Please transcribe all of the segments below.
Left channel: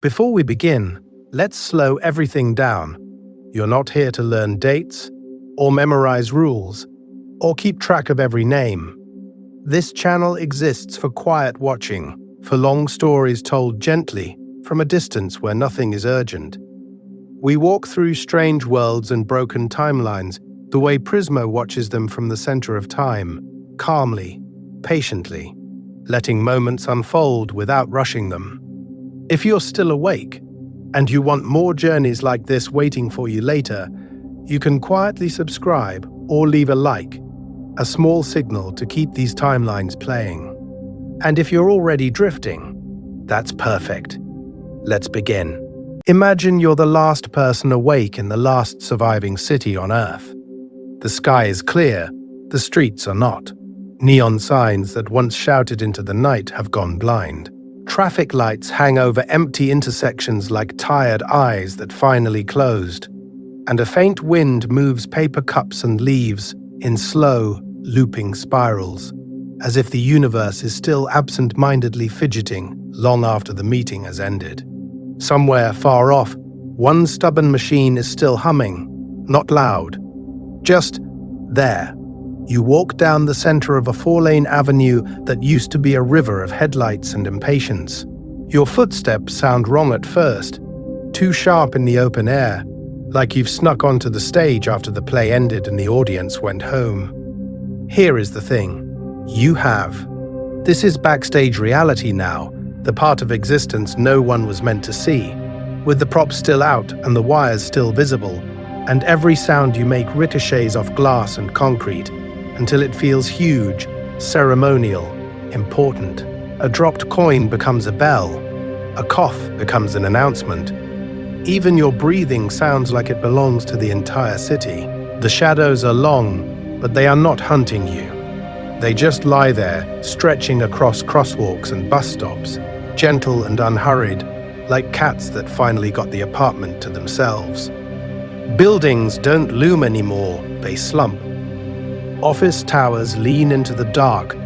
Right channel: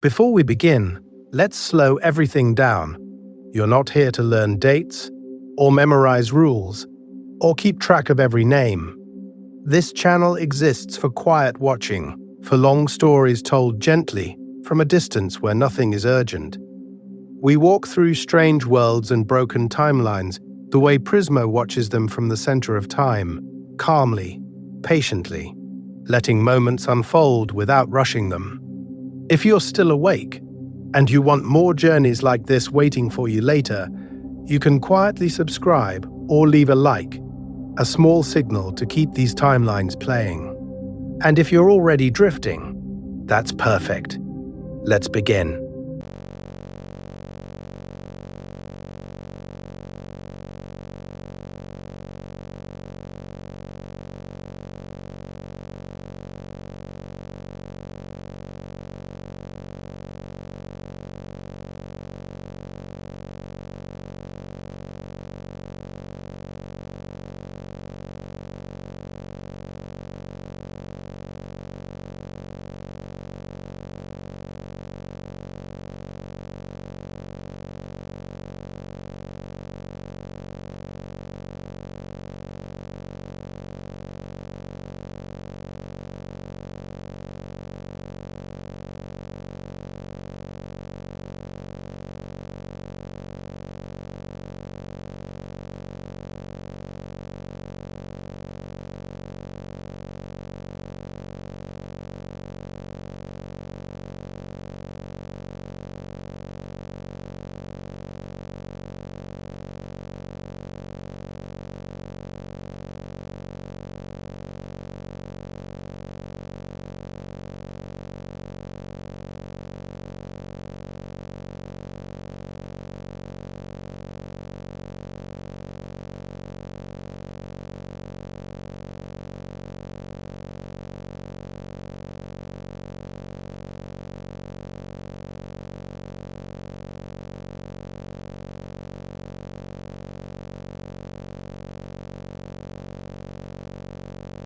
Before we begin, let's slow everything down. You're not here to learn dates, or memorize rules, or keep track of every name. This channel exists for quiet watching, for long stories told gently, from a distance where nothing is urgent. We walk through strange worlds and broken timelines, the way Prismo watches them from the center of time, calmly, patiently, letting moments unfold without rushing them. If you're still awake, and you want more journeys like this waiting for you later, you can quietly subscribe or leave a like, a small signal to keep these timelines playing. And if you're already drifting, that's perfect. Let's begin. Imagine you're the last person awake in the last surviving city on Earth. The sky is clear, the streets are not. Neon signs that once shouted into the night have gone blind. Traffic lights hang over empty intersections like tired eyes that finally closed. And a faint wind moves paper cups and leaves in slow, looping spirals, as if the universe is still absent-mindedly fidgeting long after the meeting has ended. Somewhere far off, one stubborn machine is still humming, not loud, just there. You walk down the center of a four-lane avenue that used to be a river of headlights and impatience. Your footsteps sound wrong at first, too sharp in the open air, like you've snuck onto the stage after the play ended and the audience went home. Here is the thing. You have. This is backstage reality now, the part of existence no one was meant to see, with the props still out and the wires still visible, and every sound you make ricochets off glass and concrete, until it feels huge, ceremonial, important. A dropped coin becomes a bell. A cough becomes an announcement. Even your breathing sounds like it belongs to the entire city. The shadows are long, but they are not hunting you. They just lie there, stretching across crosswalks and bus stops, gentle and unhurried, like cats that finally got the apartment to themselves. Buildings don't loom anymore, they slump. Office towers lean into the dark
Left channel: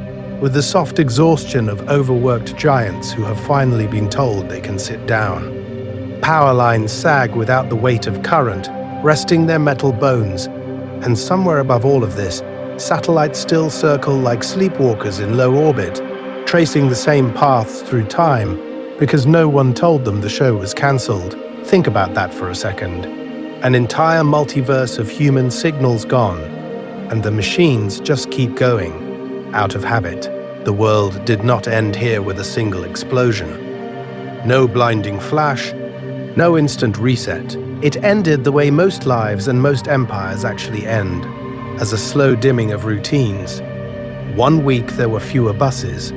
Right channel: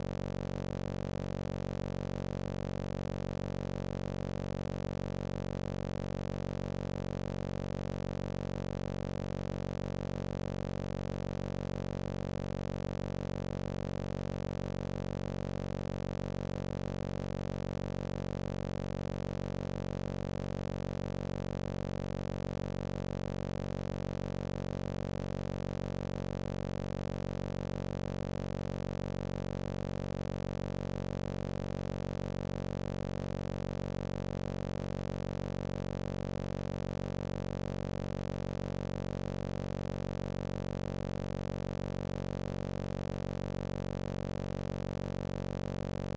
with the soft exhaustion of overworked giants who have finally been told they can sit down. Power lines sag without the weight of current, resting their metal bones, and somewhere above all of this, satellites still circle like sleepwalkers in low orbit, tracing the same paths through time because no one told them the show was cancelled. Think about that for a second. An entire multiverse of human signals gone, and the machines just keep going, out of habit. The world did not end here with a single explosion. No blinding flash, no instant reset. It ended the way most lives and most empires actually end, as a slow dimming of routines. 1 week there were fewer buses,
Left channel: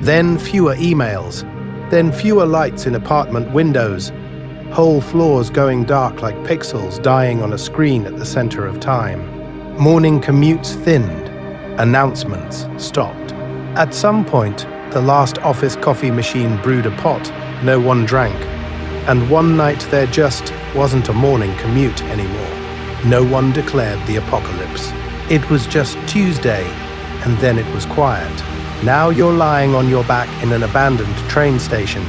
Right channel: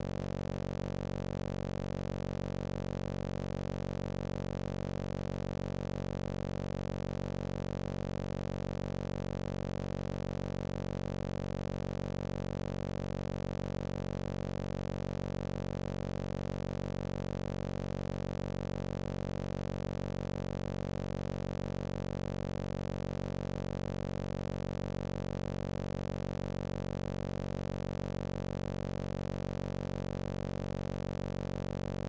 then fewer emails, then fewer lights in apartment windows, whole floors going dark like pixels dying on a screen at the center of time. Morning commutes thinned, announcements stopped. At some point, the last office coffee machine brewed a pot no one drank, and one night there just wasn't a morning commute anymore. No one declared the apocalypse. It was just Tuesday, and then it was quiet. Now you're lying on your back in an abandoned train station,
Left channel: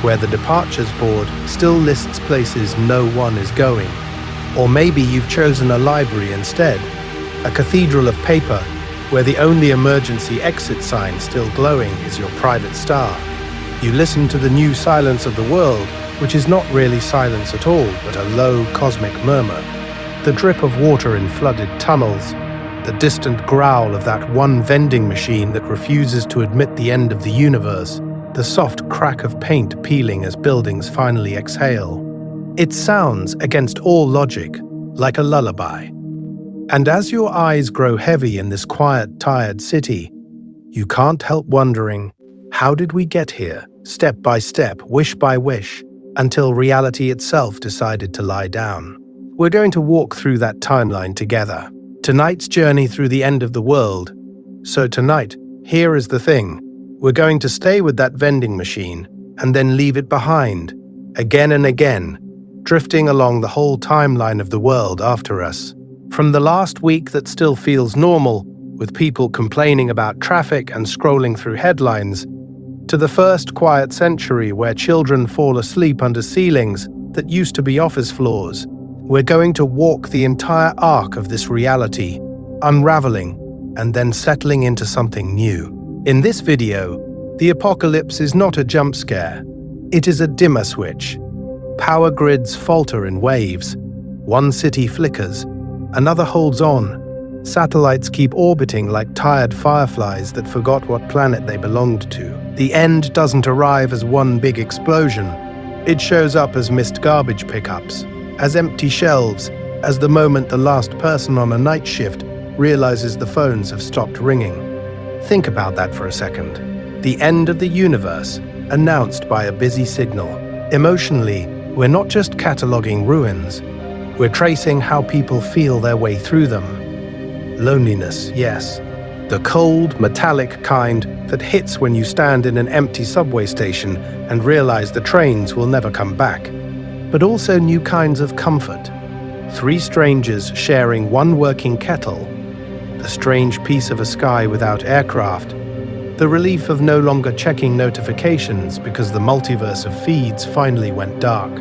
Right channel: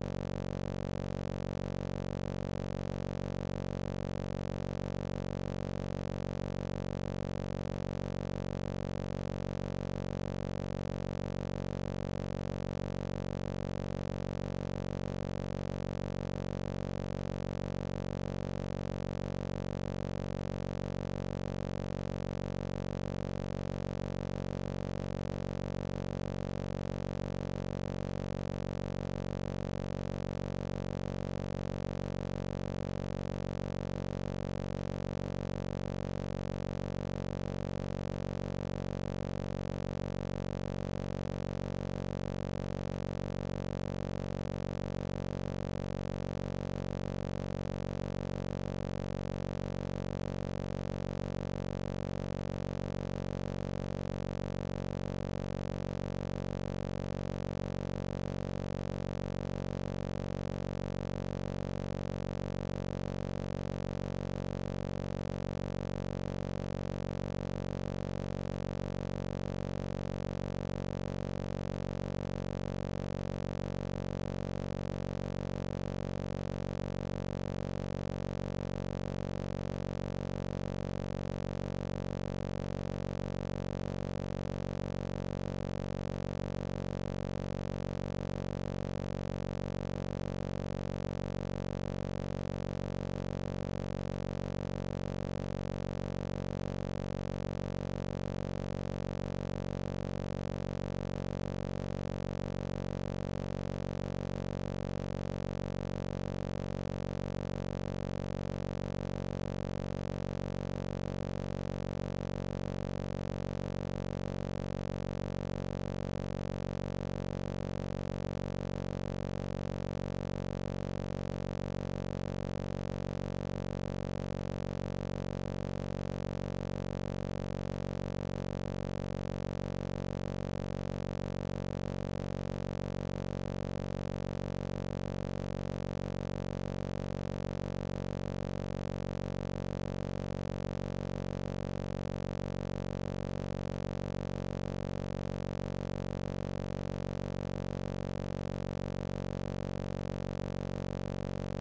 where the departures board still lists places no one is going. Or maybe you've chosen a library instead, a cathedral of paper where the only emergency exit sign still glowing is your private star. You listen to the new silence of the world, which is not really silence at all, but a low cosmic murmur. The drip of water in flooded tunnels, the distant growl of that one vending machine that refuses to admit the end of the universe, the soft crack of paint peeling as buildings finally exhale. It sounds, against all logic, like a lullaby. And as your eyes grow heavy in this quiet, tired city, you can't help wondering, how did we get here, step by step, wish by wish, until reality itself decided to lie down? We're going to walk through that timeline together. Tonight's journey through the end of the world. So tonight, here is the thing. We're going to stay with that vending machine and then leave it behind, again and again, drifting along the whole timeline of the world after us. From the last week that still feels normal, with people complaining about traffic and scrolling through headlines, to the first quiet century where children fall asleep under ceilings that used to be office floors. We're going to walk the entire arc of this reality, unraveling and then settling into something new. In this video, the apocalypse is not a jump scare. It is a dimmer switch. Power grids falter in waves. One city flickers, another holds on. Satellites keep orbiting like tired fireflies that forgot what planet they belonged to. The end doesn't arrive as one big explosion. It shows up as missed garbage pickups, as empty shelves, as the moment the last person on a night shift realizes the phones have stopped ringing. Think about that for a second. The end of the universe, announced by a busy signal. Emotionally, we're not just cataloging ruins. We're tracing how people feel their way through them. Loneliness, yes. The cold, metallic kind that hits when you stand in an empty subway station and realize the trains will never come back. But also new kinds of comfort. 3 strangers sharing one working kettle. The strange piece of a sky without aircraft. The relief of no longer checking notifications because the multiverse of feeds finally went dark.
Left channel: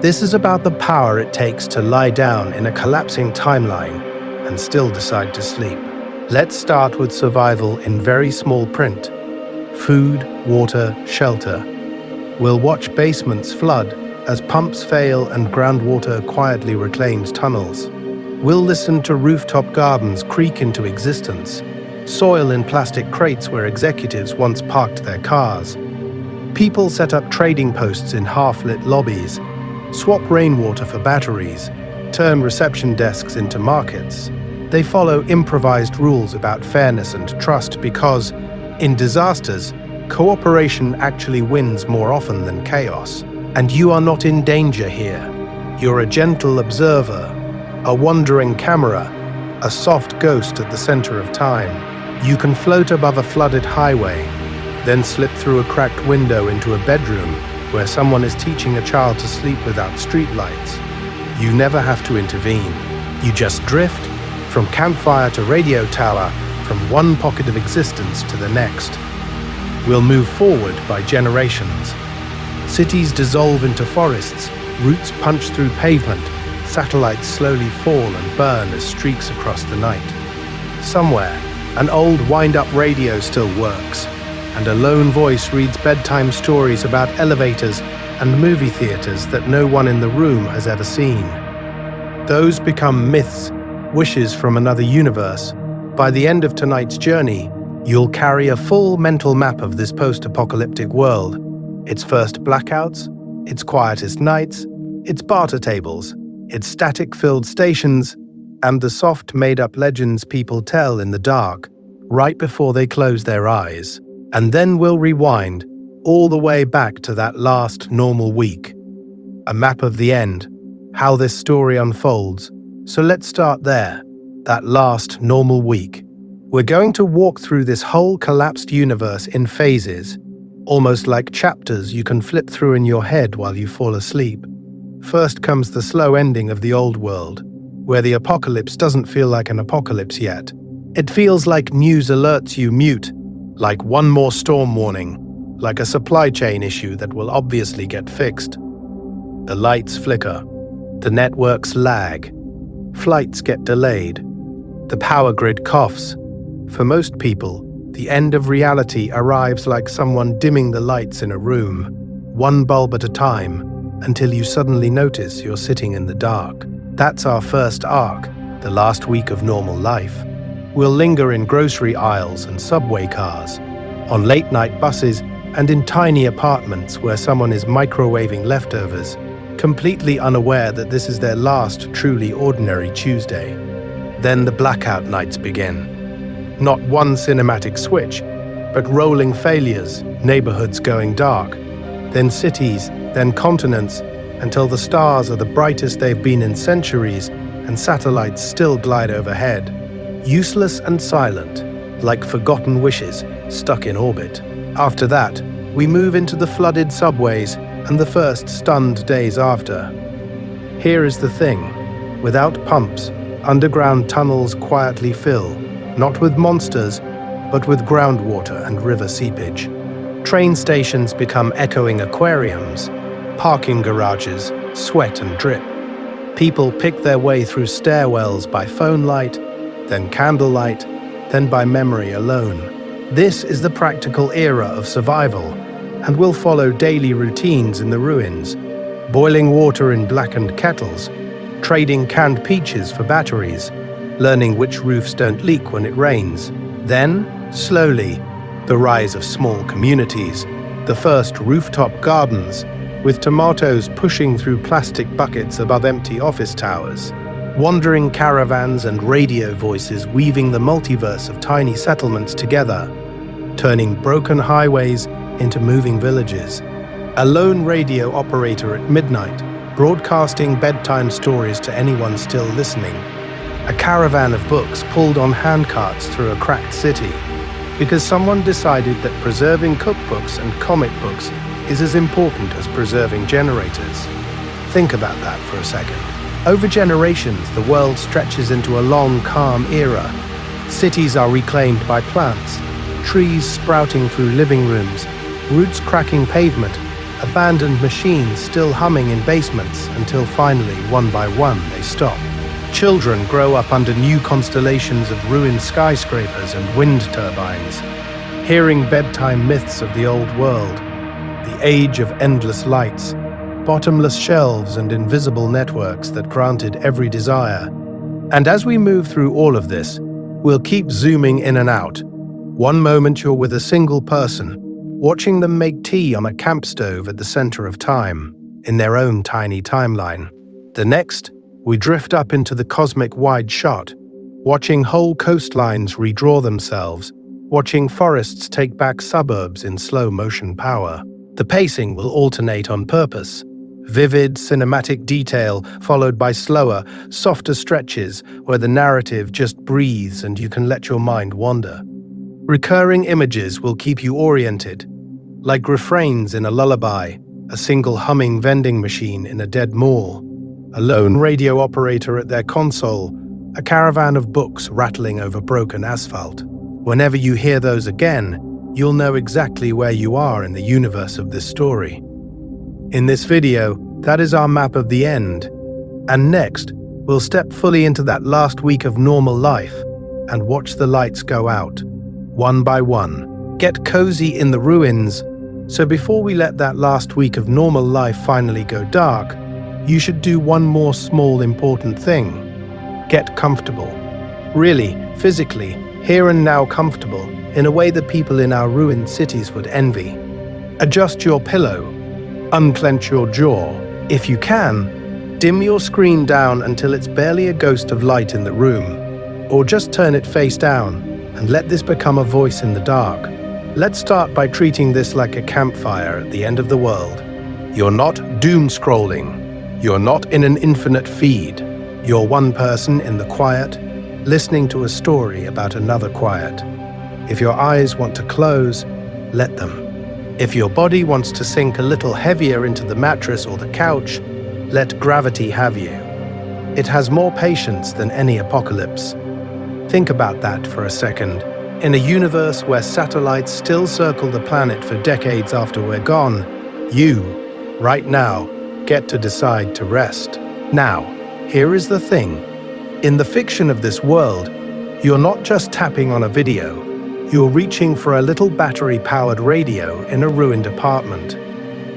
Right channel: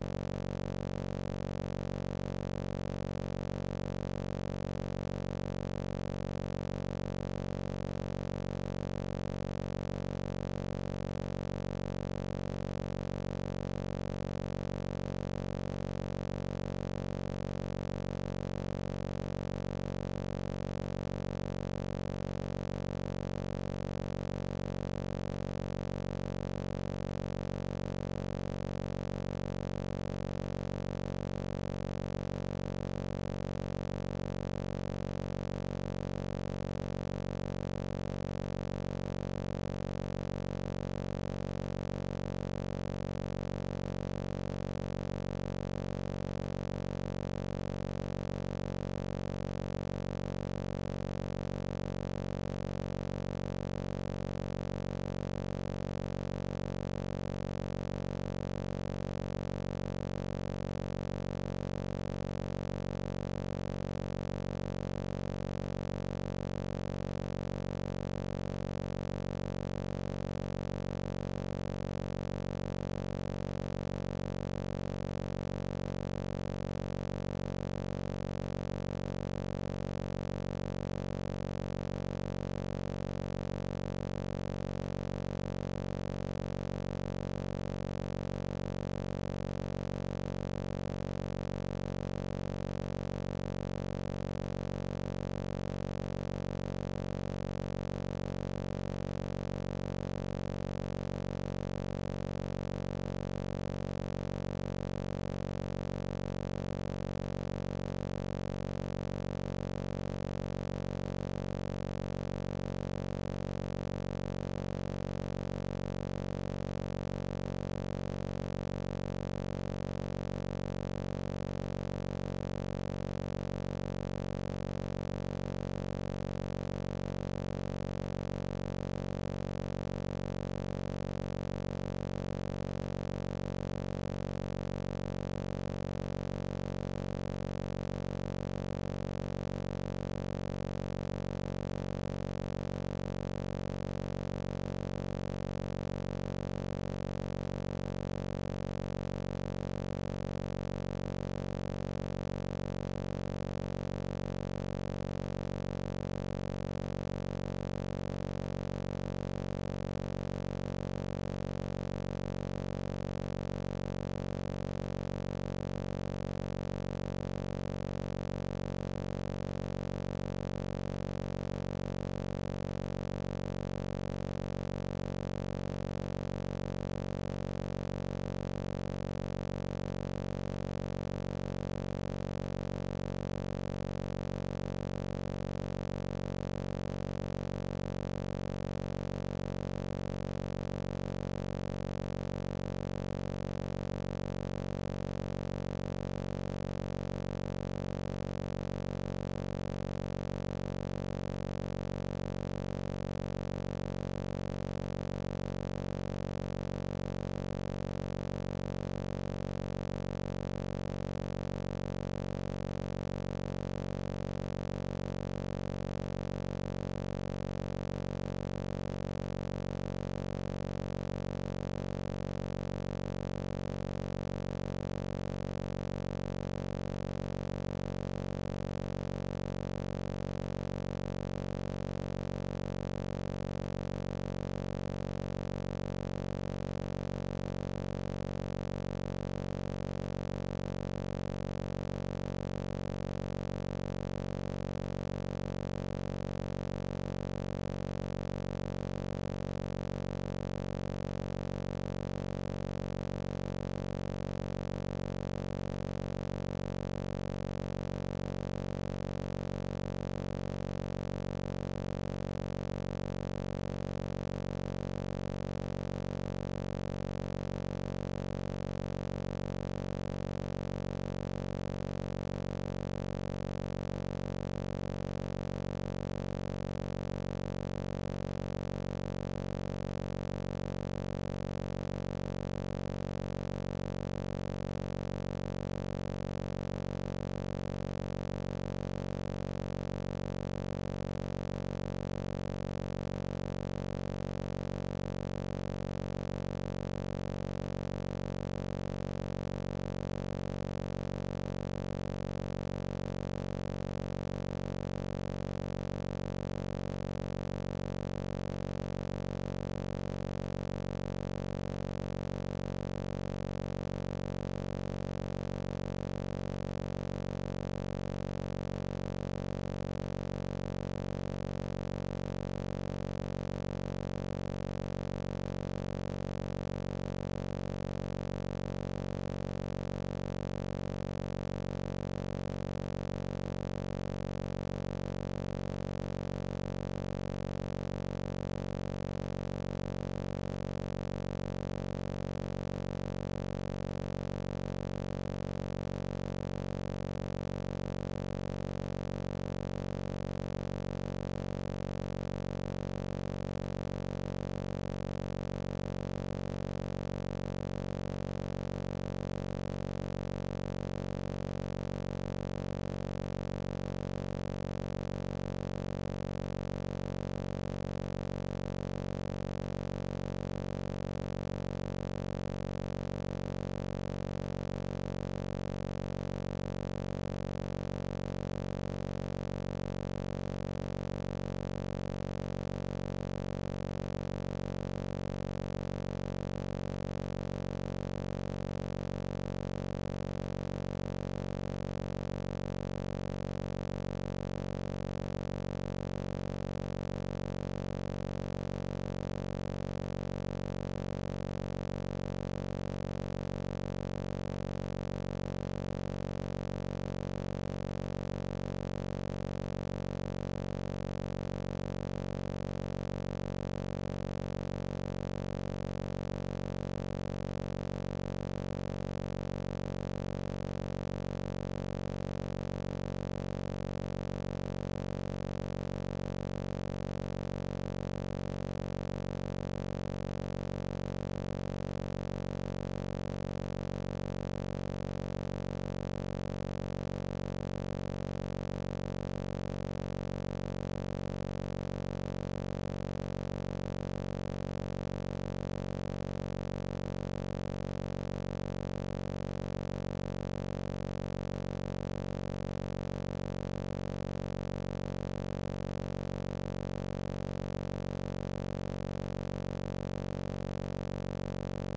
This is about the power it takes to lie down in a collapsing timeline and still decide to sleep. Let's start with survival in very small print. Food, water, shelter. We'll watch basements flood as pumps fail and groundwater quietly reclaims tunnels. We'll listen to rooftop gardens creak into existence, soil in plastic crates where executives once parked their cars. People set up trading posts in half-lit lobbies, swap rainwater for batteries, turn reception desks into markets. They follow improvised rules about fairness and trust because, in disasters, cooperation actually wins more often than chaos. And you are not in danger here. You're a gentle observer, a wandering camera, a soft ghost at the center of time. You can float above a flooded highway, then slip through a cracked window into a bedroom where someone is teaching a child to sleep without streetlights. You never have to intervene. You just drift from campfire to radio tower, from one pocket of existence to the next. We'll move forward by generations. Cities dissolve into forests, roots punch through pavement, satellites slowly fall and burn as streaks across the night. Somewhere, an old wind-up radio still works, and a lone voice reads bedtime stories about elevators and movie theaters that no one in the room has ever seen. Those become myths, wishes from another universe. By the end of tonight's journey, you'll carry a full mental map of this post-apocalyptic world. Its first blackouts, its quietest nights, its barter tables, its static-filled stations, and the soft, made-up legends people tell in the dark, right before they close their eyes. And then we'll rewind all the way back to that last normal week. A map of the end, how this story unfolds. So let's start there, that last normal week. We're going to walk through this whole collapsed universe in phases, almost like chapters you can flip through in your head while you fall asleep. First comes the slow ending of the old world, where the apocalypse doesn't feel like an apocalypse yet. It feels like news alerts you mute, like one more storm warning, like a supply chain issue that will obviously get fixed. The lights flicker, the networks lag, flights get delayed, the power grid coughs. For most people, the end of reality arrives like someone dimming the lights in a room, one bulb at a time, until you suddenly notice you're sitting in the dark. That's our first arc, the last week of normal life. We'll linger in grocery aisles and subway cars, on late-night buses, and in tiny apartments where someone is microwaving leftovers, completely unaware that this is their last truly ordinary Tuesday. Then the blackout nights begin. Not one cinematic switch, but rolling failures, neighborhoods going dark, then cities, then continents, until the stars are the brightest they've been in centuries and satellites still glide overhead. Useless and silent, like forgotten wishes stuck in orbit. After that, we move into the flooded subways and the first stunned days after. Here is the thing. Without pumps, underground tunnels quietly fill, not with monsters, but with groundwater and river seepage. Train stations become echoing aquariums, parking garages sweat and drip. People pick their way through stairwells by phone light, then candlelight, then by memory alone. This is the practical era of survival, and will follow daily routines in the ruins, boiling water in blackened kettles, trading canned peaches for batteries, learning which roofs don't leak when it rains. Then, slowly, the rise of small communities, the first rooftop gardens, with tomatoes pushing through plastic buckets above empty office towers, wandering caravans and radio voices weaving the multiverse of tiny settlements together, turning broken highways into moving villages. A lone radio operator at midnight, broadcasting bedtime stories to anyone still listening. A caravan of books pulled on handcarts through a cracked city, because someone decided that preserving cookbooks and comic books is as important as preserving generators. Think about that for a second. Over generations, the world stretches into a long, calm era. Cities are reclaimed by plants, trees sprouting through living rooms, roots cracking pavement, abandoned machines still humming in basements until finally, one by one, they stop. Children grow up under new constellations of ruined skyscrapers and wind turbines, hearing bedtime myths of the old world, the age of endless lights, bottomless shelves and invisible networks that granted every desire. And as we move through all of this, we'll keep zooming in and out. One moment you're with a single person, watching them make tea on a camp stove at the center of time, in their own tiny timeline. The next, we drift up into the cosmic wide shot, watching whole coastlines redraw themselves, watching forests take back suburbs in slow motion power. The pacing will alternate on purpose. Vivid, cinematic detail followed by slower, softer stretches where the narrative just breathes and you can let your mind wander. Recurring images will keep you oriented, like refrains in a lullaby, a single humming vending machine in a dead mall, a lone radio operator at their console, a caravan of books rattling over broken asphalt. Whenever you hear those again, you'll know exactly where you are in the universe of this story. In this video, that is our map of the end. And next, we'll step fully into that last week of normal life and watch the lights go out, one by one. Get cozy in the ruins, so before we let that last week of normal life finally go dark, you should do one more small important thing. Get comfortable. Really, physically, here and now comfortable, in a way that people in our ruined cities would envy. Adjust your pillow. Unclench your jaw. If you can, dim your screen down until it's barely a ghost of light in the room. Or just turn it face down and let this become a voice in the dark. Let's start by treating this like a campfire at the end of the world. You're not doom scrolling. You're not in an infinite feed. You're one person in the quiet, listening to a story about another quiet. If your eyes want to close, let them. If your body wants to sink a little heavier into the mattress or the couch, let gravity have you. It has more patience than any apocalypse. Think about that for a second. In a universe where satellites still circle the planet for decades after we're gone, you, right now, get to decide to rest. Now, here is the thing. In the fiction of this world, you're not just tapping on a video. You're reaching for a little battery-powered radio in a ruined apartment.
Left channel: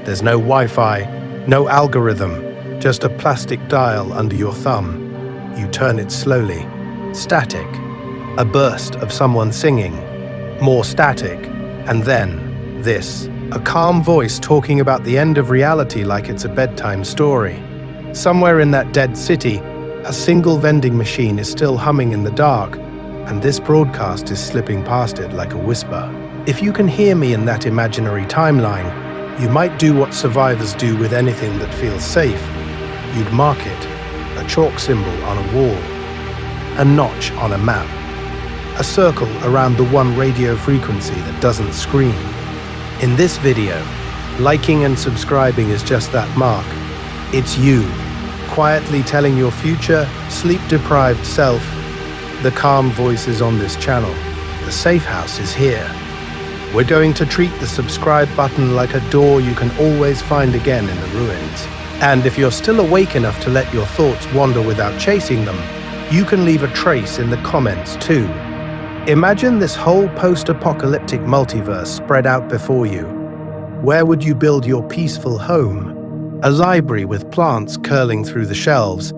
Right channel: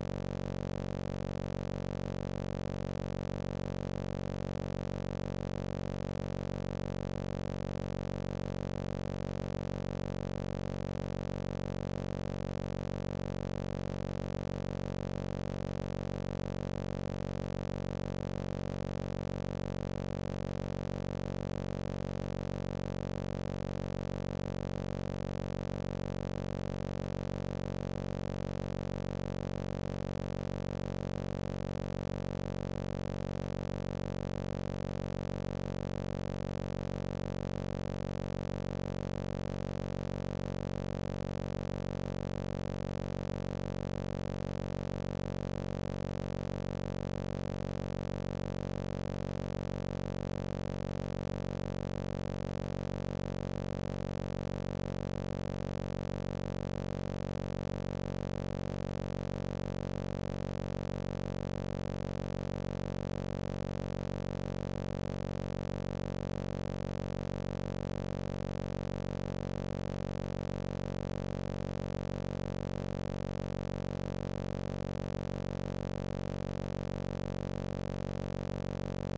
There's no Wi-Fi, no algorithm, just a plastic dial under your thumb. You turn it slowly. Static. A burst of someone singing. More static. And then, this. A calm voice talking about the end of reality like it's a bedtime story. Somewhere in that dead city, a single vending machine is still humming in the dark, and this broadcast is slipping past it like a whisper. If you can hear me in that imaginary timeline, you might do what survivors do with anything that feels safe. You'd mark it, a chalk symbol on a wall, a notch on a map, a circle around the one radio frequency that doesn't scream. In this video, liking and subscribing is just that mark. It's you, quietly telling your future, sleep-deprived self, the calm voices on this channel. The safe house is here. We're going to treat the subscribe button like a door you can always find again in the ruins. And if you're still awake enough to let your thoughts wander without chasing them, you can leave a trace in the comments too. Imagine this whole post-apocalyptic multiverse spread out before you. Where would you build your peaceful home? A library with plants curling through the shelves,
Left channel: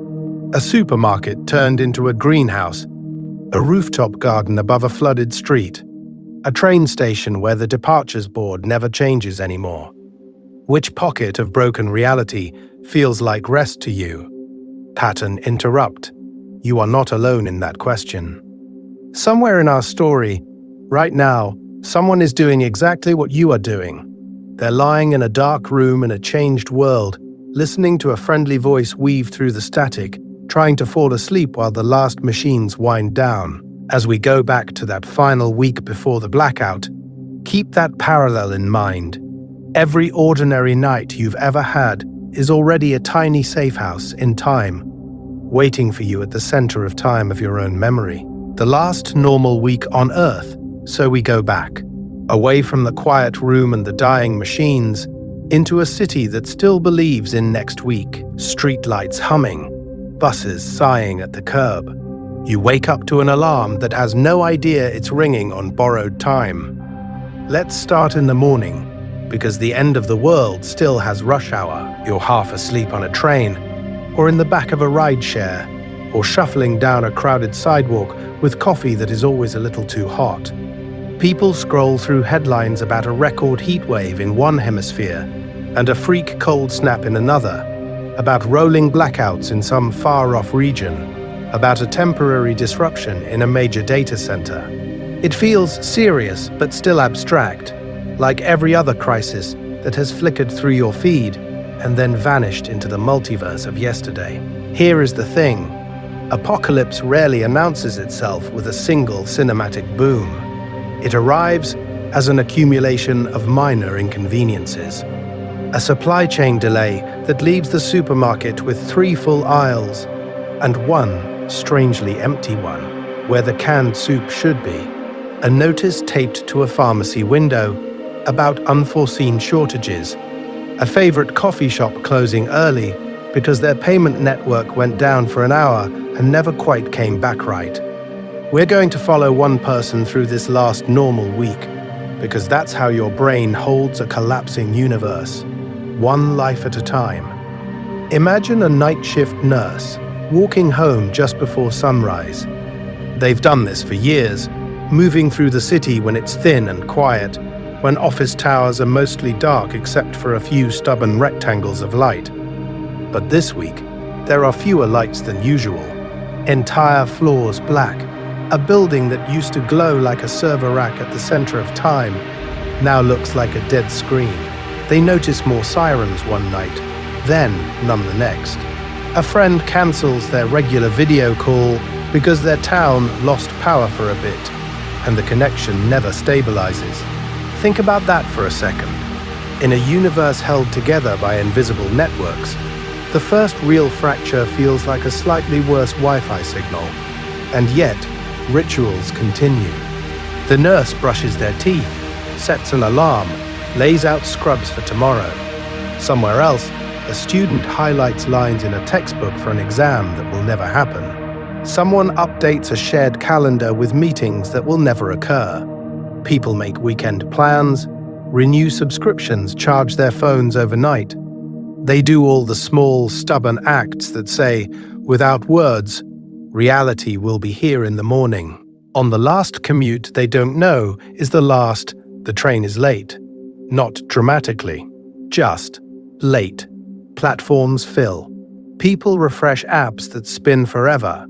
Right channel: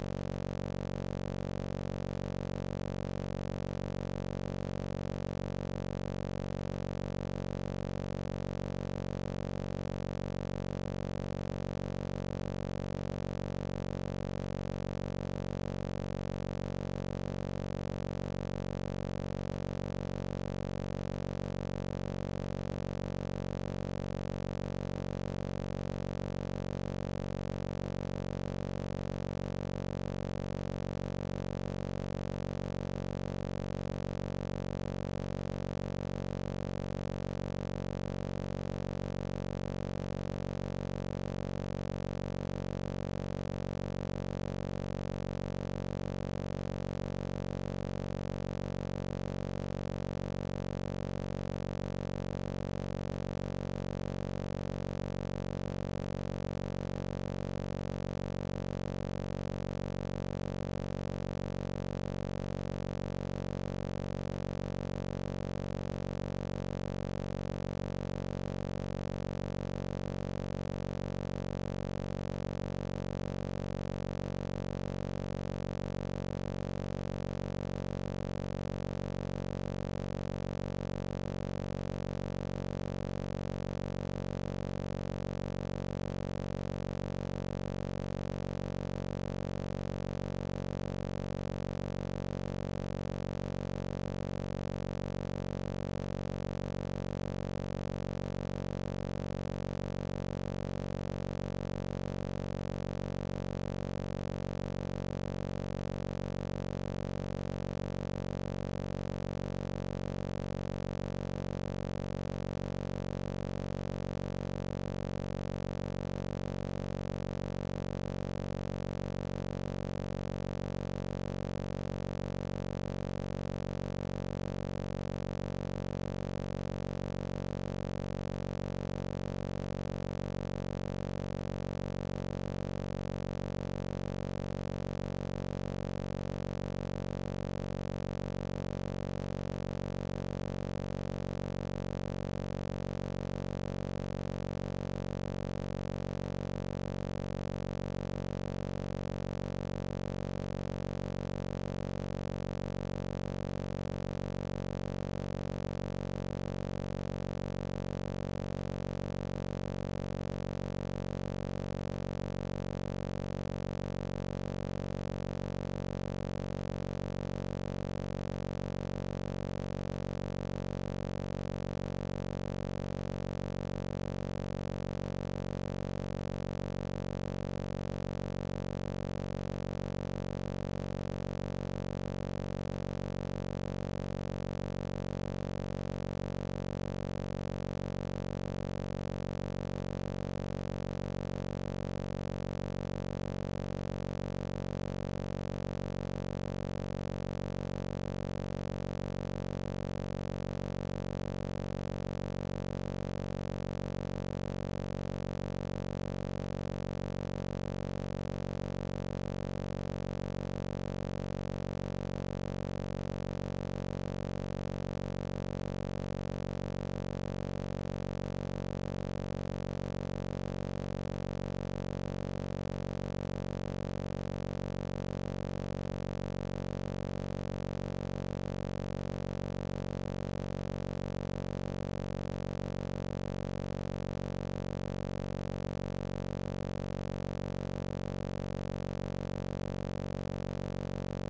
a supermarket turned into a greenhouse, a rooftop garden above a flooded street, a train station where the departures board never changes anymore. Which pocket of broken reality feels like rest to you? Pattern interrupt. You are not alone in that question. Somewhere in our story, right now, someone is doing exactly what you are doing. They're lying in a dark room in a changed world, listening to a friendly voice weave through the static, trying to fall asleep while the last machines wind down. As we go back to that final week before the blackout, keep that parallel in mind. Every ordinary night you've ever had is already a tiny safe house in time, waiting for you at the center of time of your own memory. The last normal week on Earth, so we go back, away from the quiet room and the dying machines, into a city that still believes in next week. Streetlights humming, buses sighing at the curb. You wake up to an alarm that has no idea it's ringing on borrowed time. Let's start in the morning, because the end of the world still has rush hour. You're half asleep on a train, or in the back of a rideshare, or shuffling down a crowded sidewalk with coffee that is always a little too hot. People scroll through headlines about a record heat wave in one hemisphere and a freak cold snap in another, about rolling blackouts in some far-off region, about a temporary disruption in a major data center. It feels serious but still abstract, like every other crisis that has flickered through your feed and then vanished into the multiverse of yesterday. Here is the thing. Apocalypse rarely announces itself with a single cinematic boom. It arrives as an accumulation of minor inconveniences. A supply chain delay that leaves the supermarket with 3 full aisles and one strangely empty one, where the canned soup should be. A notice taped to a pharmacy window about unforeseen shortages. A favorite coffee shop closing early because their payment network went down for an hour and never quite came back right. We're going to follow one person through this last normal week, because that's how your brain holds a collapsing universe, one life at a time. Imagine a night shift nurse walking home just before sunrise. They've done this for years, moving through the city when it's thin and quiet, when office towers are mostly dark except for a few stubborn rectangles of light. But this week, there are fewer lights than usual. Entire floors black. A building that used to glow like a server rack at the center of time now looks like a dead screen. They notice more sirens one night, then none the next. A friend cancels their regular video call because their town lost power for a bit, and the connection never stabilizes. Think about that for a second. In a universe held together by invisible networks, the first real fracture feels like a slightly worse Wi-Fi signal, and yet rituals continue. The nurse brushes their teeth, sets an alarm, lays out scrubs for tomorrow. Somewhere else, a student highlights lines in a textbook for an exam that will never happen. Someone updates a shared calendar with meetings that will never occur. People make weekend plans, renew subscriptions, charge their phones overnight. They do all the small, stubborn acts that say, without words, reality will be here in the morning. On the last commute they don't know is the last, the train is late. Not dramatically, just late. Platforms fill. People refresh apps that spin forever.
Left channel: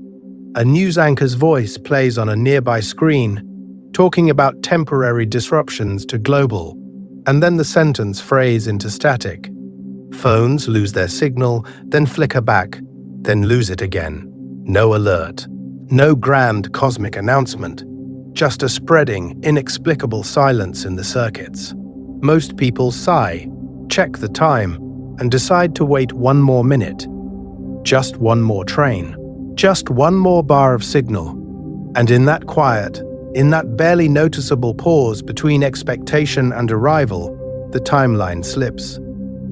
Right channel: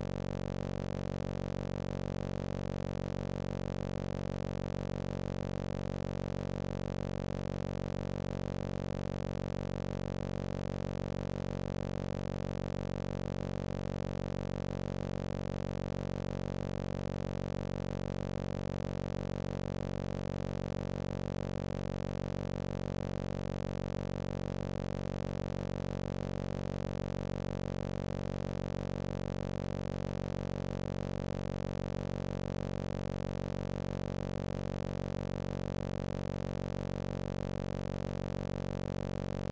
A news anchor's voice plays on a nearby screen, talking about temporary disruptions to global, and then the sentence frays into static. Phones lose their signal, then flicker back, then lose it again. No alert. No grand cosmic announcement. Just a spreading, inexplicable silence in the circuits. Most people sigh, check the time, and decide to wait one more minute. Just one more train. Just one more bar of signal. And in that quiet, In that barely noticeable pause between expectation and arrival, the timeline slips.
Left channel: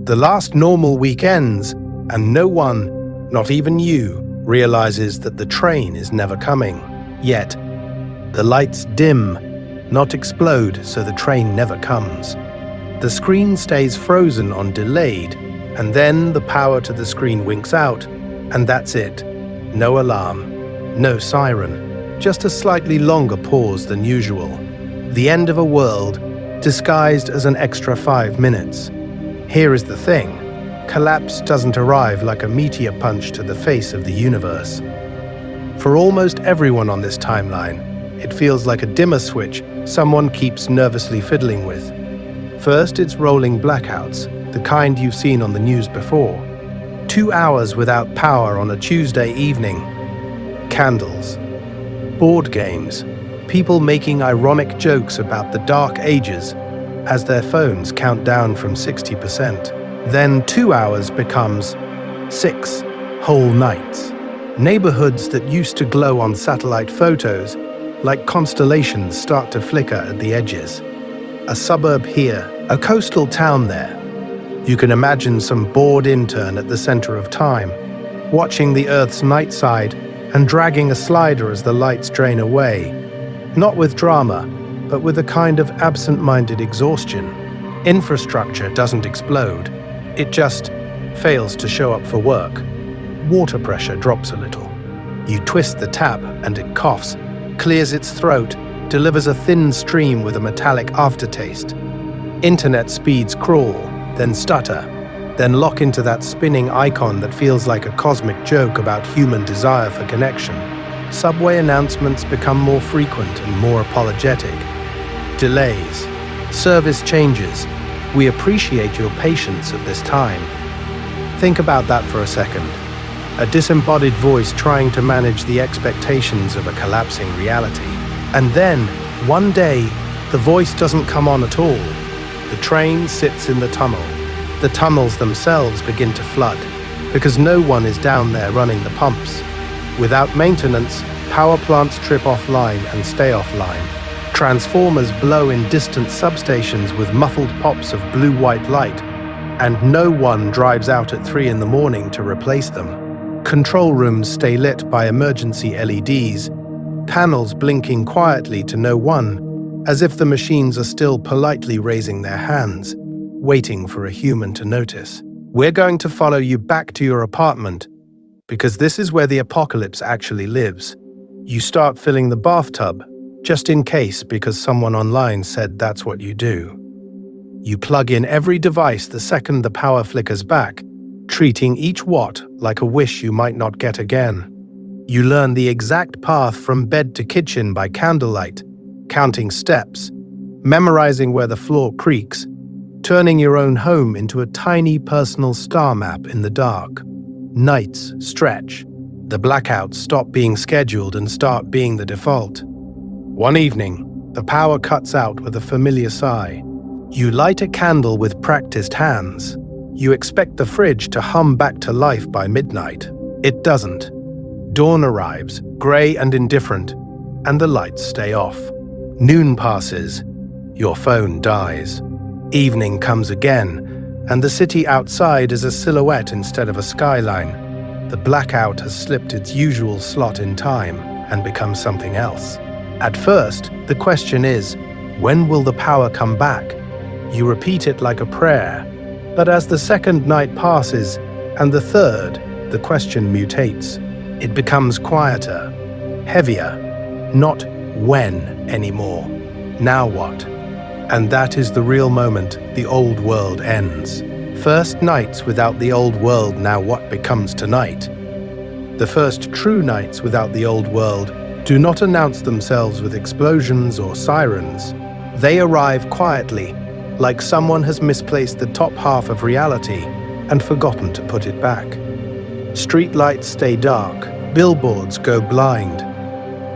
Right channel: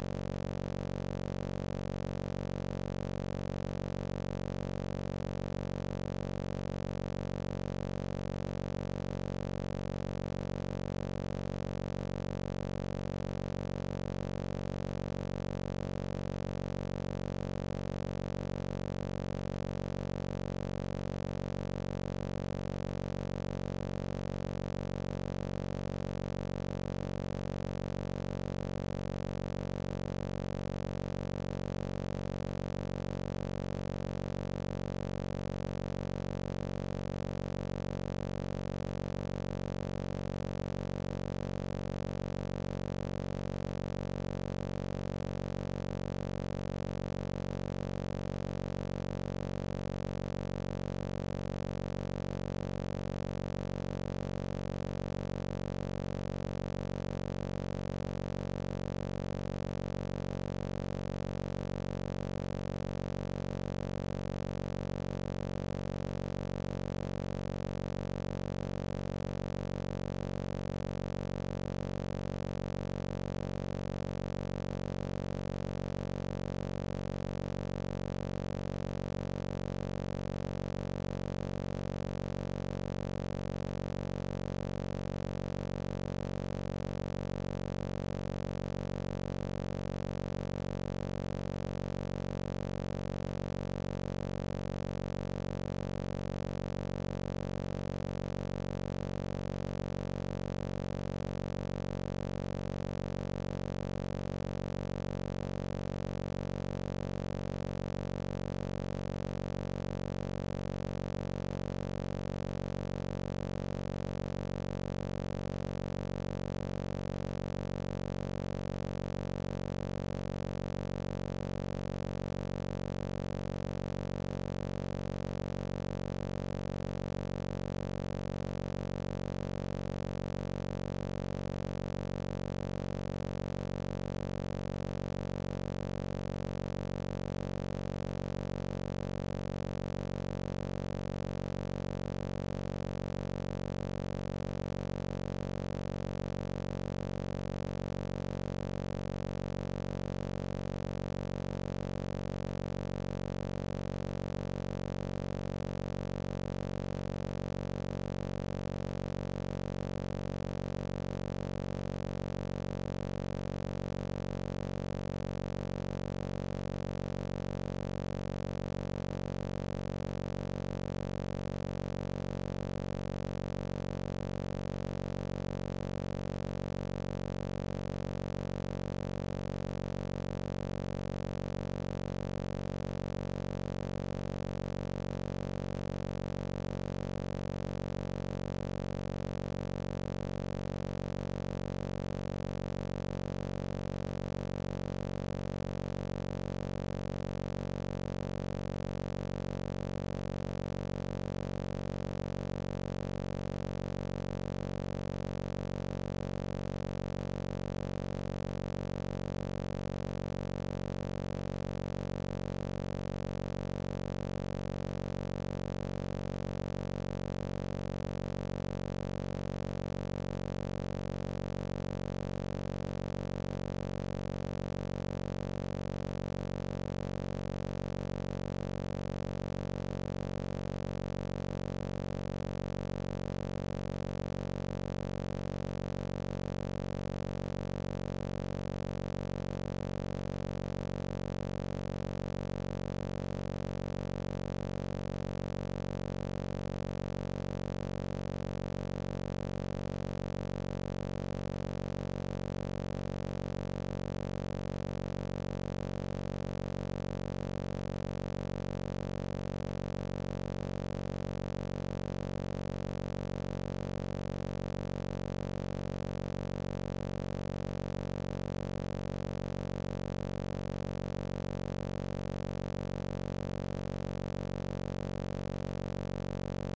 The last normal week ends, and no one, not even you, realizes that the train is never coming. Yet, the lights dim, not explode, so the train never comes. The screen stays frozen on delayed, and then the power to the screen winks out, and that's it. No alarm, no siren, just a slightly longer pause than usual. The end of a world, disguised as an extra 5 minutes. Here is the thing. Collapse doesn't arrive like a meteor punch to the face of the universe. For almost everyone on this timeline, it feels like a dimmer switch someone keeps nervously fiddling with. First, it's rolling blackouts, the kind you've seen on the news before. 2 hours without power on a Tuesday evening. Candles. Board games. People making ironic jokes about the dark ages as their phones count down from 60%. Then 2 hours becomes 6 whole nights. Neighborhoods that used to glow on satellite photos, like constellations, start to flicker at the edges. A suburb here, a coastal town there. You can imagine some bored intern at the center of time, watching the Earth's night side and dragging a slider as the lights drain away. Not with drama, but with a kind of absent-minded exhaustion. Infrastructure doesn't explode. It just fails to show up for work. Water pressure drops a little. You twist the tap and it coughs, clears its throat, delivers a thin stream with a metallic aftertaste. Internet speeds crawl, then stutter, then lock into that spinning icon that feels like a cosmic joke about human desire for connection. Subway announcements become more frequent and more apologetic. Delays, service changes. We appreciate your patience at this time. Think about that for a second. A disembodied voice trying to manage the expectations of a collapsing reality. And then, one day, the voice doesn't come on at all. The train sits in the tunnel. The tunnels themselves begin to flood, because no one is down there running the pumps. Without maintenance, power plants trip offline and stay offline. Transformers blow in distant substations with muffled pops of blue-white light, and no one drives out at 3 in the morning to replace them. Control rooms stay lit by emergency LEDs, panels blinking quietly to no one, as if the machines are still politely raising their hands, waiting for a human to notice. We're going to follow you back to your apartment, because this is where the apocalypse actually lives. You start filling the bathtub, just in case, because someone online said that's what you do. You plug in every device the second the power flickers back, treating each watt like a wish you might not get again. You learn the exact path from bed to kitchen by candlelight, counting steps, memorizing where the floor creaks, turning your own home into a tiny personal star map in the dark. Nights stretch. The blackouts stop being scheduled and start being the default. One evening, the power cuts out with a familiar sigh. You light a candle with practiced hands. You expect the fridge to hum back to life by midnight. It doesn't. Dawn arrives, grey and indifferent, and the lights stay off. Noon passes. Your phone dies. Evening comes again, and the city outside is a silhouette instead of a skyline. The blackout has slipped its usual slot in time and become something else. At first, the question is, when will the power come back? You repeat it like a prayer. But as the second night passes, and the third, the question mutates. It becomes quieter, heavier, not when anymore. Now what? And that is the real moment the old world ends. First nights without the old world, now what becomes tonight? The first true nights without the old world do not announce themselves with explosions or sirens. They arrive quietly, like someone has misplaced the top half of reality and forgotten to put it back. Streetlights stay dark, billboards go blind.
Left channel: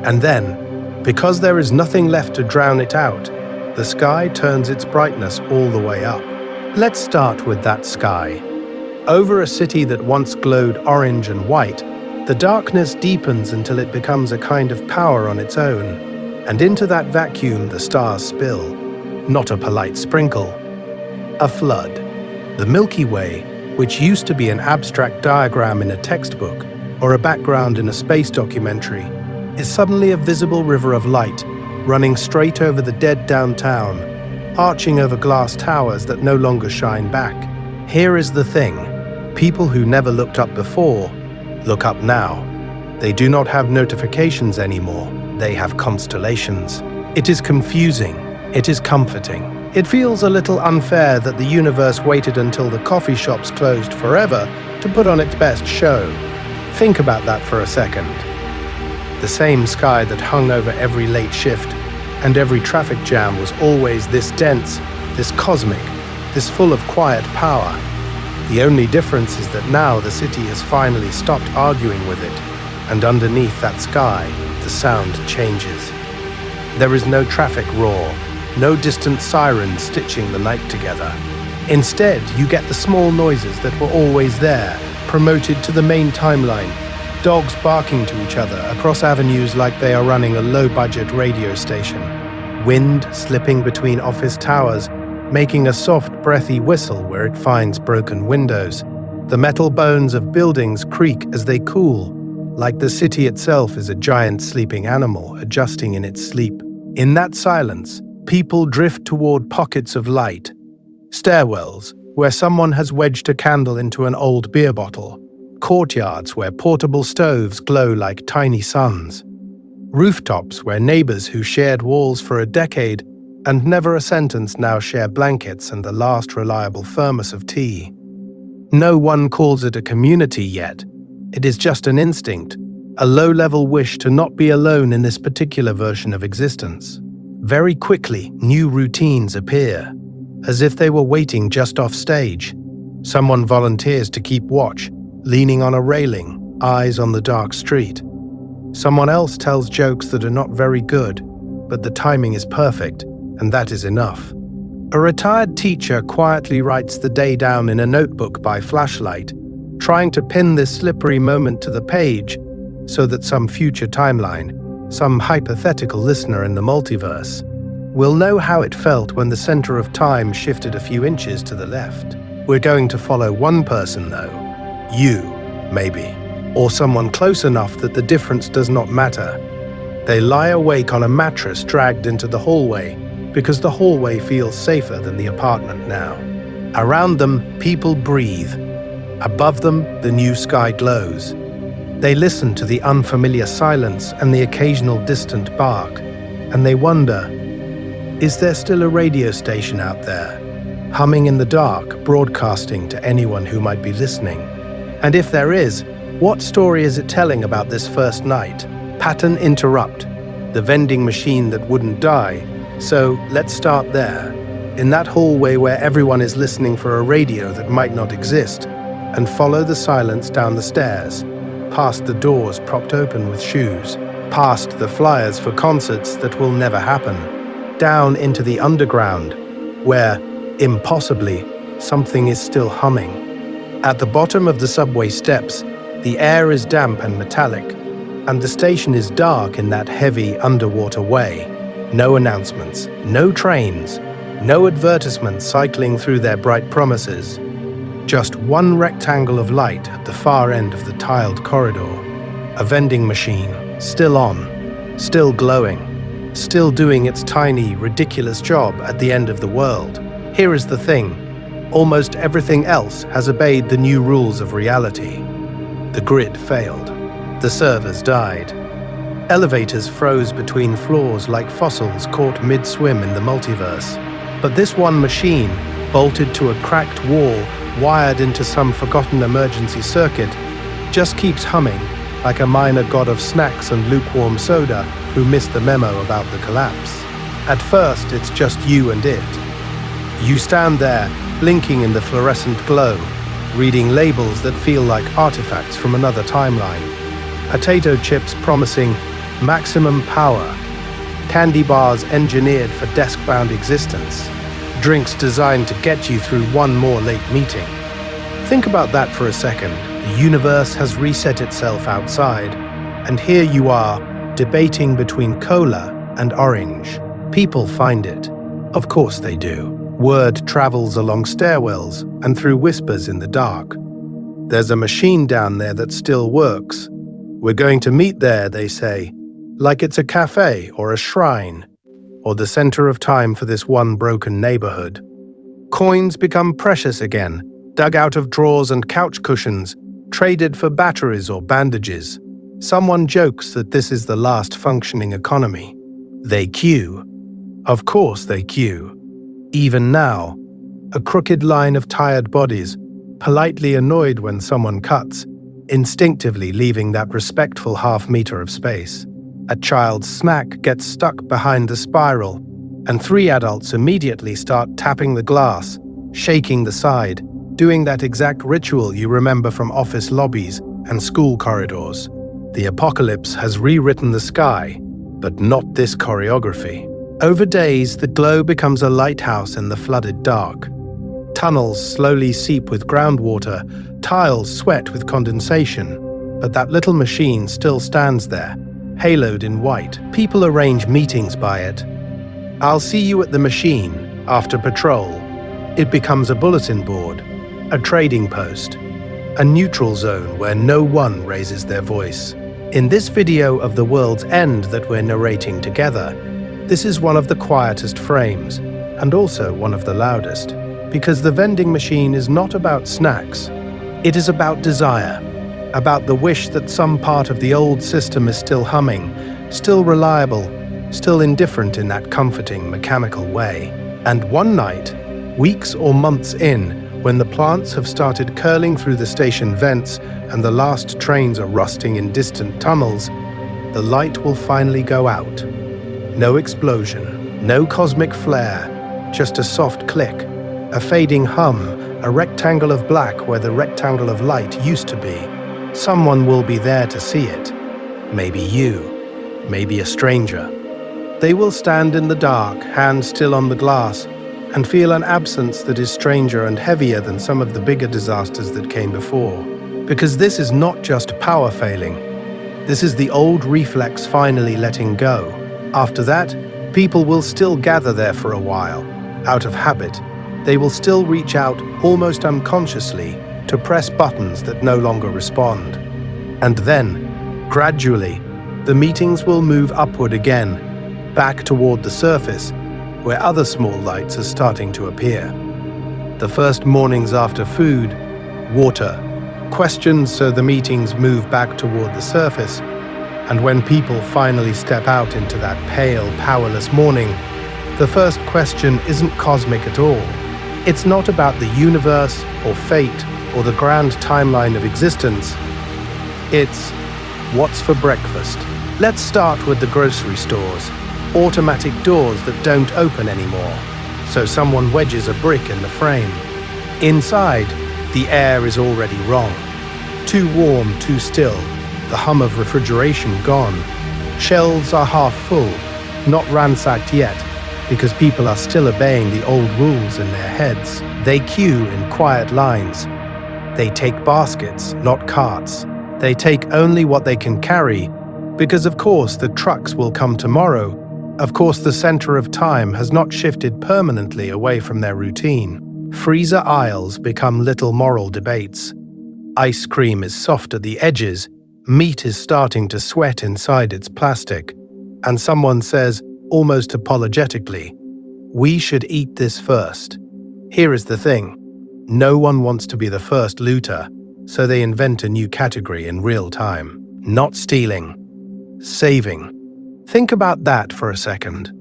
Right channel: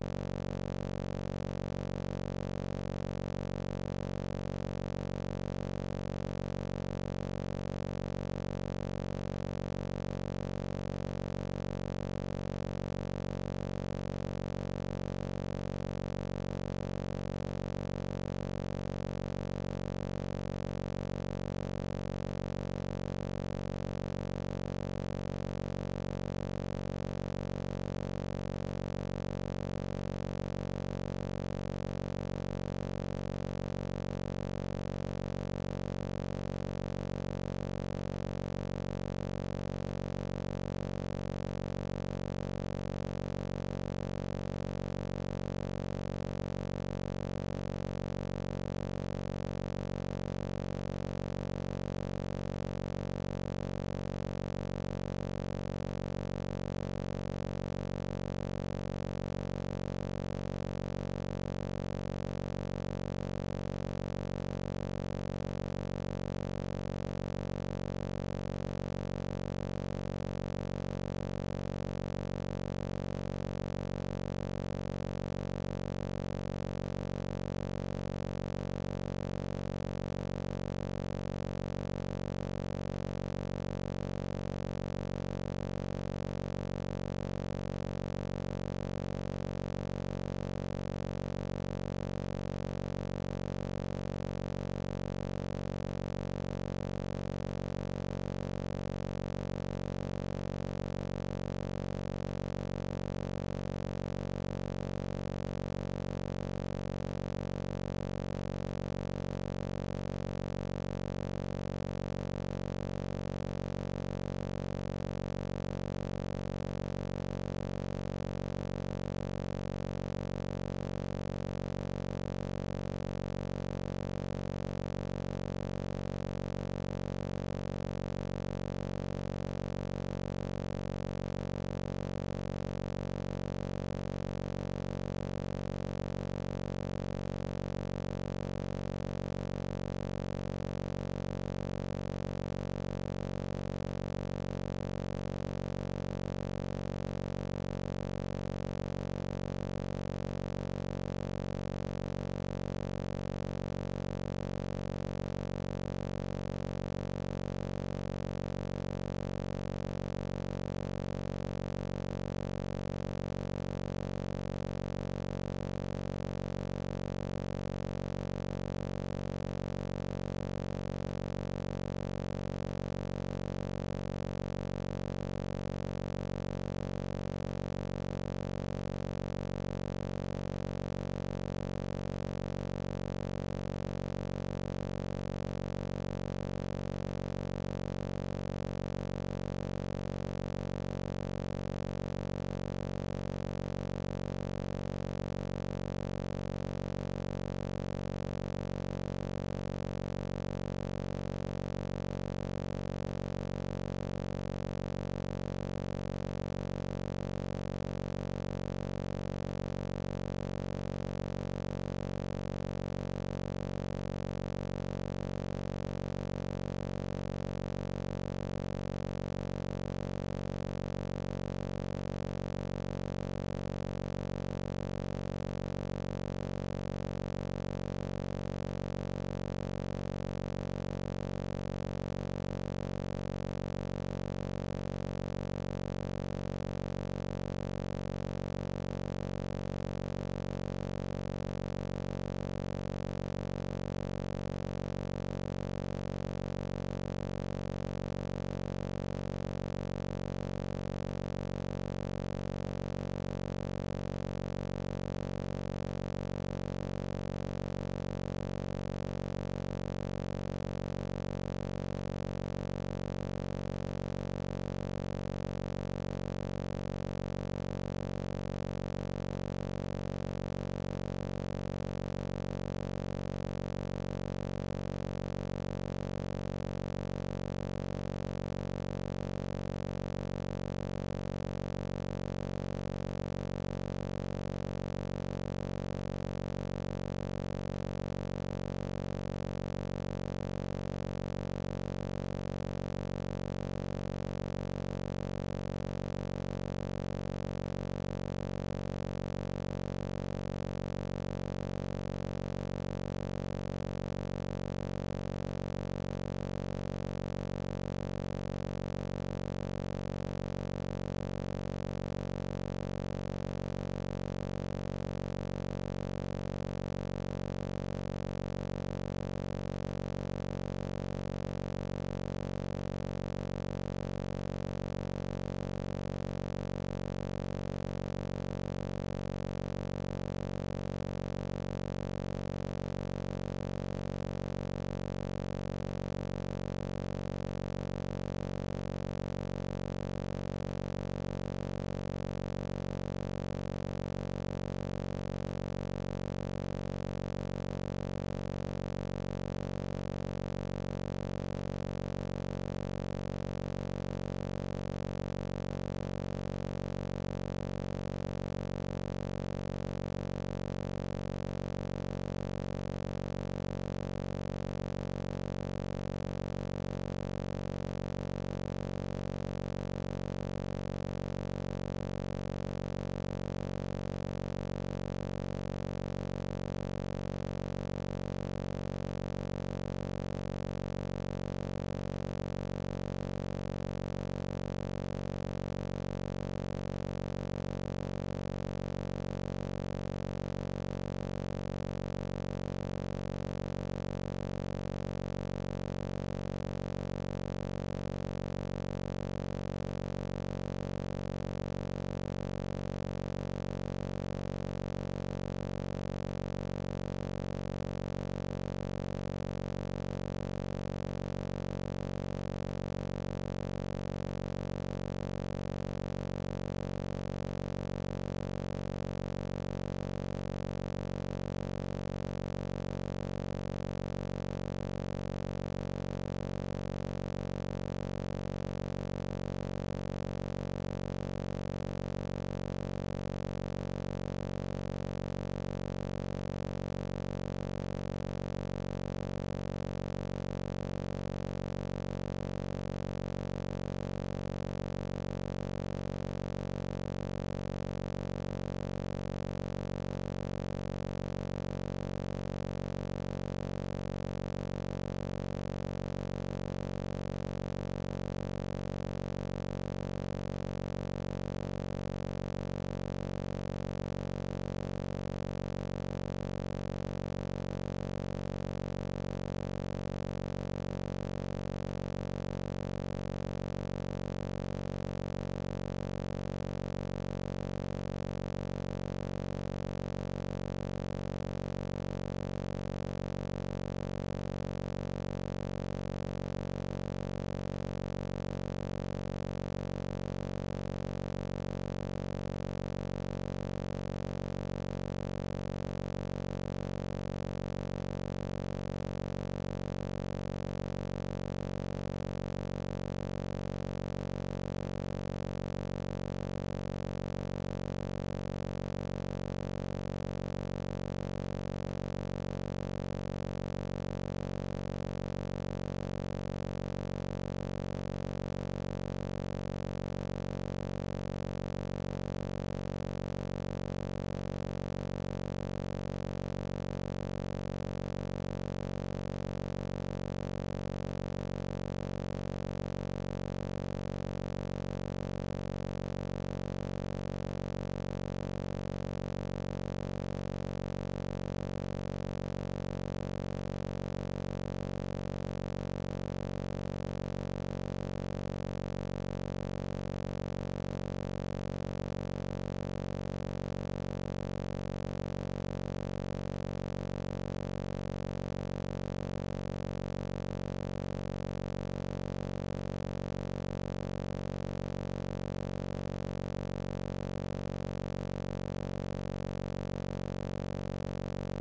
And then, because there is nothing left to drown it out, the sky turns its brightness all the way up. Let's start with that sky. Over a city that once glowed orange and white, the darkness deepens until it becomes a kind of power on its own. And into that vacuum the stars spill, not a polite sprinkle, a flood. The Milky Way, which used to be an abstract diagram in a textbook or a background in a space documentary, is suddenly a visible river of light, running straight over the dead downtown, arching over glass towers that no longer shine back. Here is the thing. People who never looked up before look up now. They do not have notifications anymore. They have constellations. It is confusing. It is comforting. It feels a little unfair that the universe waited until the coffee shops closed forever to put on its best show. Think about that for a second. The same sky that hung over every late shift and every traffic jam was always this dense, this cosmic, this full of quiet power. The only difference is that now the city has finally stopped arguing with it, and underneath that sky, the sound changes. There is no traffic roar, no distant sirens stitching the night together. Instead, you get the small noises that were always there, promoted to the main timeline. Dogs barking to each other across avenues like they are running a low-budget radio station. Wind slipping between office towers, making a soft, breathy whistle where it finds broken windows. The metal bones of buildings creak as they cool, like the city itself is a giant sleeping animal adjusting in its sleep. In that silence, people drift toward pockets of light. Stairwells, where someone has wedged a candle into an old beer bottle. Courtyards where portable stoves glow like tiny suns. Rooftops where neighbors who shared walls for a decade and never a sentence now share blankets and the last reliable thermos of tea. No one calls it a community yet. It is just an instinct, a low-level wish to not be alone in this particular version of existence. Very quickly, new routines appear, as if they were waiting just off stage. Someone volunteers to keep watch, leaning on a railing, eyes on the dark street. Someone else tells jokes that are not very good, but the timing is perfect, and that is enough. A retired teacher quietly writes the day down in a notebook by flashlight, trying to pin this slippery moment to the page so that some future timeline, some hypothetical listener in the multiverse, will know how it felt when the center of time shifted a few inches to the left. We're going to follow one person, though. You, maybe. Or someone close enough that the difference does not matter. They lie awake on a mattress dragged into the hallway because the hallway feels safer than the apartment now. Around them, people breathe. Above them, the new sky glows. They listen to the unfamiliar silence and the occasional distant bark, and they wonder, is there still a radio station out there, humming in the dark, broadcasting to anyone who might be listening? And if there is, what story is it telling about this first night? Pattern interrupt, the vending machine that wouldn't die. So let's start there, in that hallway where everyone is listening for a radio that might not exist, and follow the silence down the stairs, past the doors propped open with shoes, past the flyers for concerts that will never happen, down into the underground, where, impossibly, something is still humming. At the bottom of the subway steps, the air is damp and metallic, and the station is dark in that heavy underwater way. No announcements, no trains, no advertisements cycling through their bright promises. Just one rectangle of light at the far end of the tiled corridor. A vending machine, still on, still glowing, still doing its tiny, ridiculous job at the end of the world. Here is the thing. Almost everything else has obeyed the new rules of reality. The grid failed. The servers died. Elevators froze between floors like fossils caught mid-swim in the multiverse. But this one machine, bolted to a cracked wall, wired into some forgotten emergency circuit, just keeps humming like a minor god of snacks and lukewarm soda who missed the memo about the collapse. At first, it's just you and it. You stand there, blinking in the fluorescent glow, reading labels that feel like artifacts from another timeline. Potato chips promising maximum power, candy bars engineered for desk-bound existence, drinks designed to get you through one more late meeting. Think about that for a second. The universe has reset itself outside, and here you are, debating between cola and orange. People find it. Of course they do. Word travels along stairwells and through whispers in the dark. There's a machine down there that still works. We're going to meet there, they say, like it's a cafe or a shrine, or the center of time for this one broken neighborhood. Coins become precious again, dug out of drawers and couch cushions, traded for batteries or bandages. Someone jokes that this is the last functioning economy. They queue. Of course they queue. Even now, a crooked line of tired bodies, politely annoyed when someone cuts, instinctively leaving that respectful half-meter of space. A child's smack gets stuck behind the spiral, and 3 adults immediately start tapping the glass, shaking the side, doing that exact ritual you remember from office lobbies and school corridors. The apocalypse has rewritten the sky, but not this choreography. Over days, the glow becomes a lighthouse in the flooded dark. Tunnels slowly seep with groundwater, tiles sweat with condensation, but that little machine still stands there, haloed in white. People arrange meetings by it. I'll see you at the machine after patrol. It becomes a bulletin board, a trading post, a neutral zone where no one raises their voice. In this video of the world's end that we're narrating together, this is one of the quietest frames, and also one of the loudest, because the vending machine is not about snacks. It is about desire, about the wish that some part of the old system is still humming, still reliable, still indifferent in that comforting, mechanical way. And one night, weeks or months in, when the plants have started curling through the station vents and the last trains are rusting in distant tunnels, the light will finally go out. No explosion, no cosmic flare, just a soft click, a fading hum, a rectangle of black where the rectangle of light used to be. Someone will be there to see it. Maybe you, maybe a stranger. They will stand in the dark, hands still on the glass, and feel an absence that is stranger and heavier than some of the bigger disasters that came before. Because this is not just power failing. This is the old reflex finally letting go. After that, people will still gather there for a while, out of habit. They will still reach out, almost unconsciously, to press buttons that no longer respond. And then, gradually, the meetings will move upward again, back toward the surface, where other small lights are starting to appear. The first mornings after food, water, questions so the meetings move back toward the surface, and when people finally step out into that pale, powerless morning, the first question isn't cosmic at all. It's not about the universe or fate or the grand timeline of existence. It's, what's for breakfast? Let's start with the grocery stores. Automatic doors that don't open anymore, so someone wedges a brick in the frame. Inside, the air is already wrong. Too warm, too still, the hum of refrigeration gone. Shelves are half full, not ransacked yet, because people are still obeying the old rules in their heads. They queue in quiet lines. They take baskets, not carts. They take only what they can carry, because of course the trucks will come tomorrow. Of course the center of time has not shifted permanently away from their routine. Freezer aisles become little moral debates. Ice cream is soft at the edges, meat is starting to sweat inside its plastic, and someone says, almost apologetically, "We should eat this first." Here is the thing. No one wants to be the first looter, so they invent a new category in real time. Not stealing, saving. Think about that for a second.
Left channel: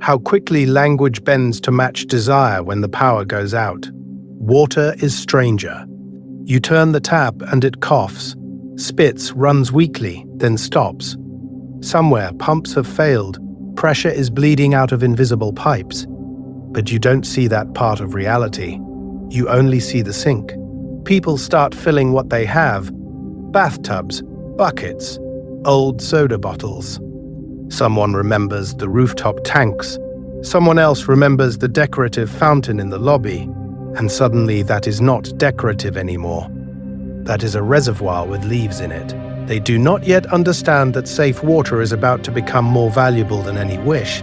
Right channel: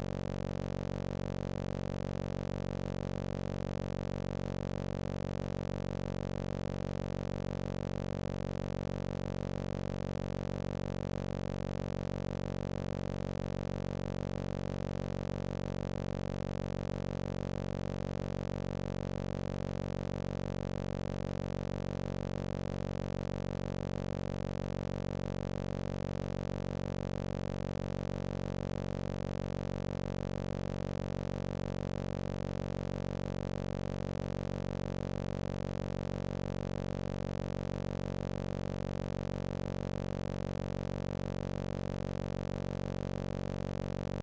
How quickly language bends to match desire when the power goes out. Water is stranger. You turn the tap and it coughs, spits, runs weakly, then stops. Somewhere pumps have failed, pressure is bleeding out of invisible pipes. But you don't see that part of reality. You only see the sink. People start filling what they have. Bathtubs, buckets, old soda bottles. Someone remembers the rooftop tanks. Someone else remembers the decorative fountain in the lobby. And suddenly that is not decorative anymore. that is a reservoir with leaves in it. They do not yet understand that safe water is about to become more valuable than any wish,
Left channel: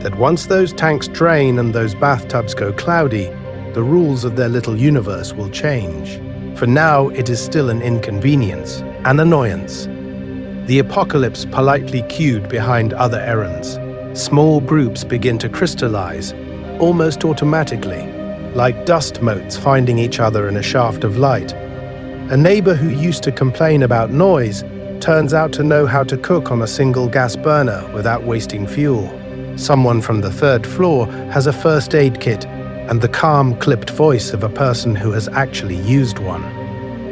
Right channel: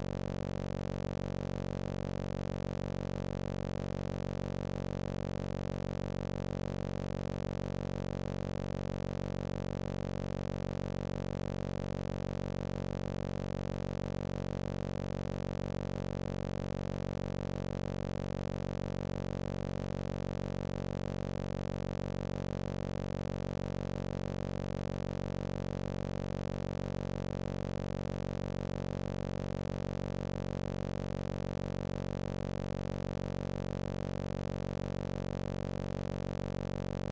that once those tanks drain and those bathtubs go cloudy, the rules of their little universe will change. For now, it is still an inconvenience, an annoyance. The apocalypse politely queued behind other errands. Small groups begin to crystallize, almost automatically, like dust motes finding each other in a shaft of light. A neighbor who used to complain about noise turns out to know how to cook on a single gas burner without wasting fuel. Someone from the third floor has a first aid kit and the calm, clipped voice of a person who has actually used one.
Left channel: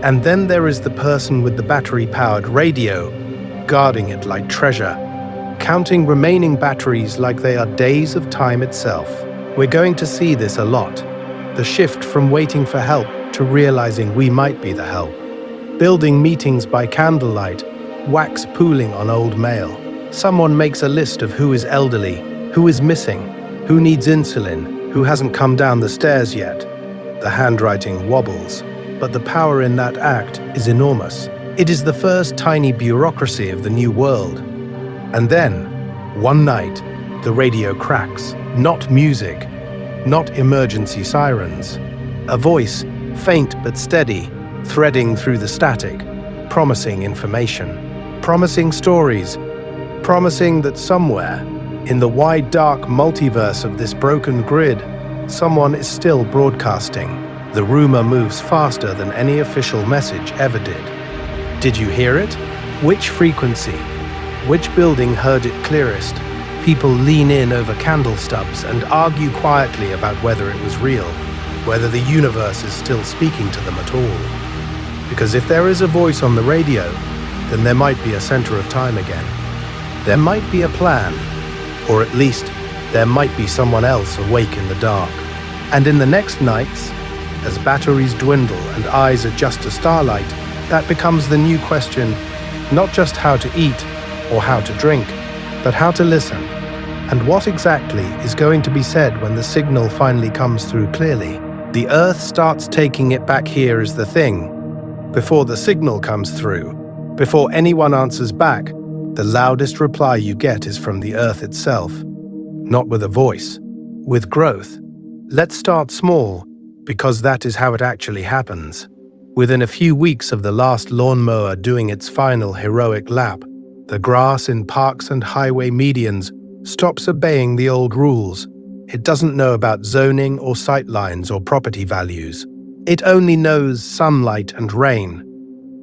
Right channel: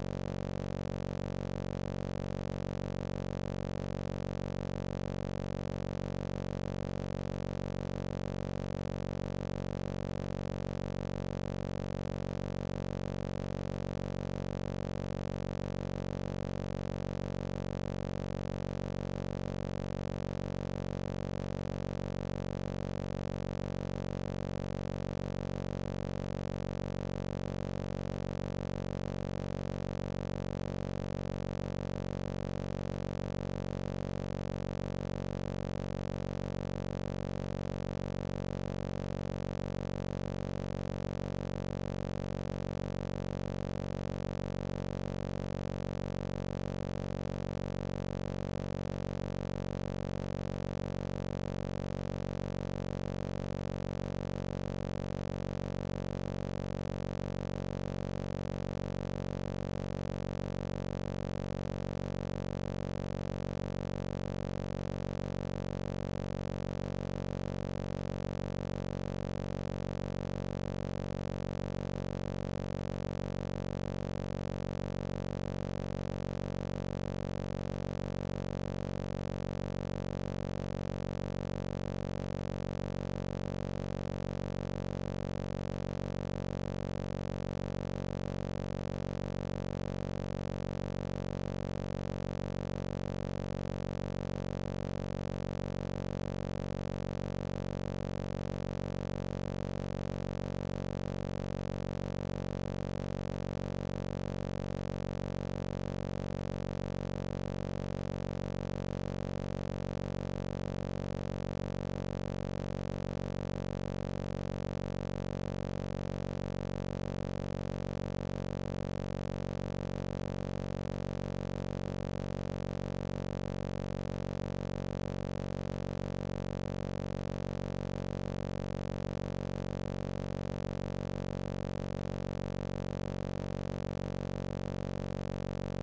And then there is the person with the battery-powered radio, guarding it like treasure, counting remaining batteries like they are days of time itself. We're going to see this a lot. The shift from waiting for help to realizing we might be the help. Building meetings by candlelight, wax pooling on old mail. Someone makes a list of who is elderly, who is missing, who needs insulin, who hasn't come down the stairs yet. The handwriting wobbles, but the power in that act is enormous. It is the first tiny bureaucracy of the new world. And then, one night, the radio cracks. Not music, not emergency sirens. A voice, faint but steady, threading through the static, promising information, promising stories, promising that somewhere, in the wide dark multiverse of this broken grid, someone is still broadcasting. The rumor moves faster than any official message ever did. Did you hear it? Which frequency? Which building heard it clearest? People lean in over candle stubs and argue quietly about whether it was real, whether the universe is still speaking to them at all. Because if there is a voice on the radio, then there might be a center of time again. There might be a plan, or at least there might be someone else awake in the dark. And in the next nights, as batteries dwindle and eyes adjust to starlight, that becomes the new question, not just how to eat or how to drink, but how to listen. And what exactly is going to be said when the signal finally comes through clearly? The Earth starts taking it back here is the thing. Before the signal comes through, before anyone answers back, the loudest reply you get is from the Earth itself. Not with a voice, with growth. Let's start small, because that is how it actually happens. Within a few weeks of the last lawnmower doing its final heroic lap, the grass in parks and highway medians stops obeying the old rules. It doesn't know about zoning or sightlines or property values. It only knows sunlight and rain.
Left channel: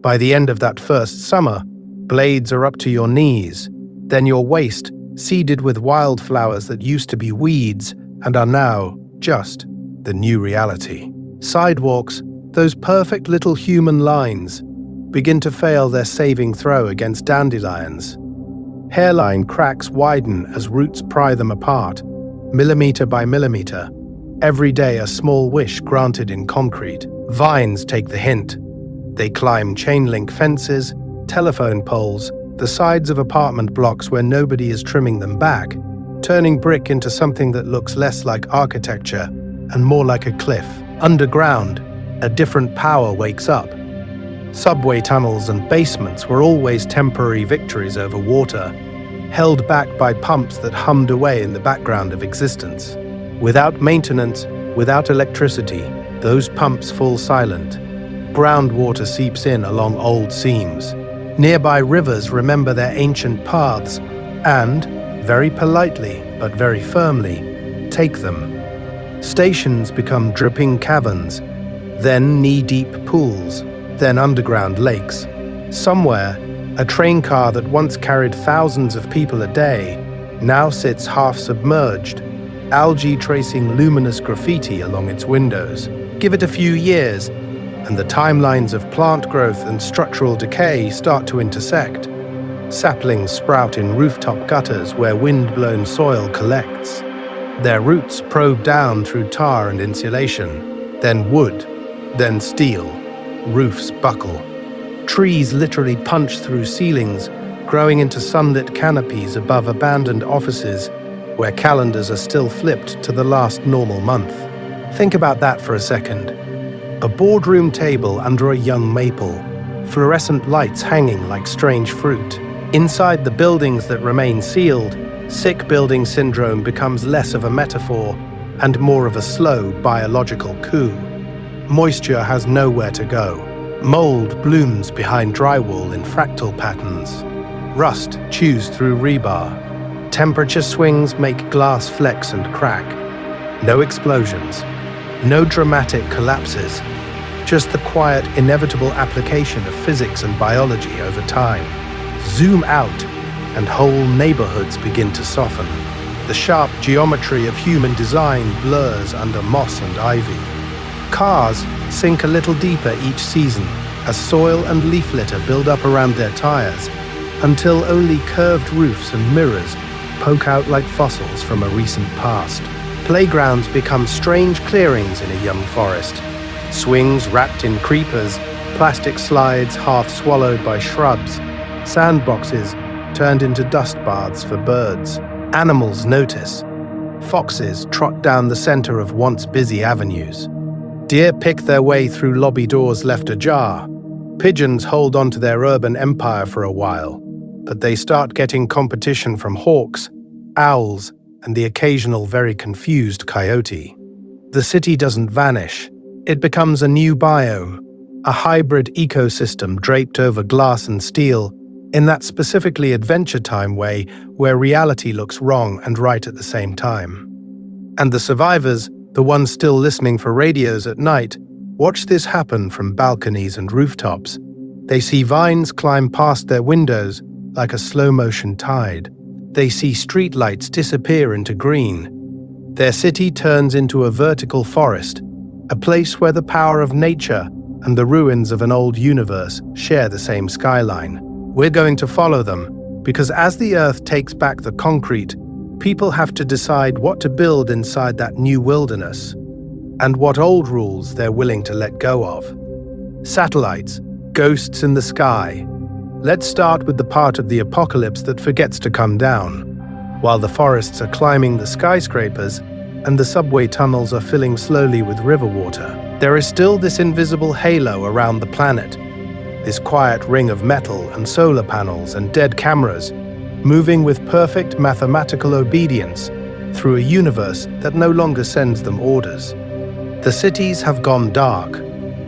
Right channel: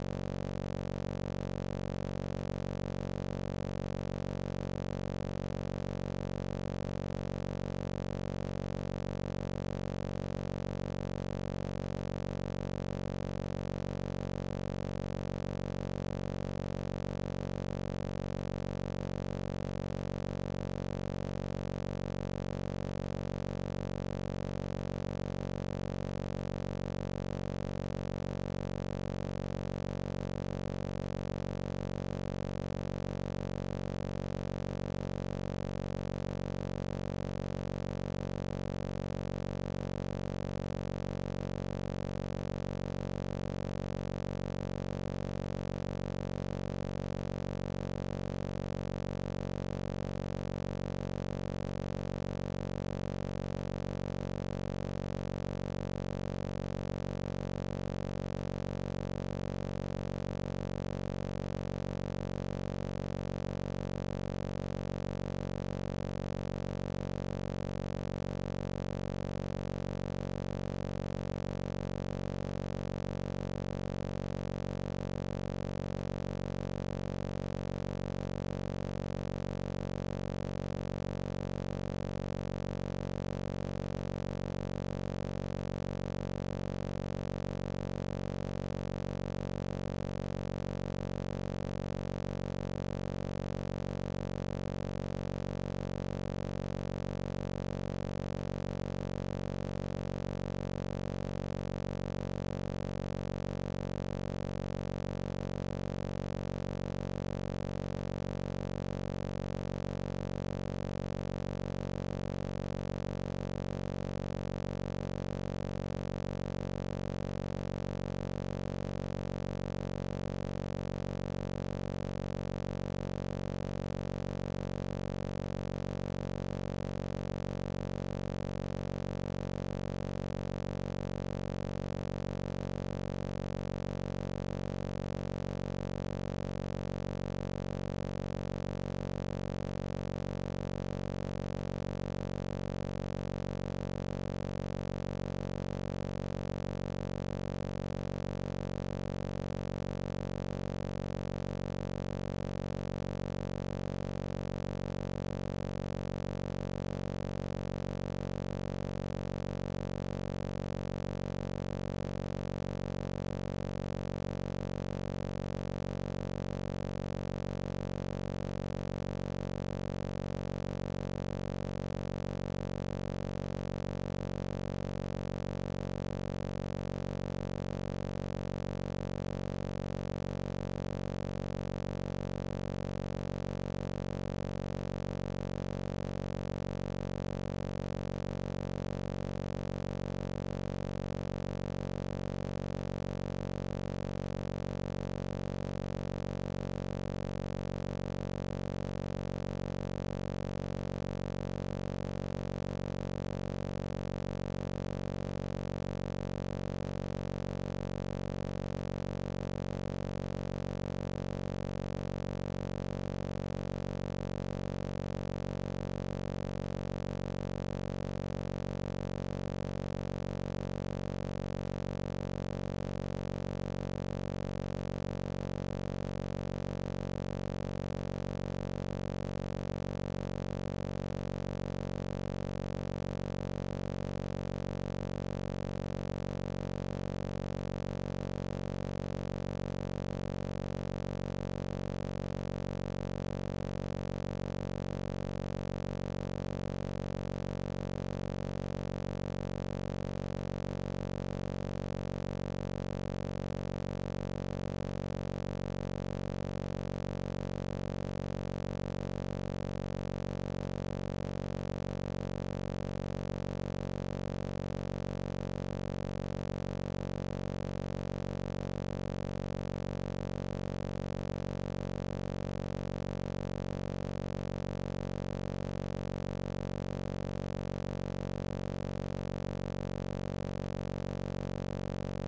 By the end of that first summer, blades are up to your knees, then your waist, seeded with wildflowers that used to be weeds and are now just the new reality. Sidewalks, those perfect little human lines, begin to fail their saving throw against dandelions. Hairline cracks widen as roots pry them apart, millimeter by millimeter. Every day a small wish granted in concrete. Vines take the hint. They climb chain-link fences, telephone poles, the sides of apartment blocks where nobody is trimming them back, turning brick into something that looks less like architecture and more like a cliff. Underground, a different power wakes up. Subway tunnels and basements were always temporary victories over water, held back by pumps that hummed away in the background of existence. Without maintenance, without electricity, those pumps fall silent. Groundwater seeps in along old seams. Nearby rivers remember their ancient paths and, very politely but very firmly, take them. Stations become dripping caverns, then knee-deep pools, then underground lakes. Somewhere, a train car that once carried thousands of people a day now sits half submerged, algae tracing luminous graffiti along its windows. Give it a few years, and the timelines of plant growth and structural decay start to intersect. Saplings sprout in rooftop gutters where wind-blown soil collects. Their roots probe down through tar and insulation, then wood, then steel. Roofs buckle. Trees literally punch through ceilings, growing into sunlit canopies above abandoned offices where calendars are still flipped to the last normal month. Think about that for a second. A boardroom table under a young maple, fluorescent lights hanging like strange fruit. Inside the buildings that remain sealed, sick building syndrome becomes less of a metaphor and more of a slow biological coup. Moisture has nowhere to go. Mold blooms behind drywall in fractal patterns. Rust chews through rebar. Temperature swings make glass flex and crack. No explosions. No dramatic collapses. Just the quiet, inevitable application of physics and biology over time. Zoom out, and whole neighborhoods begin to soften. The sharp geometry of human design blurs under moss and ivy. Cars sink a little deeper each season as soil and leaf litter build up around their tires, until only curved roofs and mirrors poke out like fossils from a recent past. Playgrounds become strange clearings in a young forest. Swings wrapped in creepers, plastic slides half swallowed by shrubs, sandboxes turned into dust baths for birds. Animals notice. Foxes trot down the center of once busy avenues. Deer pick their way through lobby doors left ajar. Pigeons hold on to their urban empire for a while, but they start getting competition from hawks, owls, and the occasional very confused coyote. The city doesn't vanish. It becomes a new biome, a hybrid ecosystem draped over glass and steel, in that specifically Adventure Time way where reality looks wrong and right at the same time. And the survivors, the ones still listening for radios at night, watch this happen from balconies and rooftops. They see vines climb past their windows like a slow-motion tide. They see streetlights disappear into green. Their city turns into a vertical forest, a place where the power of nature and the ruins of an old universe share the same skyline. We're going to follow them, because as the Earth takes back the concrete, people have to decide what to build inside that new wilderness, and what old rules they're willing to let go of. Satellites, ghosts in the sky. Let's start with the part of the apocalypse that forgets to come down. While the forests are climbing the skyscrapers and the subway tunnels are filling slowly with river water, there is still this invisible halo around the planet, this quiet ring of metal and solar panels and dead cameras, moving with perfect mathematical obedience through a universe that no longer sends them orders. The cities have gone dark,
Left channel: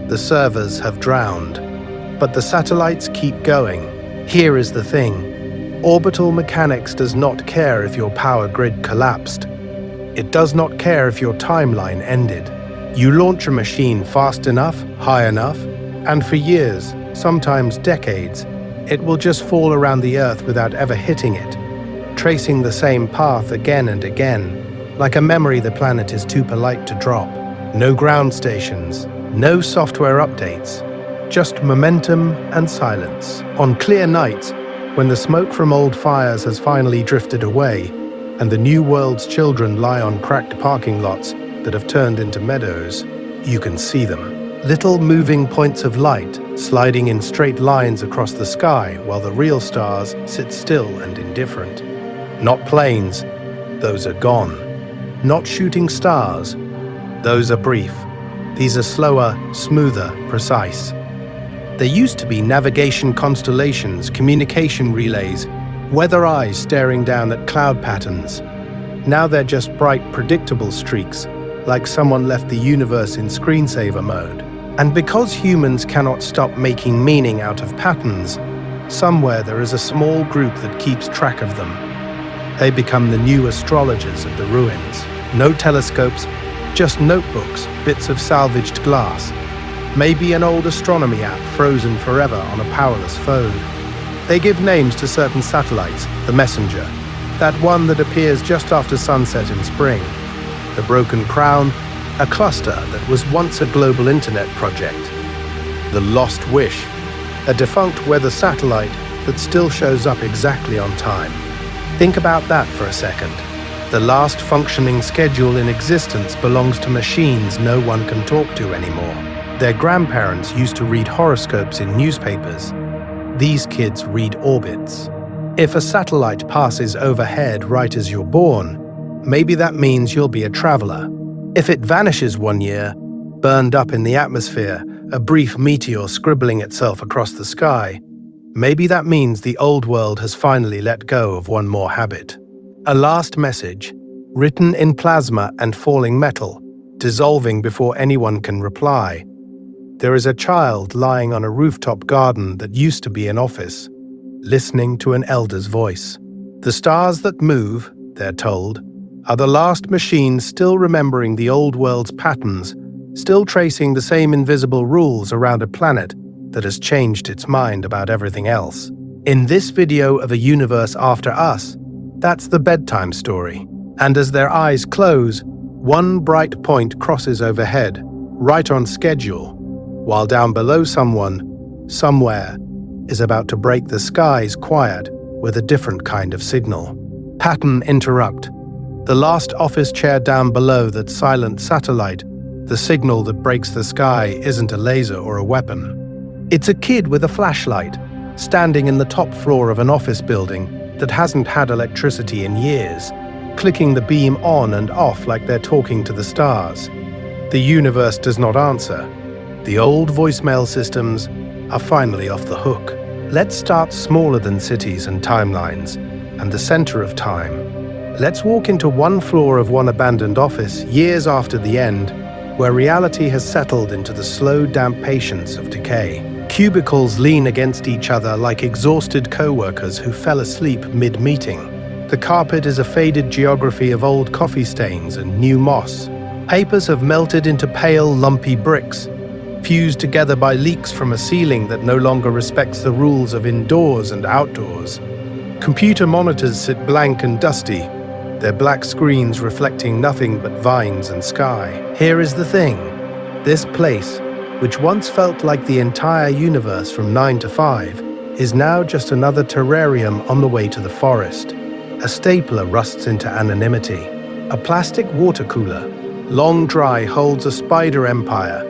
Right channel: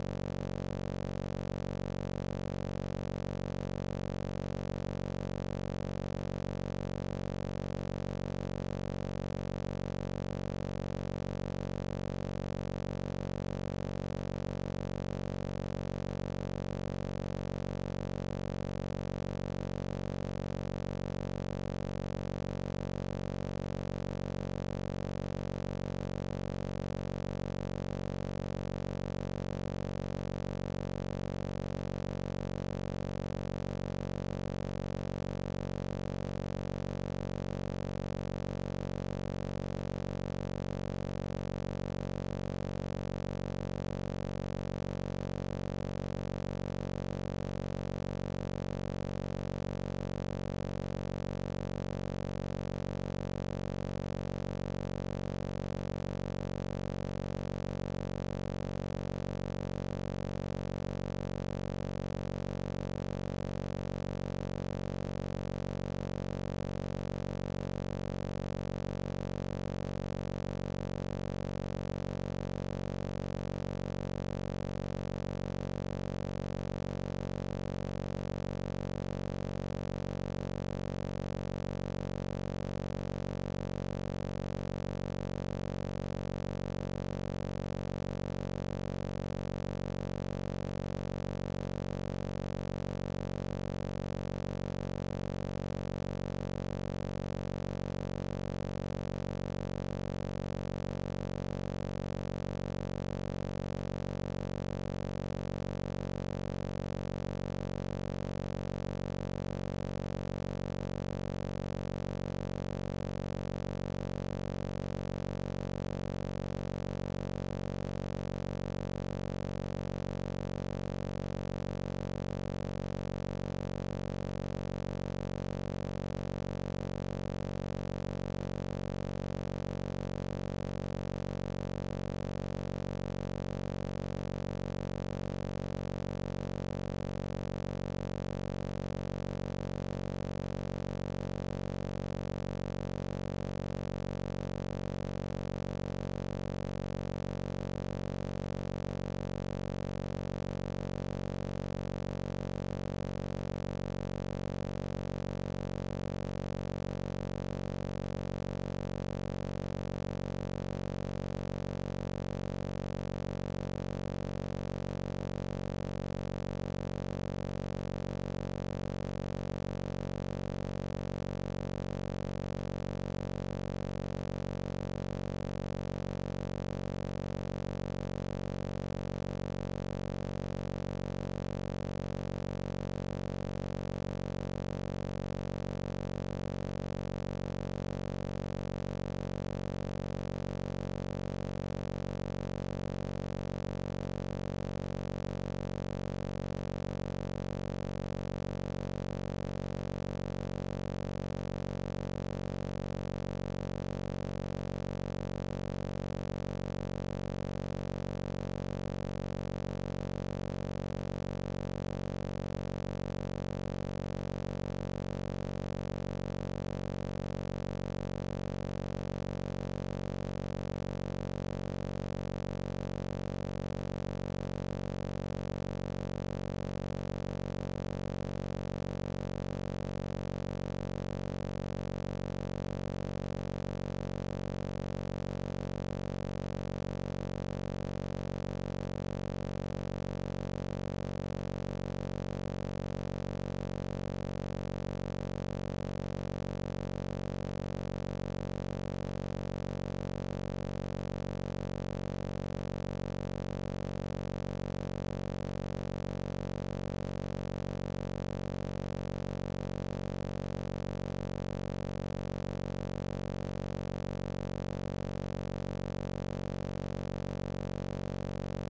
the servers have drowned, but the satellites keep going. Here is the thing. Orbital mechanics does not care if your power grid collapsed. It does not care if your timeline ended. You launch a machine fast enough, high enough, and for years, sometimes decades, it will just fall around the Earth without ever hitting it, tracing the same path again and again, like a memory the planet is too polite to drop. No ground stations, no software updates, just momentum and silence. On clear nights, when the smoke from old fires has finally drifted away, and the new world's children lie on cracked parking lots that have turned into meadows, you can see them. Little moving points of light sliding in straight lines across the sky while the real stars sit still and indifferent. Not planes, those are gone. Not shooting stars, those are brief. These are slower, smoother, precise. There used to be navigation constellations, communication relays, weather eyes staring down at cloud patterns. Now they're just bright, predictable streaks, like someone left the universe in screensaver mode. And because humans cannot stop making meaning out of patterns, somewhere there is a small group that keeps track of them. They become the new astrologers of the ruins. No telescopes, just notebooks, bits of salvaged glass. Maybe an old astronomy app frozen forever on a powerless phone. They give names to certain satellites, the Messenger, that one that appears just after sunset in spring, the Broken Crown, a cluster that was once a global internet project, the Lost Wish, a defunct weather satellite that still shows up exactly on time. Think about that for a second. The last functioning schedule in existence belongs to machines no one can talk to anymore. Their grandparents used to read horoscopes in newspapers. These kids read orbits. If a satellite passes overhead right as you're born, maybe that means you'll be a traveler. If it vanishes one year, burned up in the atmosphere, a brief meteor scribbling itself across the sky. Maybe that means the old world has finally let go of one more habit. A last message, written in plasma and falling metal, dissolving before anyone can reply. There is a child lying on a rooftop garden that used to be an office, listening to an elder's voice. The stars that move, they're told, are the last machines still remembering the old world's patterns, still tracing the same invisible rules around a planet that has changed its mind about everything else. In this video of a universe after us, that's the bedtime story. And as their eyes close, one bright point crosses overhead, right on schedule, while down below someone, somewhere, is about to break the sky's quiet with a different kind of signal. Pattern interrupt. The last office chair down below that silent satellite, the signal that breaks the sky isn't a laser or a weapon. It's a kid with a flashlight, standing in the top floor of an office building that hasn't had electricity in years, clicking the beam on and off like they're talking to the stars. The universe does not answer. The old voicemail systems are finally off the hook. Let's start smaller than cities and timelines, and the center of time. Let's walk into one floor of one abandoned office years after the end, where reality has settled into the slow, damp patience of decay. Cubicles lean against each other like exhausted co-workers who fell asleep mid-meeting. The carpet is a faded geography of old coffee stains and new moss. Papers have melted into pale, lumpy bricks, fused together by leaks from a ceiling that no longer respects the rules of indoors and outdoors. Computer monitors sit blank and dusty, their black screens reflecting nothing but vines and sky. Here is the thing. This place, which once felt like the entire universe from 9 to 5, is now just another terrarium on the way to the forest. A stapler rusts into anonymity. A plastic water cooler, long dry, holds a spider empire.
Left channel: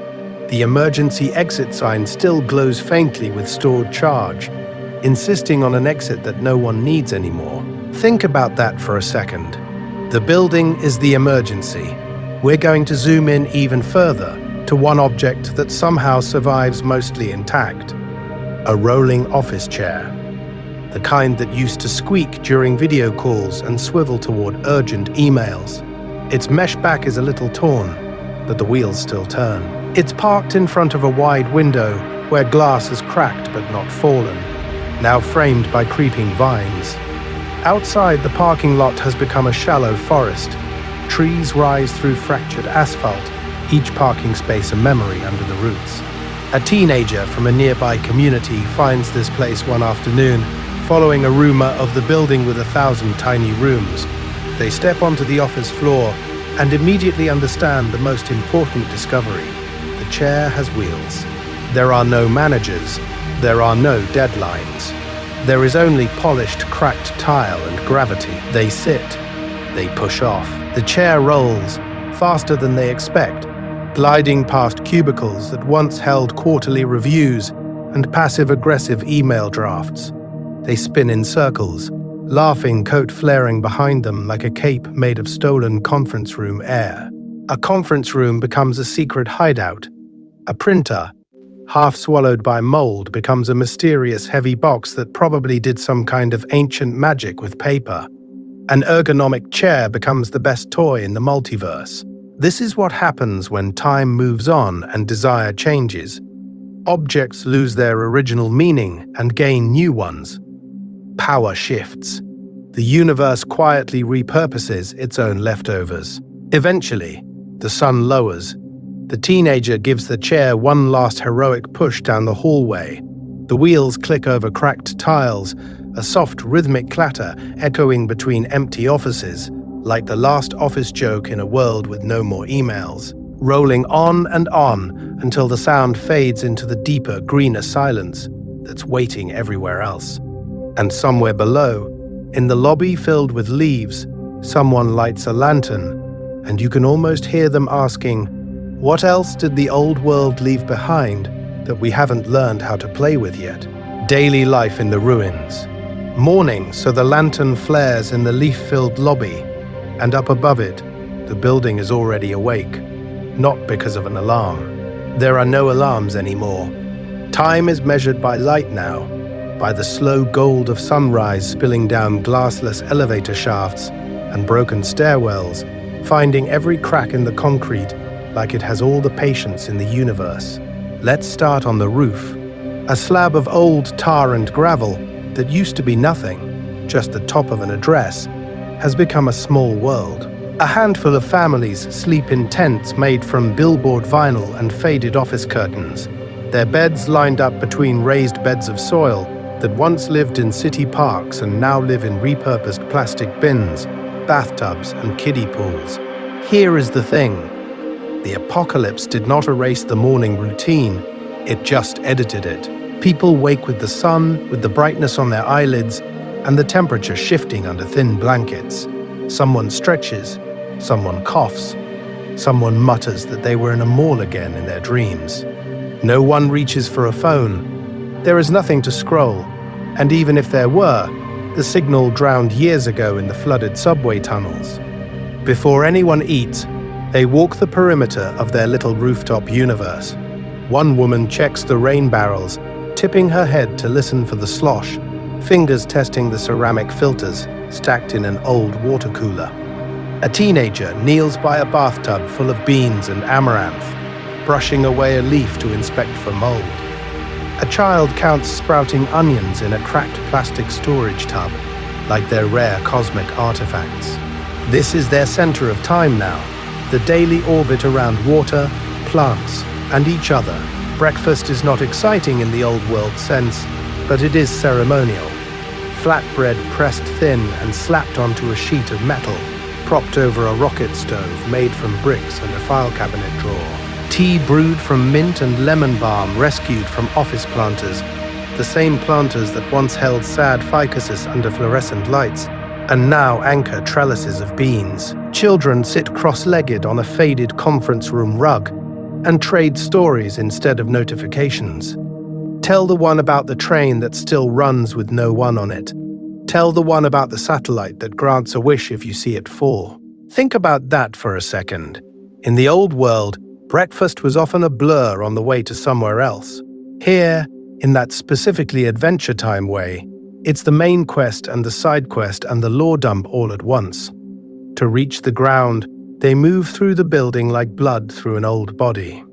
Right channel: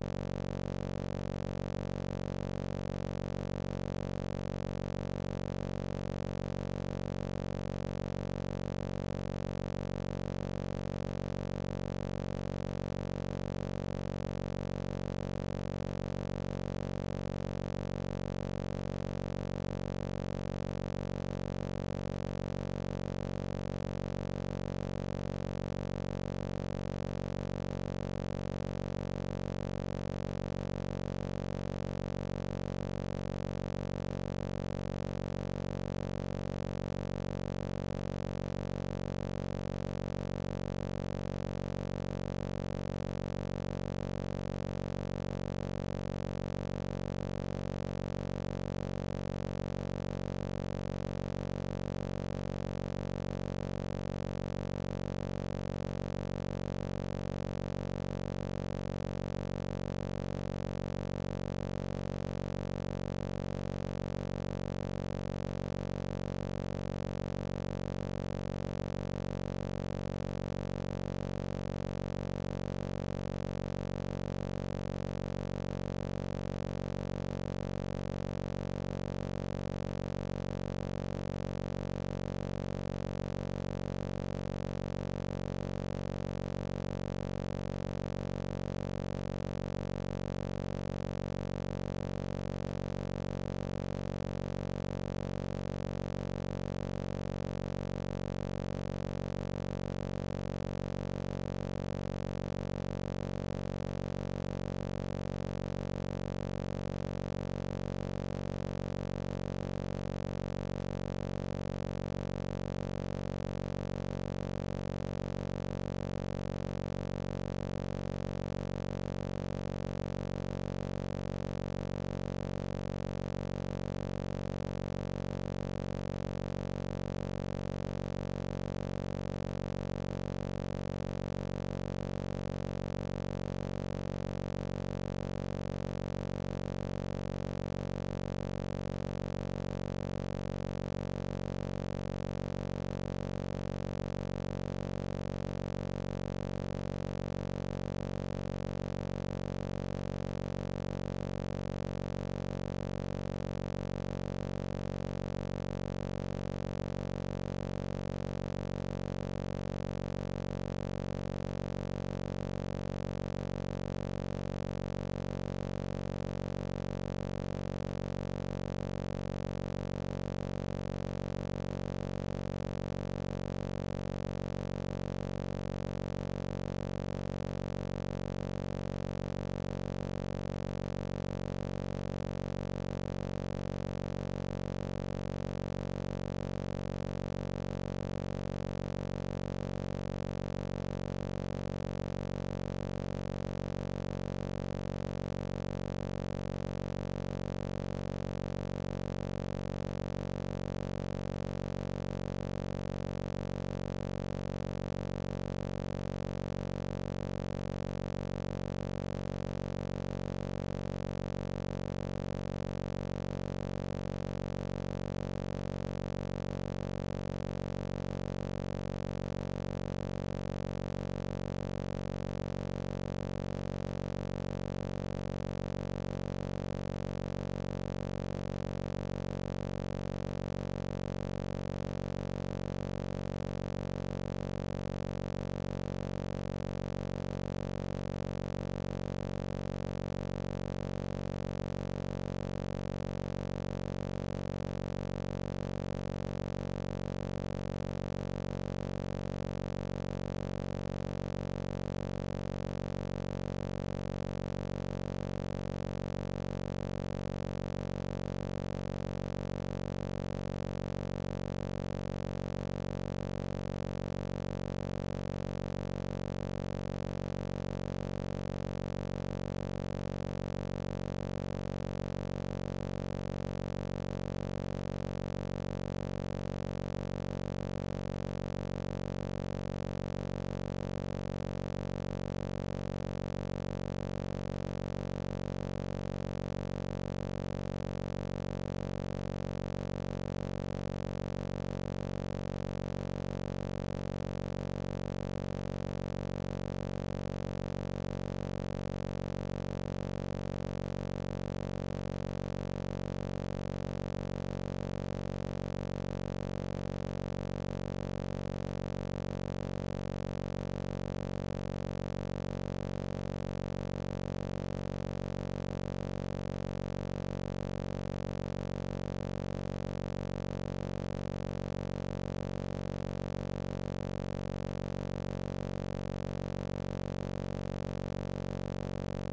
The emergency exit sign still glows faintly with stored charge, insisting on an exit that no one needs anymore. Think about that for a second. The building is the emergency. We're going to zoom in even further to one object that somehow survives mostly intact. A rolling office chair. The kind that used to squeak during video calls and swivel toward urgent emails. Its mesh back is a little torn, but the wheels still turn. It's parked in front of a wide window where glass has cracked but not fallen, now framed by creeping vines. Outside, the parking lot has become a shallow forest. Trees rise through fractured asphalt, each parking space a memory under the roots. A teenager from a nearby community finds this place one afternoon, following a rumor of the building with 1,000 tiny rooms. They step onto the office floor and immediately understand the most important discovery. The chair has wheels. There are no managers. There are no deadlines. There is only polished, cracked tile and gravity. They sit. They push off. The chair rolls, faster than they expect, gliding past cubicles that once held quarterly reviews and passive-aggressive email drafts. They spin in circles, laughing, coat flaring behind them like a cape made of stolen conference room air. A conference room becomes a secret hideout. A printer, half swallowed by mold, becomes a mysterious heavy box that probably did some kind of ancient magic with paper. An ergonomic chair becomes the best toy in the multiverse. This is what happens when time moves on and desire changes. Objects lose their original meaning and gain new ones. Power shifts. The universe quietly repurposes its own leftovers. Eventually, the sun lowers. The teenager gives the chair one last heroic push down the hallway. The wheels click over cracked tiles, a soft rhythmic clatter echoing between empty offices, like the last office joke in a world with no more emails, rolling on and on until the sound fades into the deeper, greener silence that's waiting everywhere else. And somewhere below, in the lobby filled with leaves, someone lights a lantern, and you can almost hear them asking, what else did the old world leave behind that we haven't learned how to play with yet? Daily life in the ruins. Morning, so the lantern flares in the leaf-filled lobby, and up above it, the building is already awake. not because of an alarm. There are no alarms anymore. Time is measured by light now, by the slow gold of sunrise spilling down glassless elevator shafts and broken stairwells, finding every crack in the concrete like it has all the patience in the universe. Let's start on the roof. A slab of old tar and gravel that used to be nothing, just the top of an address, has become a small world. A handful of families sleep in tents made from billboard vinyl and faded office curtains, their beds lined up between raised beds of soil that once lived in city parks and now live in repurposed plastic bins, bathtubs, and kiddie pools. Here is the thing. The apocalypse did not erase the morning routine, it just edited it. People wake with the sun, with the brightness on their eyelids, and the temperature shifting under thin blankets. Someone stretches, someone coughs, someone mutters that they were in a mall again in their dreams. No one reaches for a phone. There is nothing to scroll, and even if there were, the signal drowned years ago in the flooded subway tunnels. Before anyone eats, they walk the perimeter of their little rooftop universe. One woman checks the rain barrels, tipping her head to listen for the slosh, fingers testing the ceramic filters stacked in an old water cooler. A teenager kneels by a bathtub full of beans and amaranth, brushing away a leaf to inspect for mold. A child counts sprouting onions in a cracked plastic storage tub, like they're rare cosmic artifacts. This is their center of time now, the daily orbit around water, plants, and each other. Breakfast is not exciting in the old world sense, but it is ceremonial. Flatbread pressed thin and slapped onto a sheet of metal, propped over a rocket stove made from bricks and a file cabinet drawer. Tea brewed from mint and lemon balm rescued from office planters, the same planters that once held sad ficuses under fluorescent lights, and now anchor trellises of beans. Children sit cross-legged on a faded conference room rug and trade stories instead of notifications. Tell the one about the train that still runs with no one on it. Tell the one about the satellite that grants a wish if you see it fall. Think about that for a second. In the old world, breakfast was often a blur on the way to somewhere else. Here, in that specifically Adventure Time way, it's the main quest and the side quest and the lore dump all at once. To reach the ground, they move through the building like blood through an old body.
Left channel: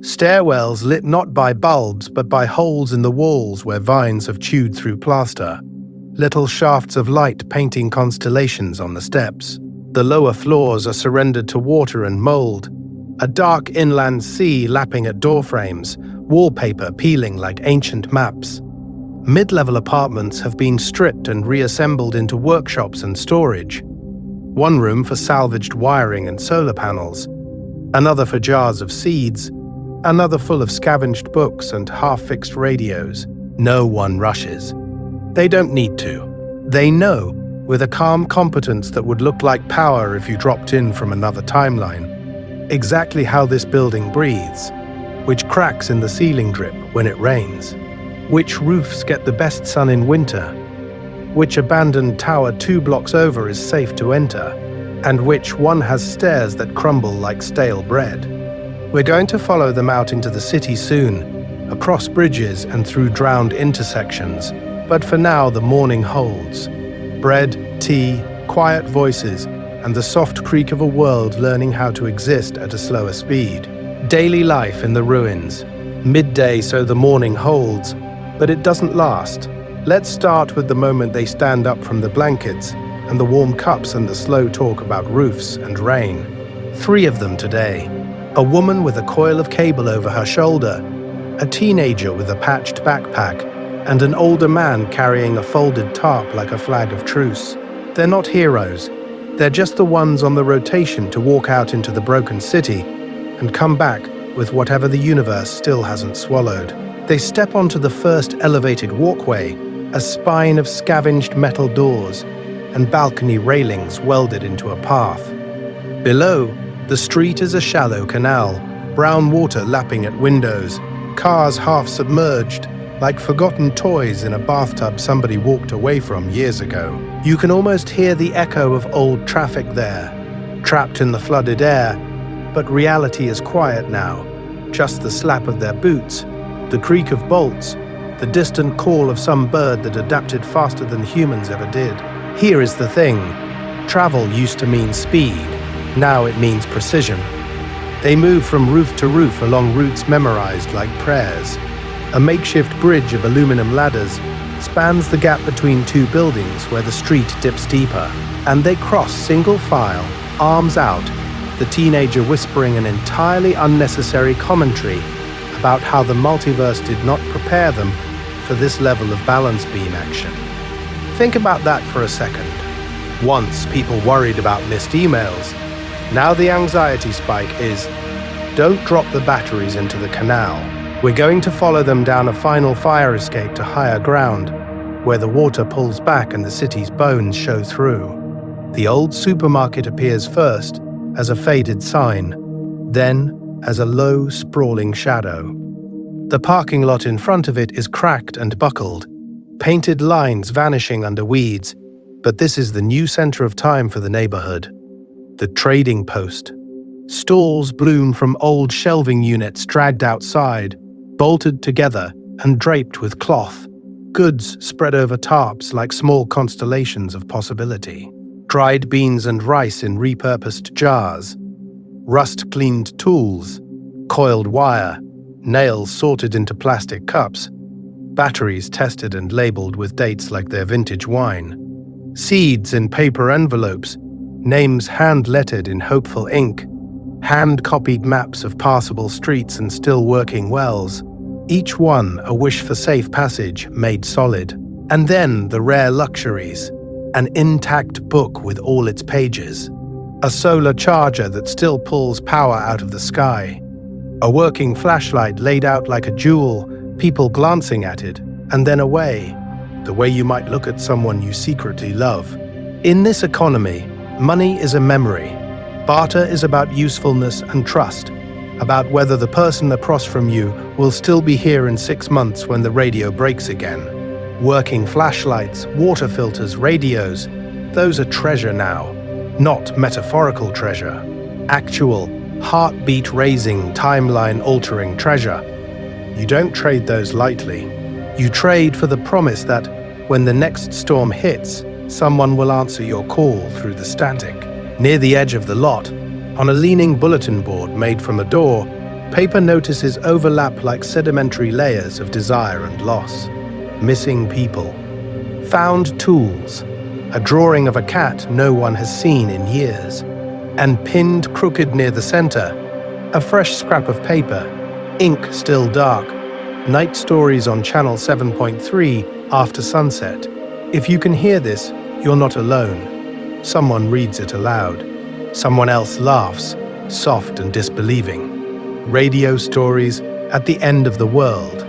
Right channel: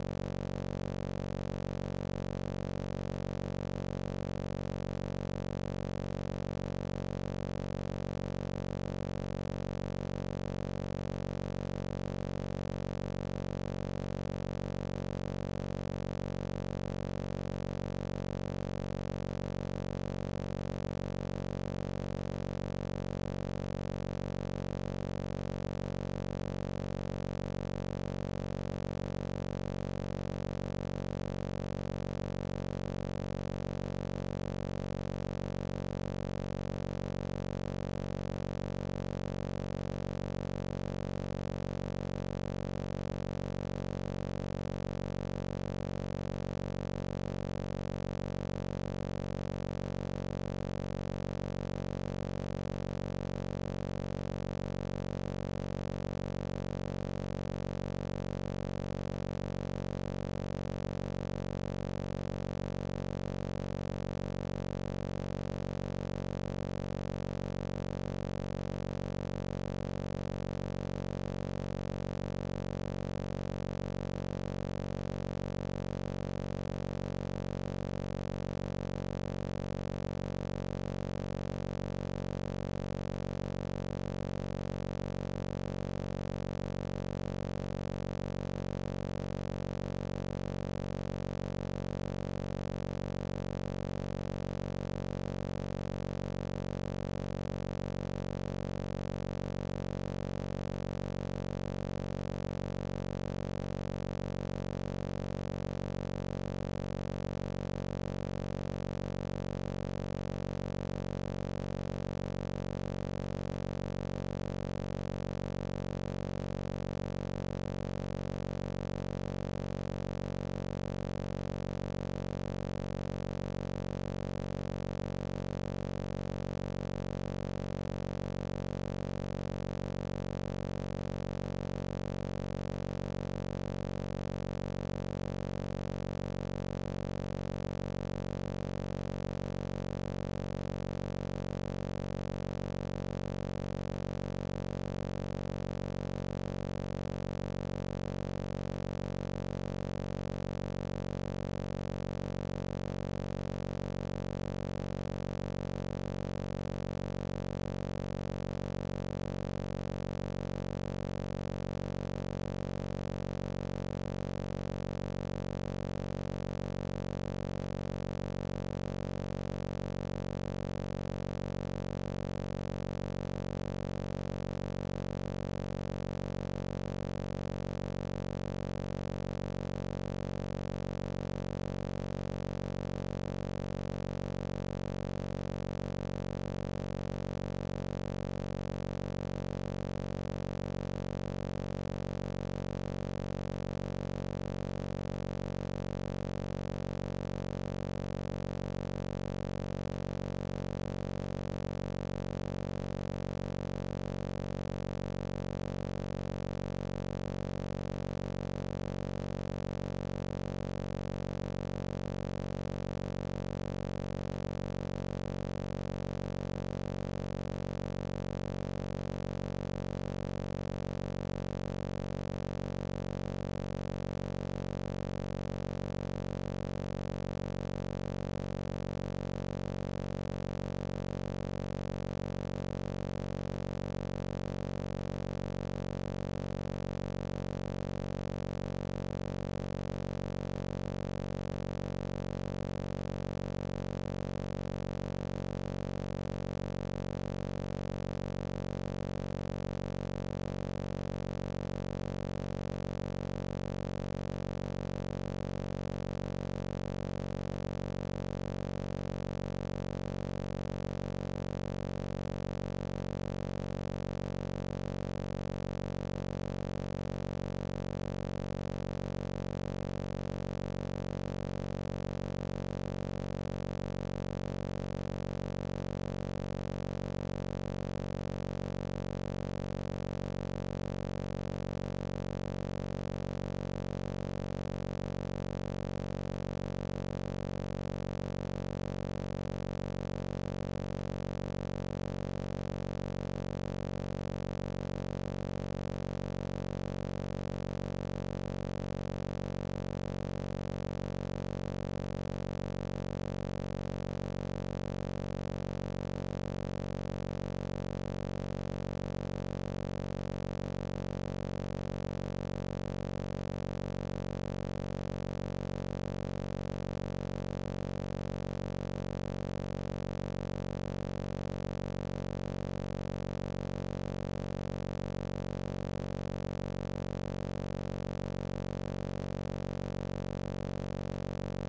Stairwells lit not by bulbs but by holes in the walls where vines have chewed through plaster. Little shafts of light painting constellations on the steps. The lower floors are surrendered to water and mold. A dark inland sea lapping at doorframes, wallpaper peeling like ancient maps. Mid-level apartments have been stripped and reassembled into workshops and storage. One room for salvaged wiring and solar panels, another for jars of seeds, another full of scavenged books and half-fixed radios. No one rushes. They don't need to. They know, with a calm competence that would look like power if you dropped in from another timeline, exactly how this building breathes, which cracks in the ceiling drip when it rains, which roofs get the best sun in winter, which abandoned tower 2 blocks over is safe to enter, and which one has stairs that crumble like stale bread. We're going to follow them out into the city soon, across bridges and through drowned intersections, but for now the morning holds. Bread, tea, quiet voices, and the soft creak of a world learning how to exist at a slower speed. Daily life in the ruins. Midday so the morning holds, but it doesn't last. Let's start with the moment they stand up from the blankets and the warm cups and the slow talk about roofs and rain. 3 of them today. A woman with a coil of cable over her shoulder, a teenager with a patched backpack, and an older man carrying a folded tarp like a flag of truce. They're not heroes. They're just the ones on the rotation to walk out into the broken city and come back with whatever the universe still hasn't swallowed. They step onto the first elevated walkway, a spine of scavenged metal doors and balcony railings welded into a path. Below, the street is a shallow canal, brown water lapping at windows, cars half submerged, like forgotten toys in a bathtub somebody walked away from years ago. You can almost hear the echo of old traffic there, trapped in the flooded air, But reality is quiet now. Just the slap of their boots, the creak of bolts, the distant call of some bird that adapted faster than humans ever did. Here is the thing. Travel used to mean speed. Now it means precision. They move from roof to roof along routes memorized like prayers. A makeshift bridge of aluminum ladders spans the gap between two buildings where the street dips deeper, and they cross single file, arms out, the teenager whispering an entirely unnecessary commentary about how the multiverse did not prepare them for this level of balance beam action. Think about that for a second. Once people worried about missed emails, now the anxiety spike is, don't drop the batteries into the canal. We're going to follow them down a final fire escape to higher ground, where the water pulls back and the city's bones show through. The old supermarket appears first as a faded sign, then as a low, sprawling shadow. The parking lot in front of it is cracked and buckled, painted lines vanishing under weeds, but this is the new center of time for the neighborhood. The trading post. Stalls bloom from old shelving units dragged outside, bolted together and draped with cloth. Goods spread over tarps like small constellations of possibility. Dried beans and rice in repurposed jars. Rust-cleaned tools. Coiled wire. Nails sorted into plastic cups. Batteries tested and labeled with dates like their vintage wine. Seeds in paper envelopes. Names hand-lettered in hopeful ink. Hand-copied maps of passable streets and still working wells. Each one a wish for safe passage made solid. And then the rare luxuries. An intact book with all its pages. A solar charger that still pulls power out of the sky. A working flashlight laid out like a jewel, people glancing at it, and then away, the way you might look at someone you secretly love. In this economy, money is a memory. Barter is about usefulness and trust, about whether the person across from you will still be here in 6 months when the radio breaks again. Working flashlights, water filters, radios, those are treasure now, not metaphorical treasure. Actual, heartbeat-raising, timeline-altering treasure. You don't trade those lightly. You trade for the promise that, when the next storm hits, someone will answer your call through the static. Near the edge of the lot, on a leaning bulletin board made from a door, paper notices overlap like sedimentary layers of desire and loss. Missing people. Found tools. A drawing of a cat no one has seen in years. And pinned crooked near the center, a fresh scrap of paper, ink still dark, night stories on channel 7.3 after sunset. If you can hear this, you're not alone. Someone reads it aloud. Someone else laughs, soft and disbelieving. Radio stories at the end of the world.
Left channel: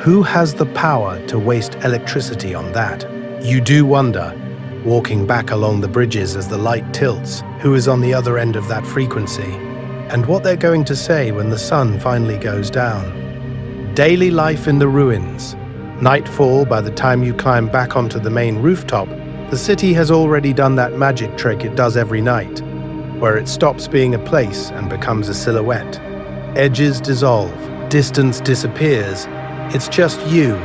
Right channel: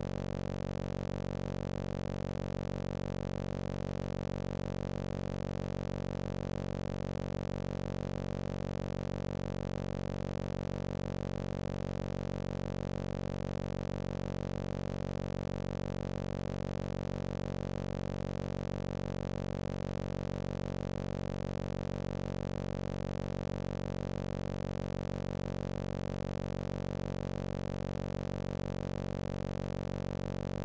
Who has the power to waste electricity on that? You do wonder, walking back along the bridges as the light tilts, who is on the other end of that frequency, and what they're going to say when the sun finally goes down. Daily life in the ruins. Nightfall, by the time you climb back onto the main rooftop, the city has already done that magic trick it does every night, where it stops being a place and becomes a silhouette. Edges dissolve, distance disappears. It's just you,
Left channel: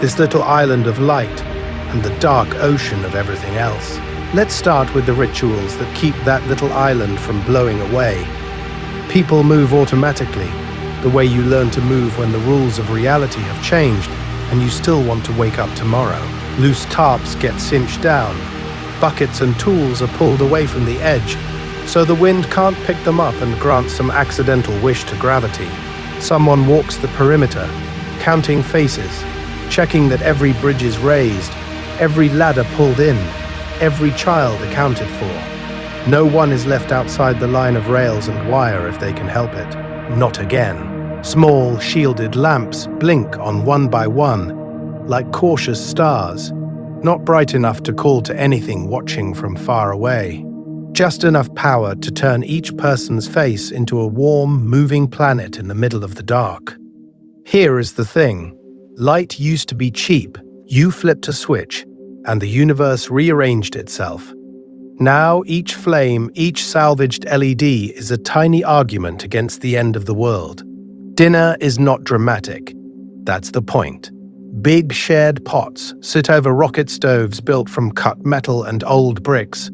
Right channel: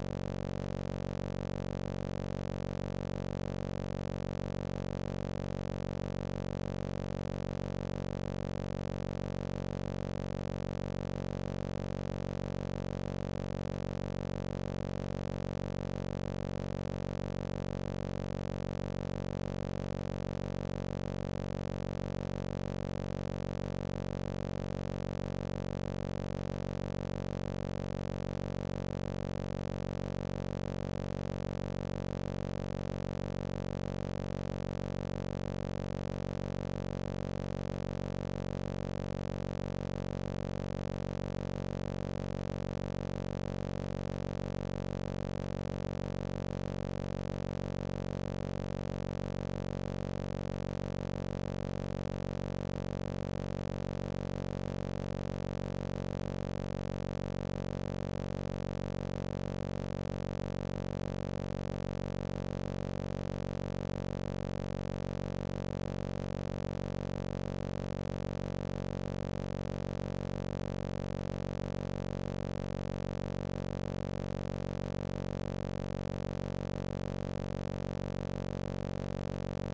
this little island of light, and the dark ocean of everything else. Let's start with the rituals that keep that little island from blowing away. People move automatically, the way you learn to move when the rules of reality have changed and you still want to wake up tomorrow. Loose tarps get cinched down. Buckets and tools are pulled away from the edge, so the wind can't pick them up and grant some accidental wish to gravity. Someone walks the perimeter, counting faces, checking that every bridge is raised, every ladder pulled in, every child accounted for. No one is left outside the line of rails and wire if they can help it. Not again. Small, shielded lamps blink on one by one, like cautious stars, not bright enough to call to anything watching from far away. Just enough power to turn each person's face into a warm, moving planet in the middle of the dark. Here is the thing. Light used to be cheap. You flipped a switch, and the universe rearranged itself. Now each flame, each salvaged LED is a tiny argument against the end of the world. Dinner is not dramatic. That's the point. Big shared pots sit over rocket stoves built from cut metal and old bricks,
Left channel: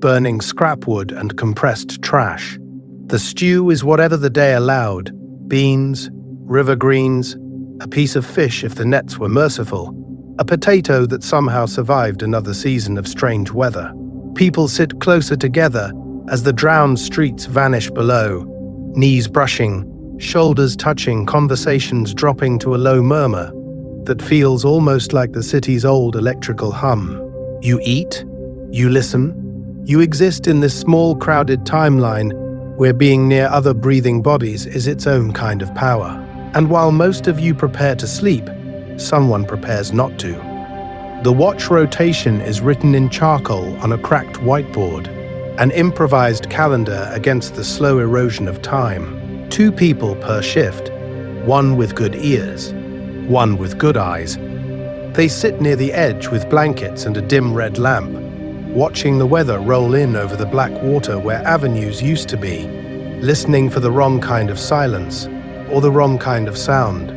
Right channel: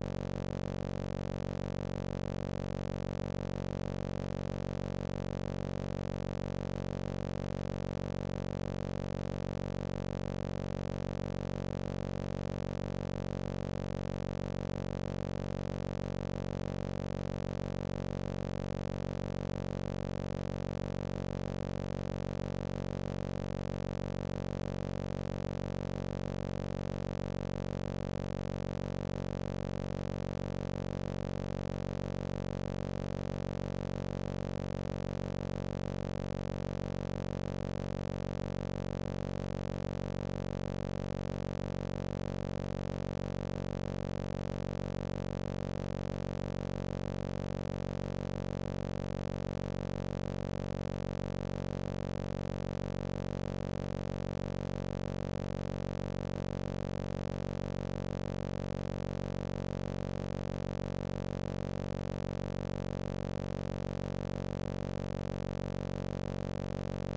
burning scrap wood and compressed trash. The stew is whatever the day allowed: beans, river greens, a piece of fish if the nets were merciful, a potato that somehow survived another season of strange weather. People sit closer together as the drowned streets vanish below, knees brushing, shoulders touching, conversations dropping to a low murmur that feels almost like the city's old electrical hum. You eat, you listen, you exist in this small, crowded timeline where being near other breathing bodies is its own kind of power. And while most of you prepare to sleep, someone prepares not to. The watch rotation is written in charcoal on a cracked whiteboard, an improvised calendar against the slow erosion of time. 2 people per shift, one with good ears, one with good eyes. They sit near the edge with blankets and a dim red lamp, watching the weather roll in over the black water where avenues used to be, listening for the wrong kind of silence or the wrong kind of sound.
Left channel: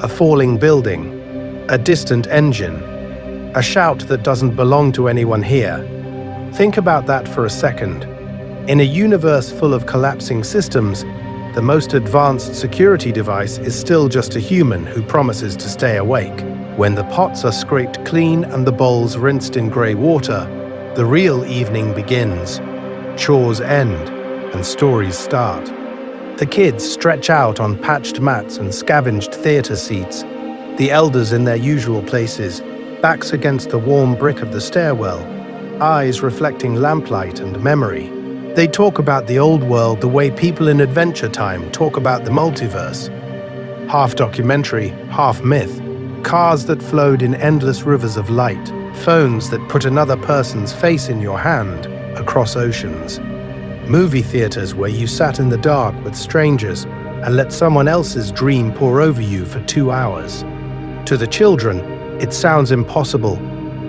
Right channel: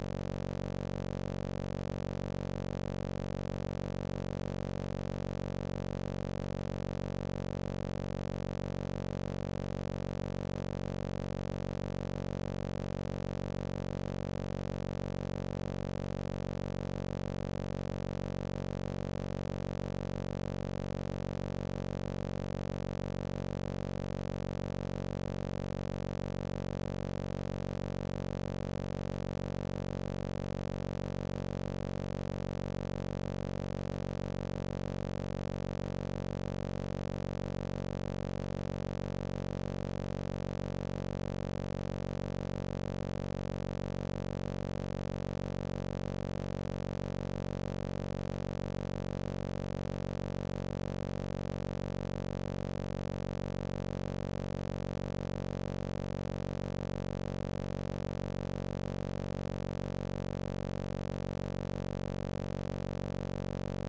A falling building, a distant engine, a shout that doesn't belong to anyone here. Think about that for a second. In a universe full of collapsing systems, the most advanced security device is still just a human who promises to stay awake. When the pots are scraped clean and the bowls rinsed in grey water, the real evening begins. Chores end, and stories start. The kids stretch out on patched mats and scavenged theatre seats, the elders in their usual places, backs against the warm brick of the stairwell, eyes reflecting lamplight and memory. They talk about the old world the way people in Adventure Time talk about the multiverse. Half documentary, half myth. Cars that flowed in endless rivers of light. Phones that put another person's face in your hand across oceans. Movie theaters where you sat in the dark with strangers and let someone else's dream pour over you for 2 hours. To the children, it sounds impossible,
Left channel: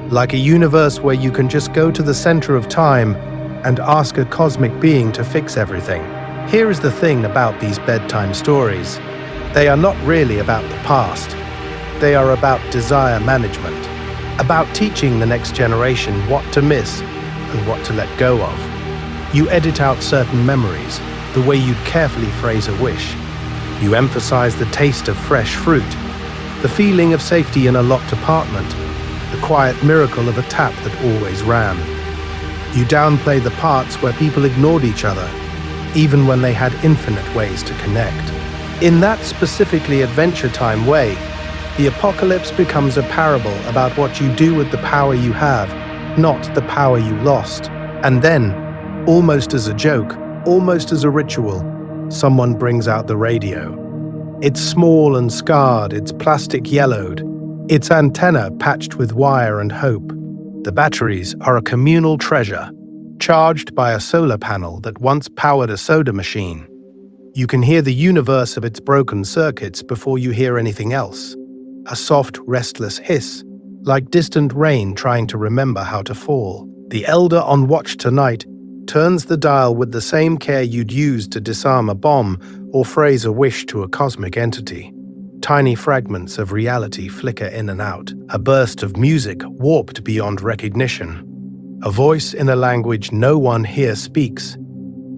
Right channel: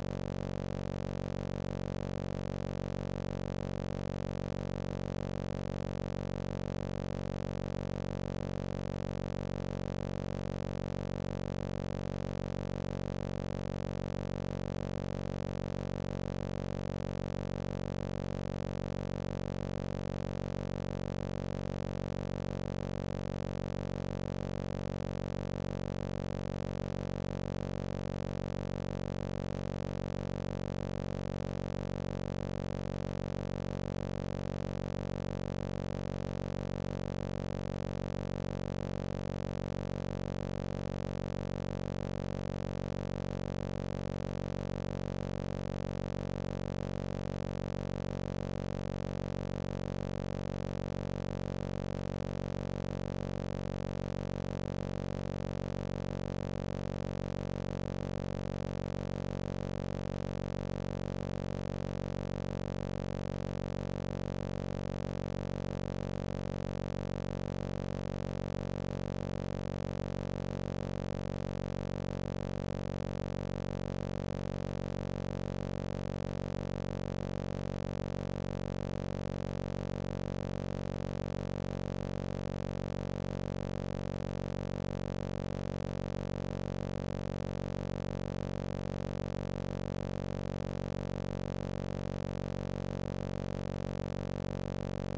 like a universe where you can just go to the center of time and ask a cosmic being to fix everything. Here is the thing about these bedtime stories. They are not really about the past. They are about desire management, about teaching the next generation what to miss and what to let go of. You edit out certain memories, the way you'd carefully phrase a wish. You emphasize the taste of fresh fruit, the feeling of safety in a locked apartment, the quiet miracle of a tap that always ran. You downplay the parts where people ignored each other, even when they had infinite ways to connect. In that specifically Adventure Time way, the apocalypse becomes a parable about what you do with the power you have, not the power you lost. And then, almost as a joke, almost as a ritual, someone brings out the radio. It's small and scarred, it's plastic yellowed, its antenna patched with wire and hope. The batteries are a communal treasure, charged by a solar panel that once powered a soda machine. You can hear the universe of its broken circuits before you hear anything else. A soft, restless hiss, like distant rain trying to remember how to fall. The elder on watch tonight turns the dial with the same care you'd use to disarm a bomb or phrase a wish to a cosmic entity. Tiny fragments of reality flicker in and out, a burst of music warped beyond recognition, a voice in a language no one here speaks,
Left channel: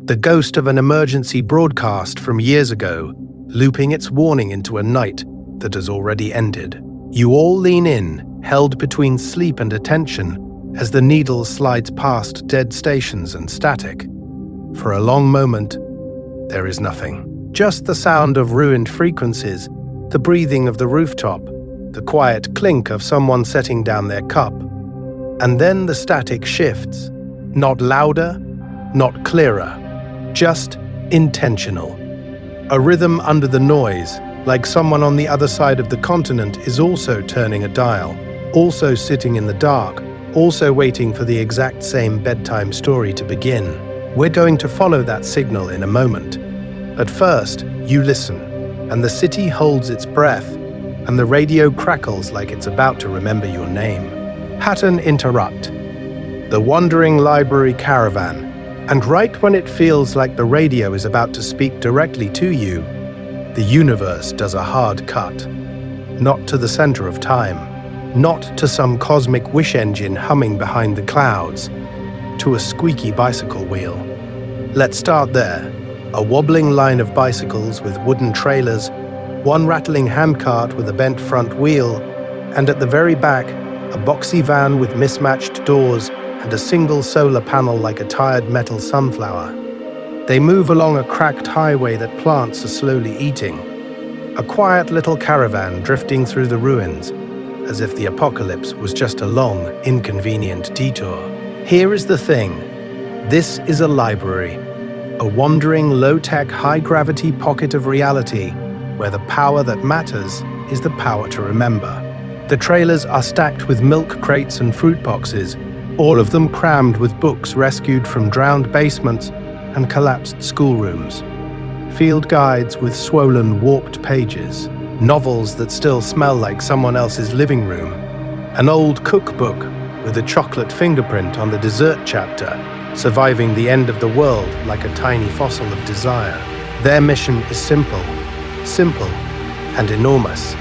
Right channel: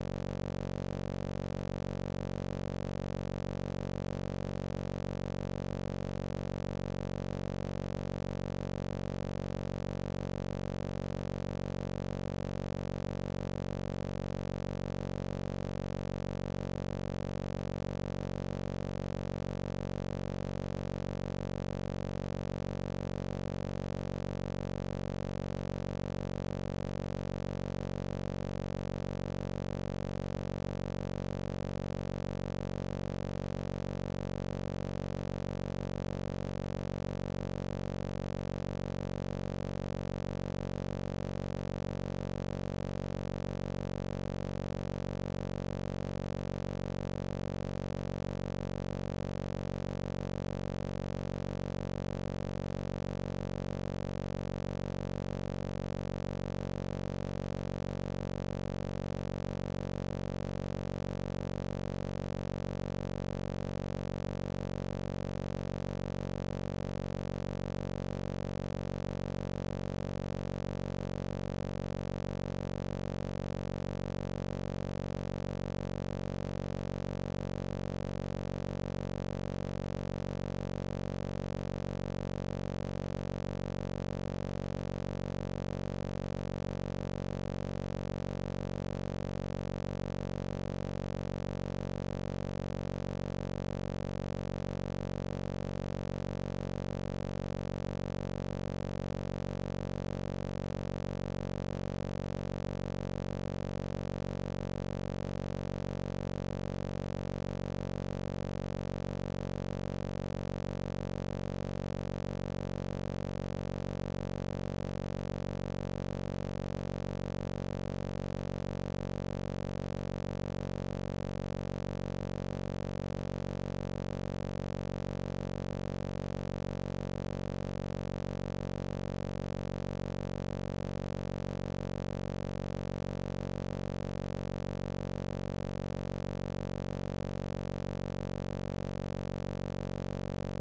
the ghost of an emergency broadcast from years ago, looping its warning into a night that has already ended. You all lean in, held between sleep and attention, as the needle slides past dead stations and static. For a long moment, there is nothing. Just the sound of ruined frequencies, the breathing of the rooftop, the quiet clink of someone setting down their cup. And then the static shifts, not louder, not clearer, just intentional. A rhythm under the noise, like someone on the other side of the continent is also turning a dial, also sitting in the dark, also waiting for the exact same bedtime story to begin. We're going to follow that signal in a moment. But first, you listen, and the city holds its breath, and the radio crackles like it's about to remember your name. Pattern interrupt. the wandering library caravan. And right when it feels like the radio is about to speak directly to you, the universe does a hard cut. Not to the center of time, not to some cosmic wish engine humming behind the clouds, to a squeaky bicycle wheel. Let's start there. A wobbling line of bicycles with wooden trailers, one rattling handcart with a bent front wheel, and at the very back, a boxy van with mismatched doors and a single solar panel like a tired metal sunflower. They move along a cracked highway that plants are slowly eating. A quiet little caravan drifting through the ruins, as if the apocalypse was just a long, inconvenient detour. Here is the thing. This is a library, a wandering, low-tech, high-gravity pocket of reality where the power that matters is the power to remember. The trailers are stacked with milk crates and fruit boxes, all of them crammed with books rescued from drowned basements and collapsed schoolrooms. Field guides with swollen, warped pages, novels that still smell like someone else's living room, an old cookbook with a chocolate fingerprint on the dessert chapter, surviving the end of the world like a tiny fossil of desire. Their mission is simple, and enormous.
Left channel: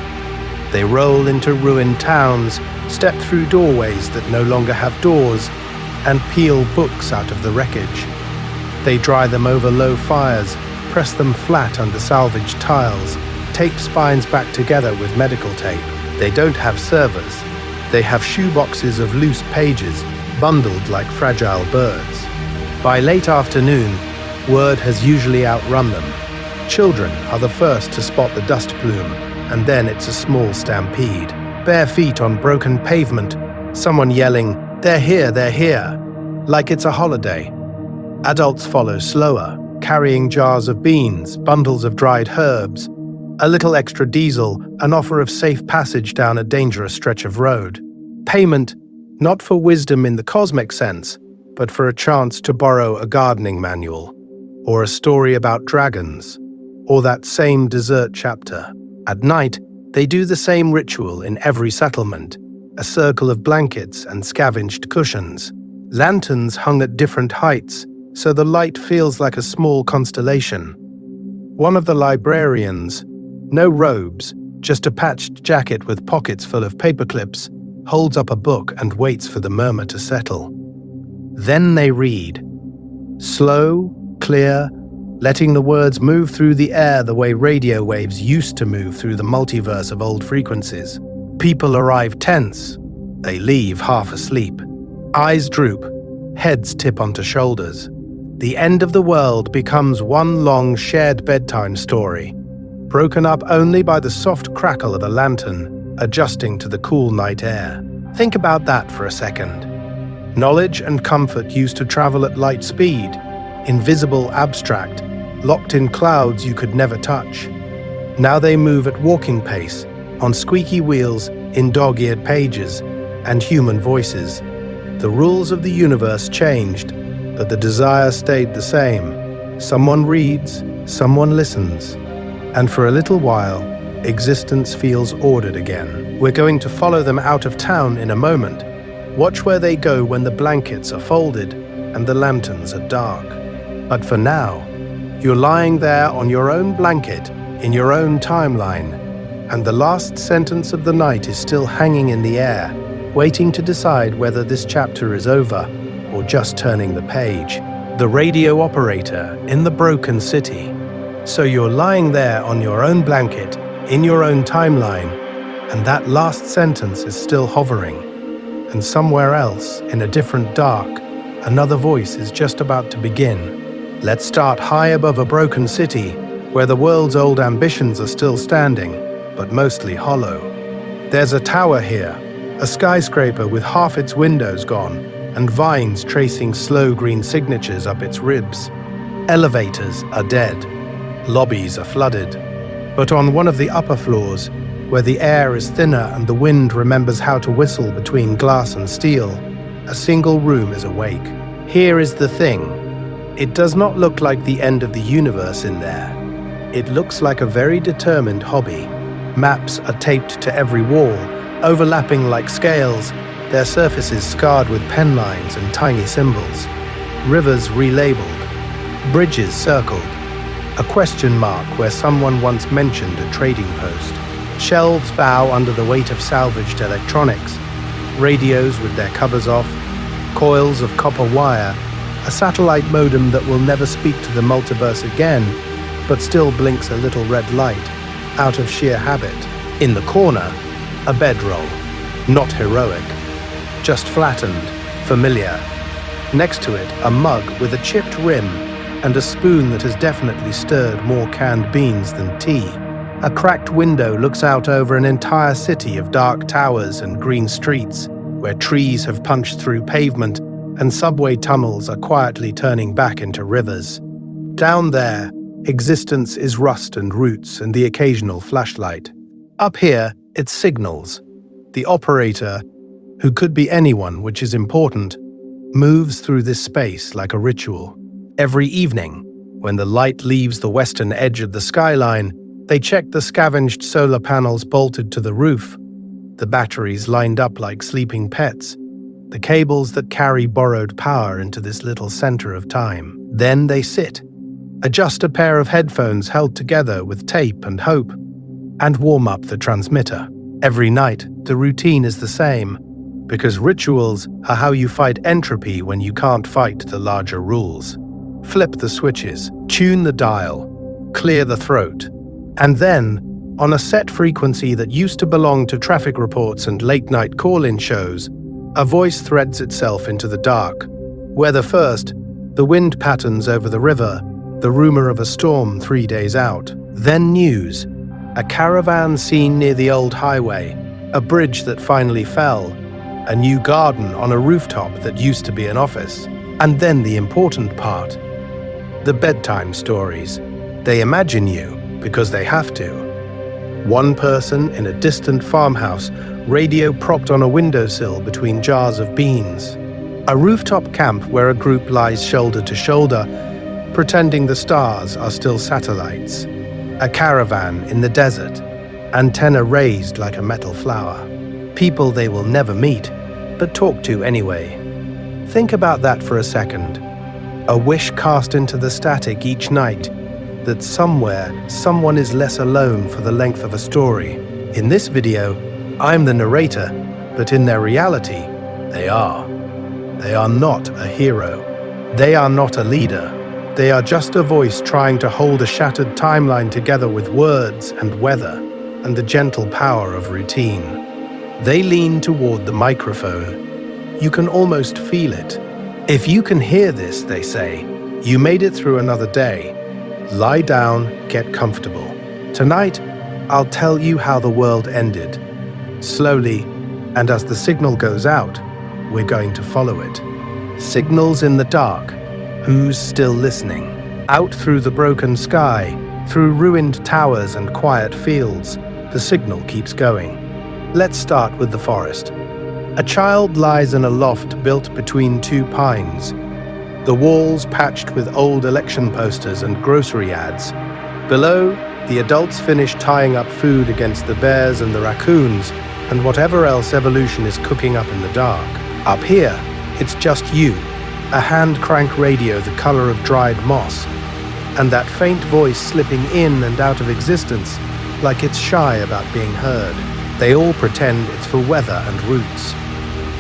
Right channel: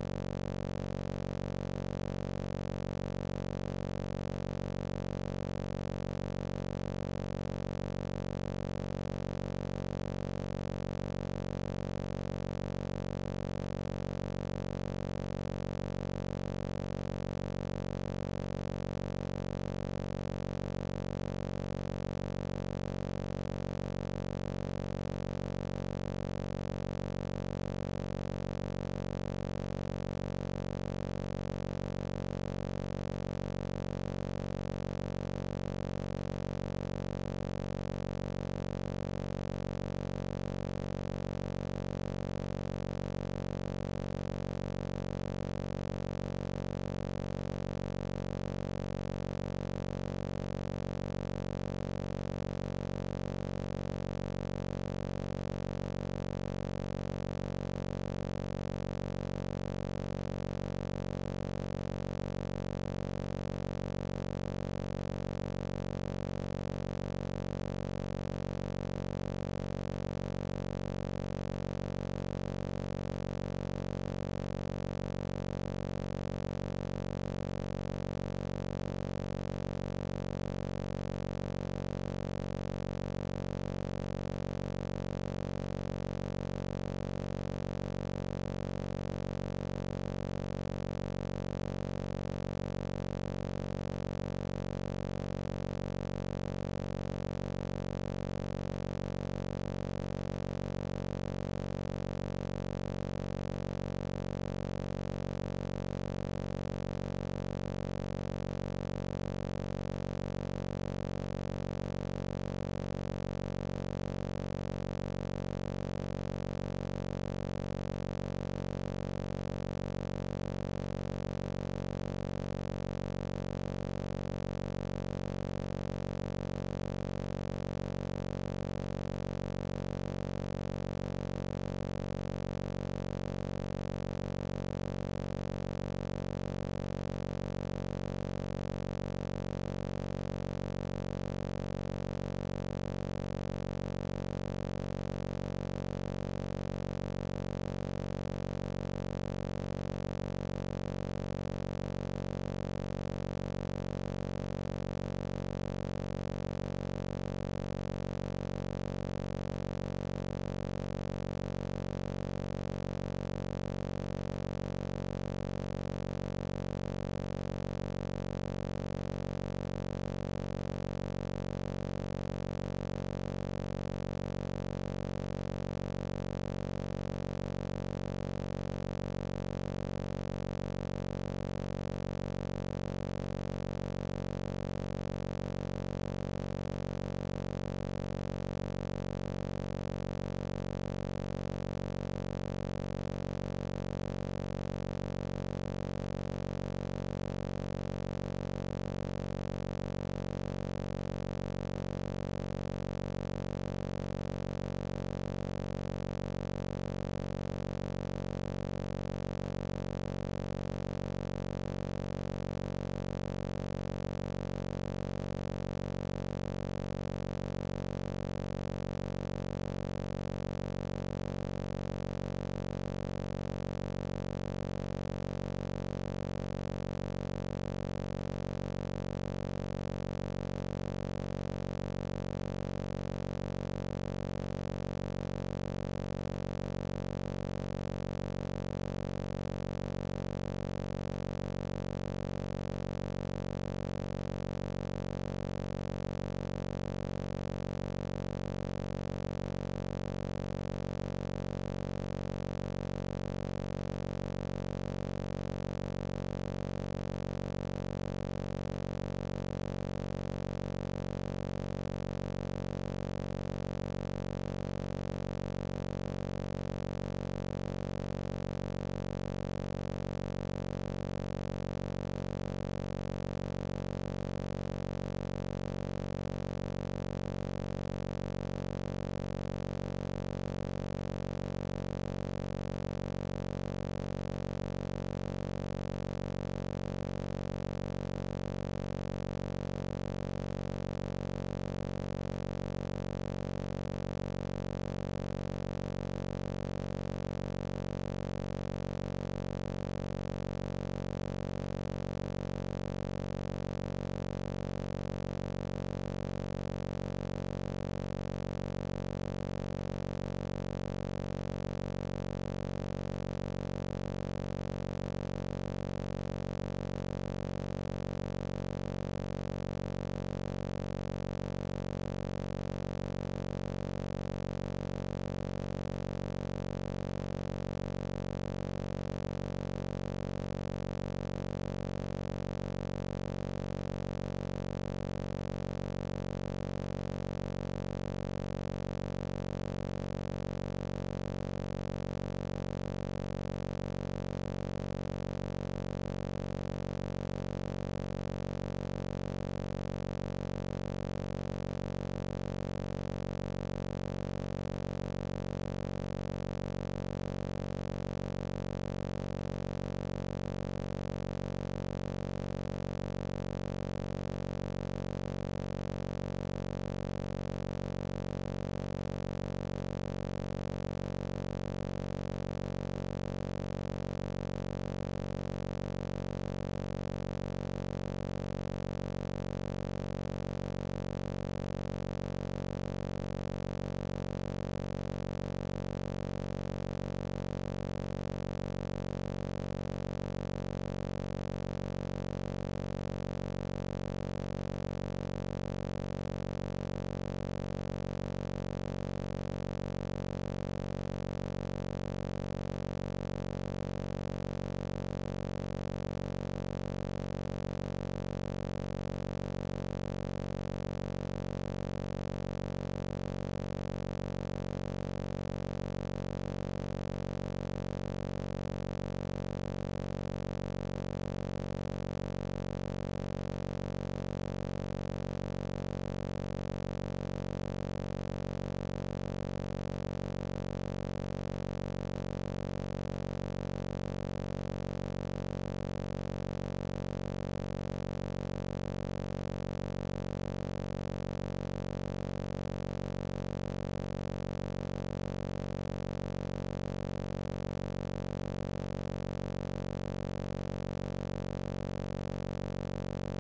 They roll into ruined towns, step through doorways that no longer have doors, and peel books out of the wreckage. They dry them over low fires, press them flat under salvaged tiles, tape spines back together with medical tape. They don't have servers. They have shoeboxes of loose pages, bundled like fragile birds. By late afternoon, word has usually outrun them. Children are the first to spot the dust plume, and then it's a small stampede. Bare feet on broken pavement, someone yelling, "They're here," like it's a holiday. Adults follow slower, carrying jars of beans, bundles of dried herbs, a little extra diesel, an offer of safe passage down a dangerous stretch of road. Payment, not for wisdom in the cosmic sense, but for a chance to borrow a gardening manual, or a story about dragons, or that same dessert chapter. At night, they do the same ritual in every settlement, a circle of blankets and scavenged cushions, lanterns hung at different heights, so the light feels like a small constellation. One of the librarians, no robes, just a patched jacket with pockets full of paperclips, holds up a book and waits for the murmur to settle. Then they read. Slow, clear, letting the words move through the air the way radio waves used to move through the multiverse of old frequencies. People arrive tense. They leave half asleep. Eyes droop, heads tip onto shoulders. The end of the world becomes one long shared bedtime story, broken up only by the soft crackle of a lantern adjusting to the cool night air. Think about that for a second. Knowledge and comfort used to travel at light speed, invisible, abstract, locked in clouds you could never touch. Now they move at walking pace, on squeaky wheels, in dog-eared pages, and human voices. The rules of the universe changed, but the desire stayed the same. Someone reads, someone listens, and for a little while, existence feels ordered again. We're going to follow them out of town in a moment. Watch where they go when the blankets are folded and the lanterns are dark. But for now, you're lying there on your own blanket, in your own timeline, and the last sentence of the night is still hanging in the air, waiting to decide whether this chapter is over or just turning the page. The radio operator in the broken city. So you're lying there on your own blanket, in your own timeline, and that last sentence is still hovering. And somewhere else, in a different dark, another voice is just about to begin. Let's start high above a broken city, where the world's old ambitions are still standing, but mostly hollow. There's a tower here, a skyscraper with half its windows gone, and vines tracing slow green signatures up its ribs. Elevators are dead. Lobbies are flooded. But on one of the upper floors, where the air is thinner and the wind remembers how to whistle between glass and steel, a single room is awake. Here is the thing. It does not look like the end of the universe in there. It looks like a very determined hobby. Maps are taped to every wall, overlapping like scales, their surfaces scarred with pen lines and tiny symbols, rivers relabeled, bridges circled, a question mark where someone once mentioned a trading post. Shelves bow under the weight of salvaged electronics, radios with their covers off, coils of copper wire, a satellite modem that will never speak to the multiverse again, but still blinks a little red light, out of sheer habit. In the corner, a bedroll, not heroic, just flattened, familiar. Next to it, a mug with a chipped rim and a spoon that has definitely stirred more canned beans than tea. A cracked window looks out over an entire city of dark towers and green streets, where trees have punched through pavement and subway tunnels are quietly turning back into rivers. Down there, existence is rust and roots and the occasional flashlight. Up here, it's signals. The operator, who could be anyone, which is important, moves through this space like a ritual. Every evening, when the light leaves the western edge of the skyline, they check the scavenged solar panels bolted to the roof, the batteries lined up like sleeping pets, the cables that carry borrowed power into this little center of time. Then they sit, adjust a pair of headphones held together with tape and hope, and warm up the transmitter. Every night, the routine is the same, because rituals are how you fight entropy when you can't fight the larger rules. Flip the switches, tune the dial, clear the throat, and then, on a set frequency that used to belong to traffic reports and late-night call-in shows, a voice threads itself into the dark. Weather first, the wind patterns over the river, the rumor of a storm 3 days out. Then news, a caravan seen near the old highway, a bridge that finally fell, a new garden on a rooftop that used to be an office. And then the important part, the bedtime stories. They imagine you because they have to. One person in a distant farmhouse, radio propped on a windowsill between jars of beans. A rooftop camp where a group lies shoulder to shoulder, pretending the stars are still satellites. A caravan in the desert, antenna raised like a metal flower. People they will never meet, but talk to anyway. Think about that for a second. A wish cast into the static each night, that somewhere, someone is less alone for the length of a story. In this video, I'm the narrator, but in their reality, they are. They are not a hero. They are not a leader. They are just a voice trying to hold a shattered timeline together with words and weather and the gentle power of routine. They lean toward the microphone. You can almost feel it. If you can hear this, they say, you made it through another day. Lie down, get comfortable. Tonight, I'll tell you how the world ended. Slowly, and as the signal goes out, we're going to follow it. Signals in the dark. Who's still listening? Out through the broken sky, through ruined towers and quiet fields, the signal keeps going. Let's start with the forest. A child lies in a loft built between two pines. The walls patched with old election posters and grocery ads. Below, the adults finish tying up food against the bears and the raccoons and whatever else evolution is cooking up in the dark. Up here, it's just you, a hand-crank radio the color of dried moss, and that faint voice slipping in and out of existence like it's shy about being heard. They all pretend it's for weather and roots.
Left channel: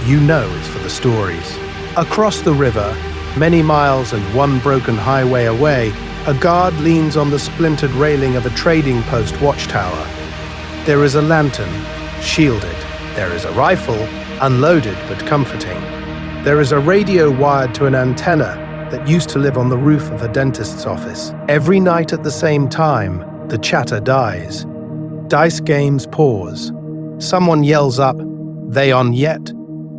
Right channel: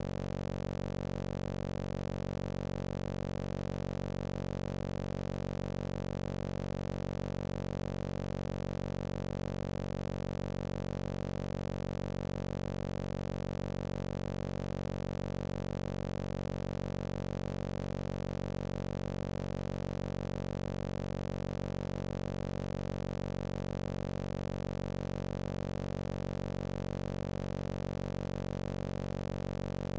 You know it's for the stories. Across the river, many miles and one broken highway away, a guard leans on the splintered railing of a trading post watchtower. There is a lantern, shielded. There is a rifle, unloaded but comforting. There is a radio wired to an antenna that used to live on the roof of a dentist's office. Every night at the same time, the chatter dies. Dice games pause. Someone yells up, "They on yet?"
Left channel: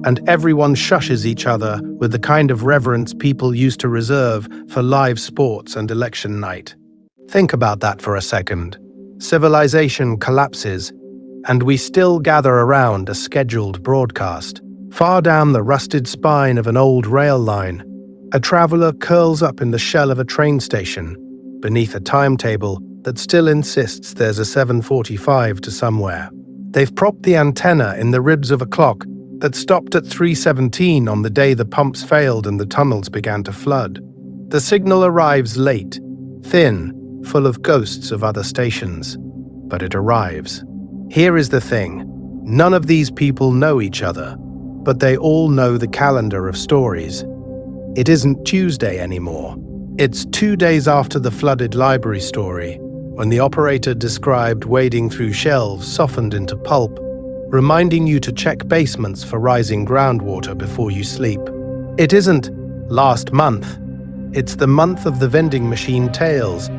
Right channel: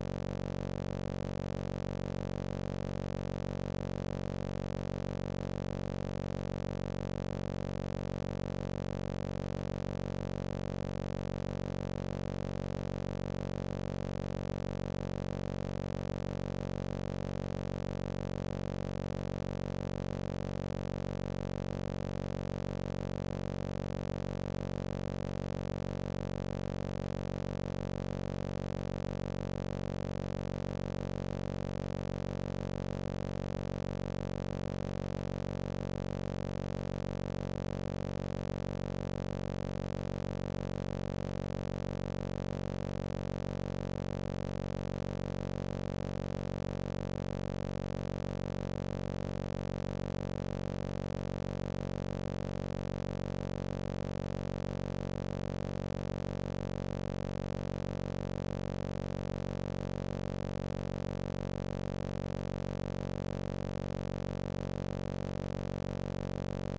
and everyone shushes each other with the kind of reverence people used to reserve for live sports and election night. Think about that for a second. Civilization collapses, and we still gather around a scheduled broadcast. Far down the rusted spine of an old rail line, a traveler curls up in the shell of a train station, beneath a timetable that still insists there's a 7:45 to somewhere. They've propped the antenna in the ribs of a clock that stopped at 3:17 on the day the pumps failed and the tunnels began to flood. The signal arrives late, thin, full of ghosts of other stations, but it arrives. Here is the thing. None of these people know each other, but they all know the calendar of stories. It isn't Tuesday anymore. It's 2 days after the flooded library story, when the operator described wading through shelves softened into pulp, reminding you to check basements for rising groundwater before you sleep. It isn't last month. It's the month of the vending machine tales,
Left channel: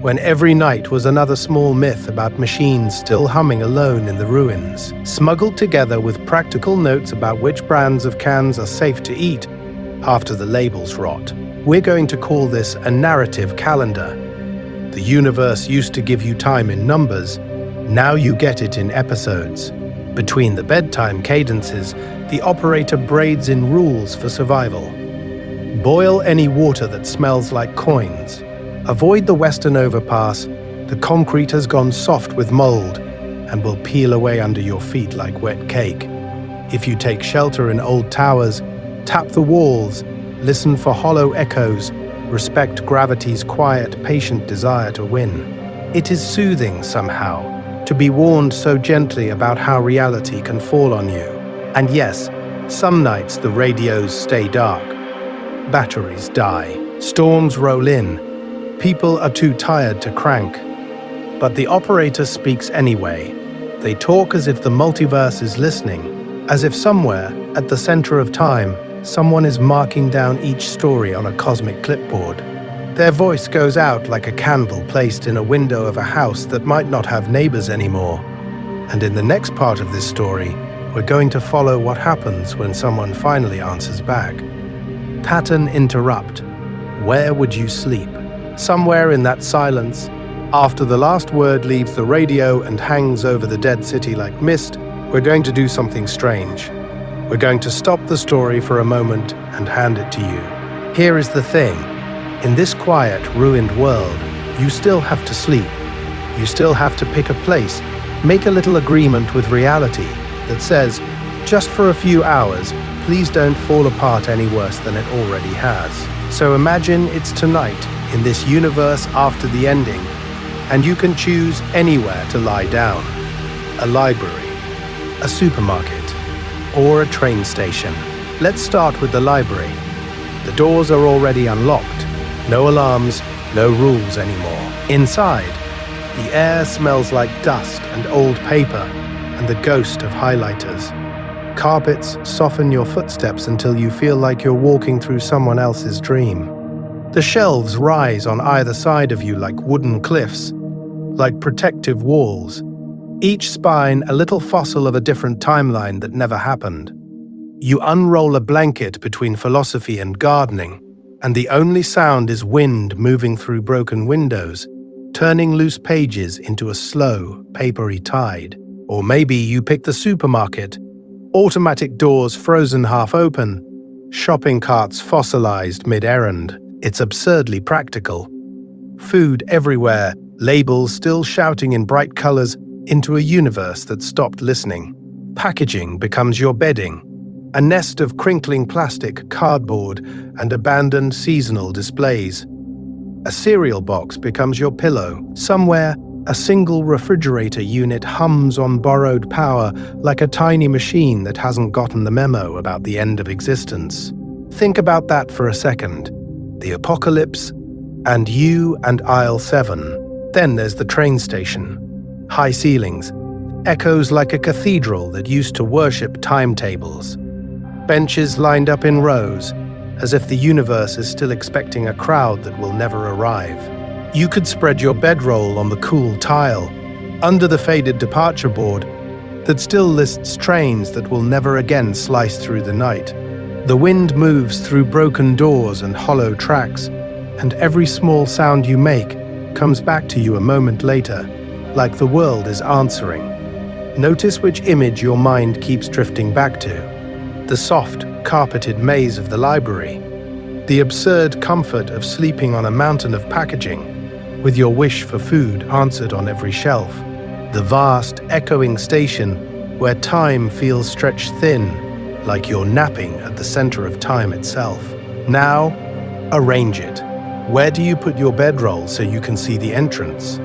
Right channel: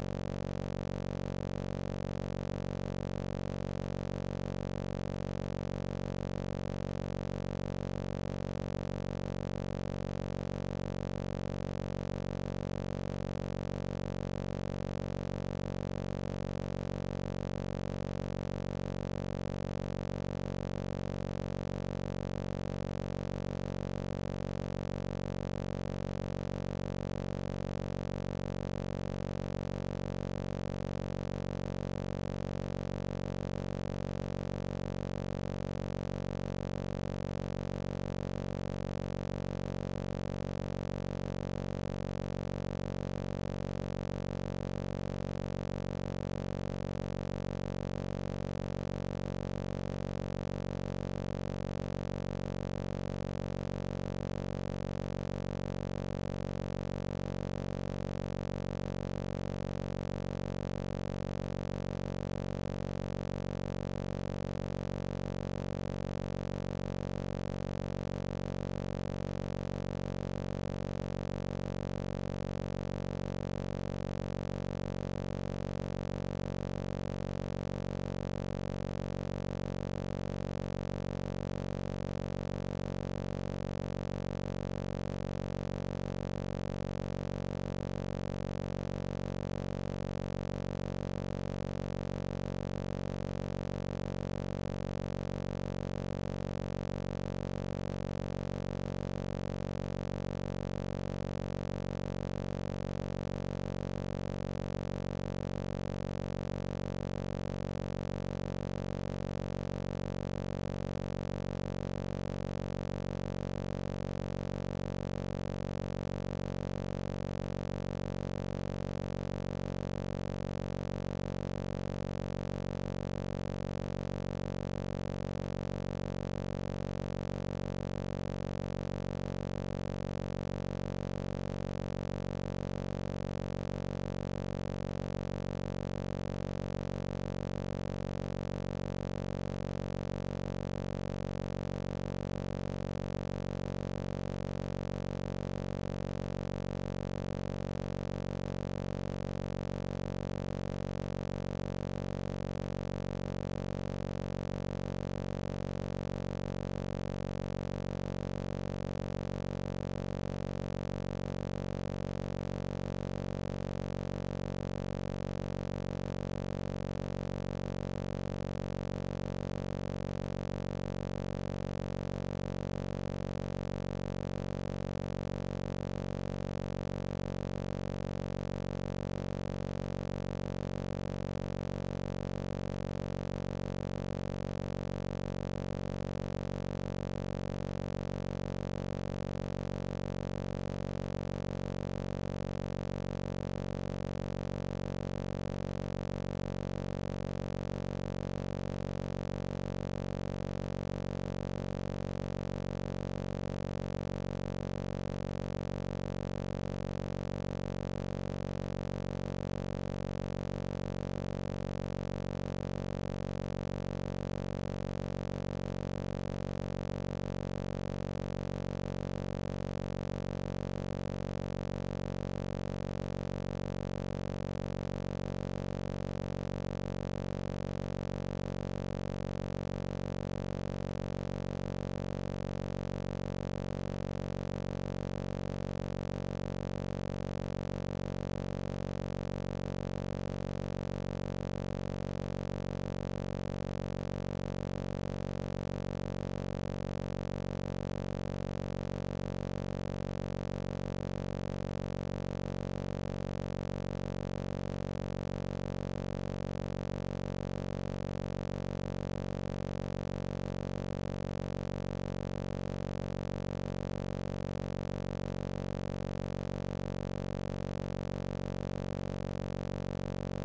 when every night was another small myth about machines still humming alone in the ruins, smuggled together with practical notes about which brands of cans are safe to eat after the labels rot. We're going to call this a narrative calendar. The universe used to give you time in numbers. Now you get it in episodes. Between the bedtime cadences, the operator braids in rules for survival. Boil any water that smells like coins. Avoid the western overpass. The concrete has gone soft with mold and will peel away under your feet like wet cake. If you take shelter in old towers, tap the walls, listen for hollow echoes, respect gravity's quiet, patient desire to win. It is soothing somehow to be warned so gently about how reality can fall on you. And yes, some nights the radios stay dark. Batteries die. Storms roll in. People are too tired to crank. But the operator speaks anyway. They talk as if the multiverse is listening, as if somewhere, at the center of time, someone is marking down each story on a cosmic clipboard. Their voice goes out like a candle placed in a window of a house that might not have neighbors anymore. And in the next part of this story, we're going to follow what happens when someone finally answers back. Pattern interrupt. Where would you sleep? Somewhere in that silence, after the last word leaves the radio and hangs over the dead city like mist, we're going to do something strange. We're going to stop the story for a moment and hand it to you. Here is the thing. In this quiet, ruined world, you still have to sleep. You still have to pick a place, make a little agreement with reality that says, just for a few hours, please don't fall apart any worse than it already has. So imagine it's tonight, in this universe after the ending, and you can choose anywhere to lie down. A library, a supermarket, or a train station. Let's start with the library. The doors are already unlocked. No alarms, no rules anymore. Inside, the air smells like dust and old paper and the ghost of highlighters. Carpets soften your footsteps until you feel like you're walking through someone else's dream. The shelves rise on either side of you like wooden cliffs, like protective walls. Each spine a little fossil of a different timeline that never happened. You unroll a blanket between philosophy and gardening, and the only sound is wind moving through broken windows, turning loose pages into a slow, papery tide. Or maybe you pick the supermarket. Automatic doors frozen half open, shopping carts fossilized mid-errand. It's absurdly practical. Food everywhere, labels still shouting in bright colors into a universe that stopped listening. Packaging becomes your bedding, a nest of crinkling plastic, cardboard, and abandoned seasonal displays. A cereal box becomes your pillow. Somewhere, a single refrigerator unit hums on borrowed power like a tiny machine that hasn't gotten the memo about the end of existence. Think about that for a second. The apocalypse, and you and aisle 7. Then there's the train station. High ceilings, echoes like a cathedral that used to worship timetables. Benches lined up in rows, as if the universe is still expecting a crowd that will never arrive. You could spread your bedroll on the cool tile, under the faded departure board that still lists trains that will never again slice through the night. The wind moves through broken doors and hollow tracks, and every small sound you make comes back to you a moment later, like the world is answering. Notice which image your mind keeps drifting back to. The soft, carpeted maze of the library. The absurd comfort of sleeping on a mountain of packaging, with your wish for food answered on every shelf. The vast, echoing station where time feels stretched thin, like you're napping at the center of time itself. Now, arrange it. Where do you put your bedroll so you can see the entrance?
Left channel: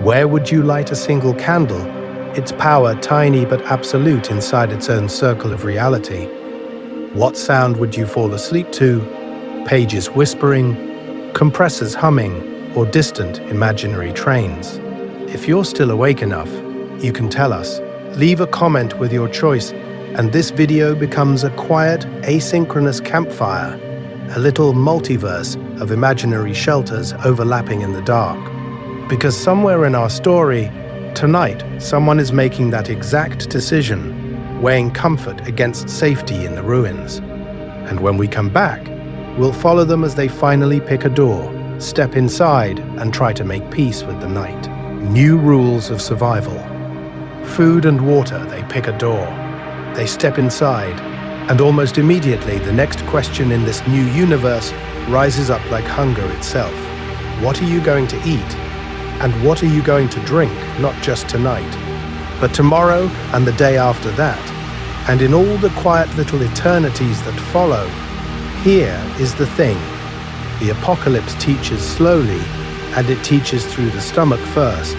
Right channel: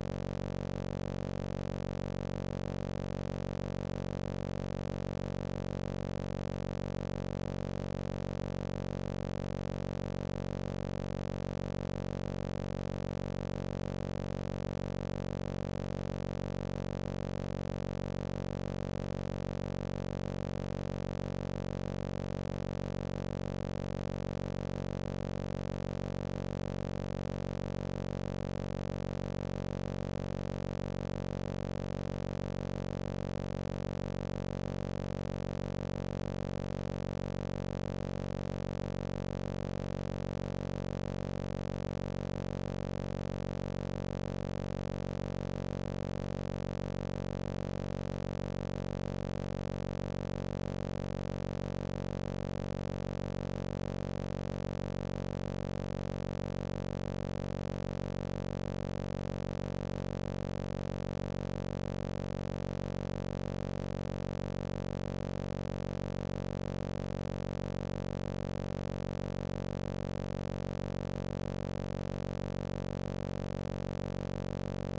Where would you light a single candle, its power tiny but absolute inside its own circle of reality? What sound would you fall asleep to? Pages whispering, compressors humming, or distant imaginary trains? If you're still awake enough, you can tell us. Leave a comment with your choice, and this video becomes a quiet, asynchronous campfire, a little multiverse of imaginary shelters overlapping in the dark. Because somewhere in our story, tonight, someone is making that exact decision, weighing comfort against safety in the ruins. And when we come back, we'll follow them as they finally pick a door, step inside, and try to make peace with the night. New rules of survival. Food and water, they pick a door. They step inside, and almost immediately the next question in this new universe rises up like hunger itself. What are you going to eat? And what are you going to drink, not just tonight, but tomorrow and the day after that? And in all the quiet little eternities that follow, here is the thing. The apocalypse teaches slowly, and it teaches through the stomach first.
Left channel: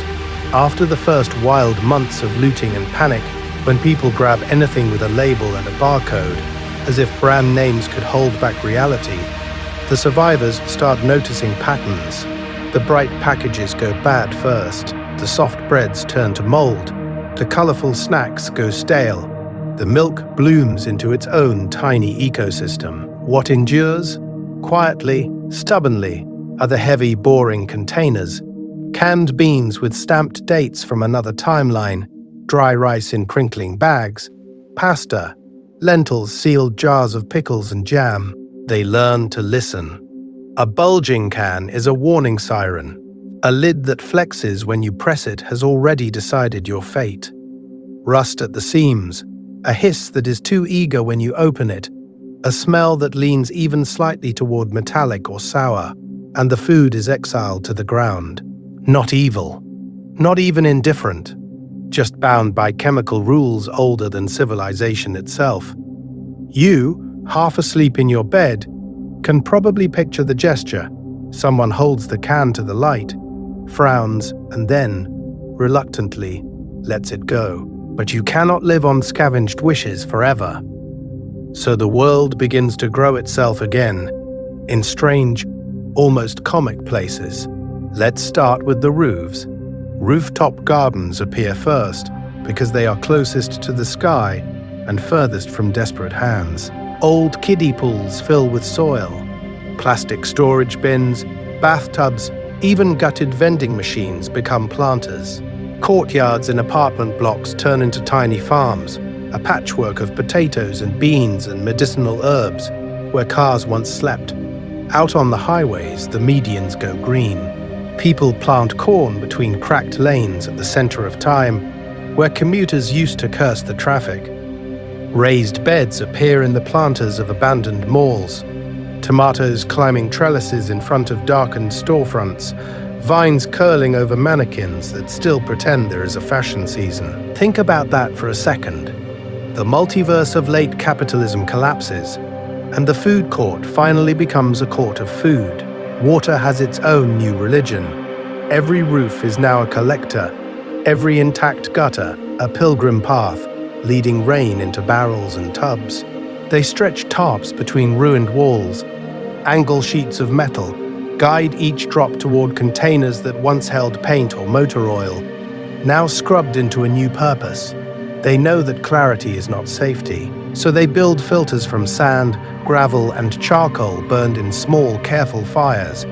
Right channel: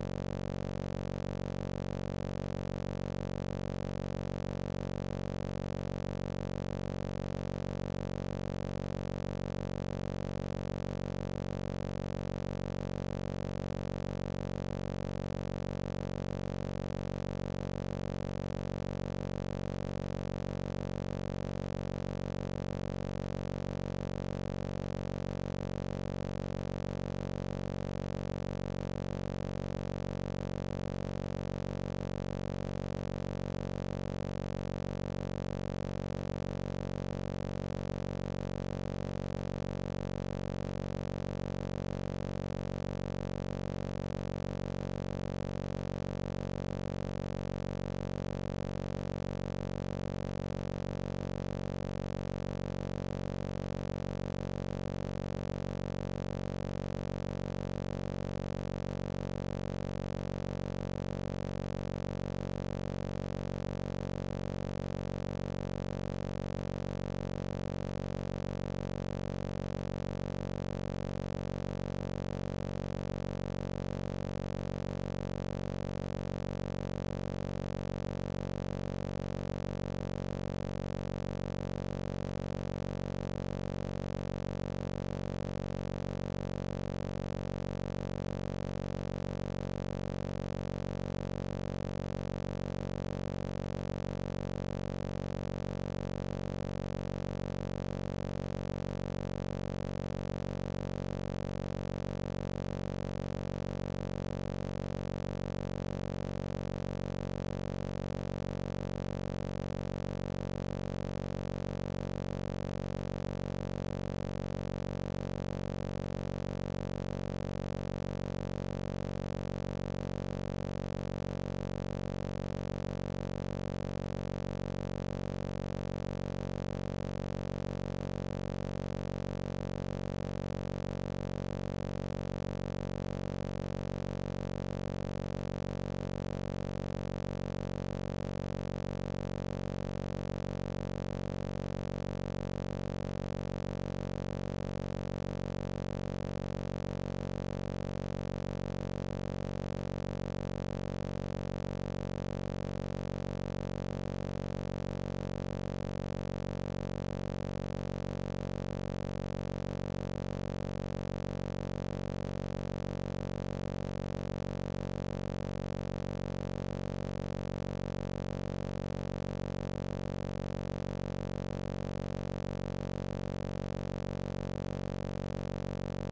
After the first wild months of looting and panic, when people grab anything with a label and a barcode, as if brand names could hold back reality, the survivors start noticing patterns. The bright packages go bad first, the soft breads turn to mold, the colorful snacks go stale, the milk blooms into its own tiny ecosystem. What endures? Quietly, stubbornly, are the heavy, boring containers, canned beans with stamped dates from another timeline, dry rice in crinkling bags, pasta, lentils, sealed jars of pickles and jam. They learn to listen. A bulging can is a warning siren. A lid that flexes when you press it has already decided your fate. Rust at the seams, a hiss that is too eager when you open it, a smell that leans even slightly toward metallic or sour, and the food is exiled to the ground. Not evil, not even indifferent, just bound by chemical rules older than civilization itself. You, half asleep in your bed, can probably picture the gesture. Someone holds the can to the light, frowns, and then, reluctantly, lets it go. But you cannot live on scavenged wishes forever. So the world begins to grow itself again, in strange, almost comic places. Let's start with the roofs. Rooftop gardens appear first, because they are closest to the sky and furthest from desperate hands. Old kiddie pools fill with soil. Plastic storage bins, bathtubs, even gutted vending machines become planters. Courtyards in apartment blocks turn into tiny farms, a patchwork of potatoes and beans and medicinal herbs, where cars once slept. Out on the highways, the medians go green. People plant corn between cracked lanes at the center of time, where commuters used to curse the traffic. Raised beds appear in the planters of abandoned malls. Tomatoes climbing trellises in front of darkened storefronts, vines curling over mannequins that still pretend there is a fashion season. Think about that for a second. The multiverse of late capitalism collapses, and the food court finally becomes a court of food. Water has its own new religion. Every roof is now a collector, every intact gutter a pilgrim path, leading rain into barrels and tubs. They stretch tarps between ruined walls, angle sheets of metal, guide each drop toward containers that once held paint or motor oil, now scrubbed into a new purpose. They know that clarity is not safety, so they build filters from sand, gravel, and charcoal burned in small, careful fires,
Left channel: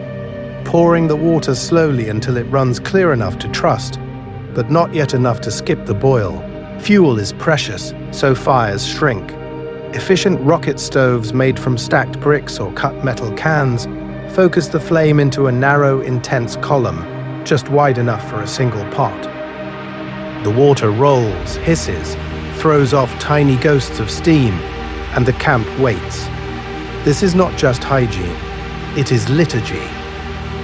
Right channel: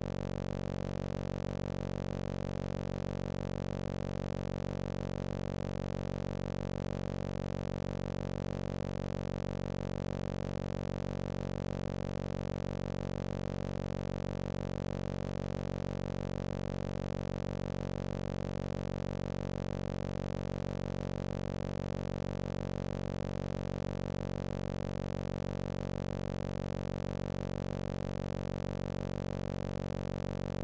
pouring the water slowly until it runs clear enough to trust, but not yet enough to skip the boil. Fuel is precious, so fires shrink. Efficient rocket stoves made from stacked bricks or cut metal cans focus the flame into a narrow, intense column, just wide enough for a single pot. The water rolls, hisses, throws off tiny ghosts of steam, and the camp waits. This is not just hygiene, it is liturgy.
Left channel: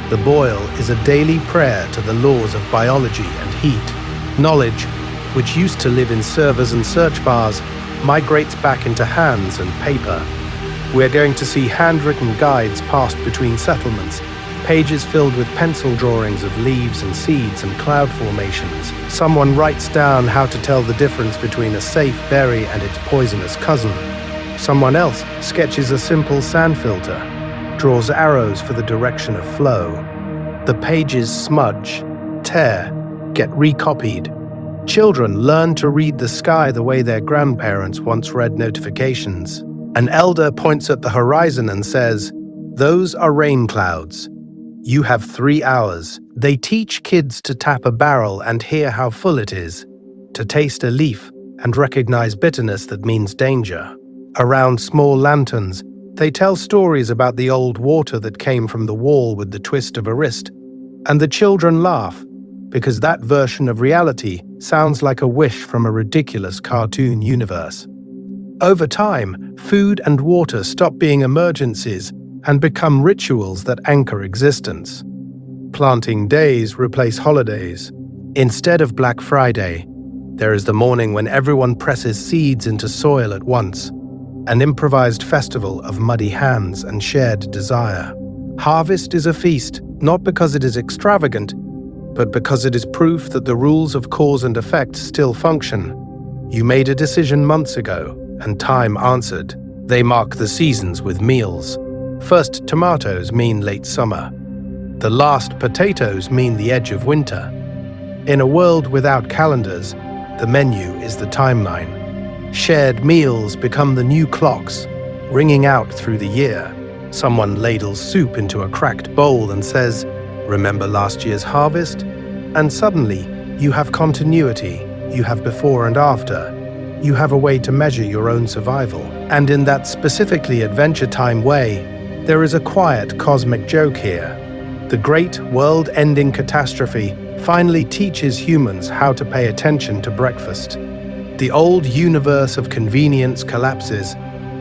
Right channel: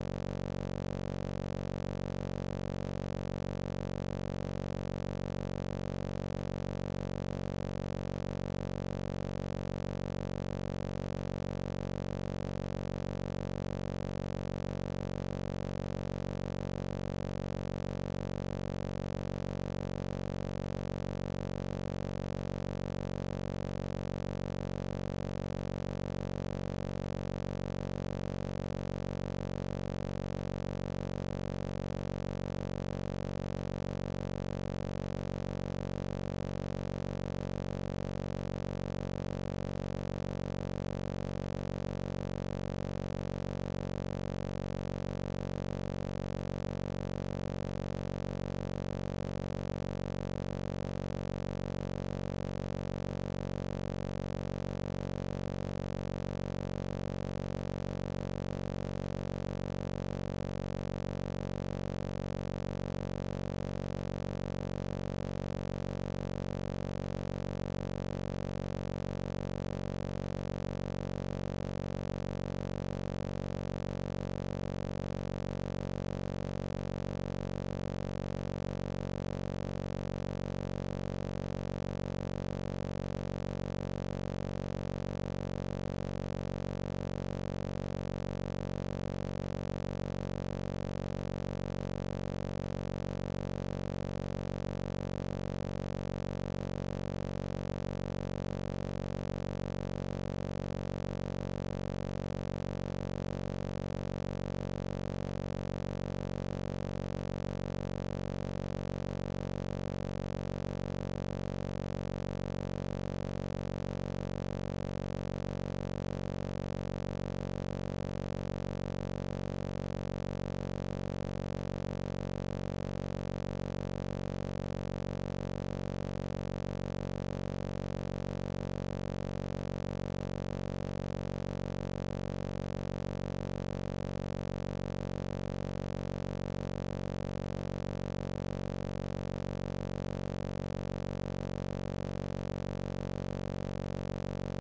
The boil is a daily prayer to the laws of biology and heat. Knowledge, which used to live in servers and search bars, migrates back into hands and paper. We're going to see handwritten guides passed between settlements, pages filled with pencil drawings of leaves and seeds and cloud formations. Someone writes down how to tell the difference between a safe berry and its poisonous cousin. Someone else sketches a simple sand filter, draws arrows for the direction of flow. The pages smudge, tear, get recopied. Children learn to read the sky the way their grandparents once read notifications. An elder points at the horizon and says, "Those are rain clouds. You have 3 hours." They teach kids to tap a barrel and hear how full it is, to taste a leaf and recognize bitterness that means danger. Around small lanterns, they tell stories about the old water that came from the wall with the twist of a wrist. And the children laugh, because that version of reality sounds like a wish from a ridiculous cartoon universe. Over time, food and water stop being emergencies and become rituals that anchor existence. Planting days replace holidays. Instead of Black Friday, there is the morning when everyone presses seeds into soil at once, an improvised festival of muddy hands and shared desire. Harvest is a feast, not because it is extravagant, but because it is proof that the rules of cause and effect still function. You made a decision months ago, and time answered. They mark the seasons with meals. First tomatoes mean late summer. The last potatoes mean the edge of winter. In a world without calendars, the menu is the timeline. Shared meals become the new clocks, ringing out through the year. Someone ladles soup into a cracked bowl and says, "Remember last year's harvest?" And suddenly, you have continuity, you have before and after. You have a way to measure your own survival. And in that specifically Adventure Time way, there is a quiet cosmic joke here. The great world-ending catastrophe finally teaches humans how to pay attention to breakfast. The old universe of convenience collapses,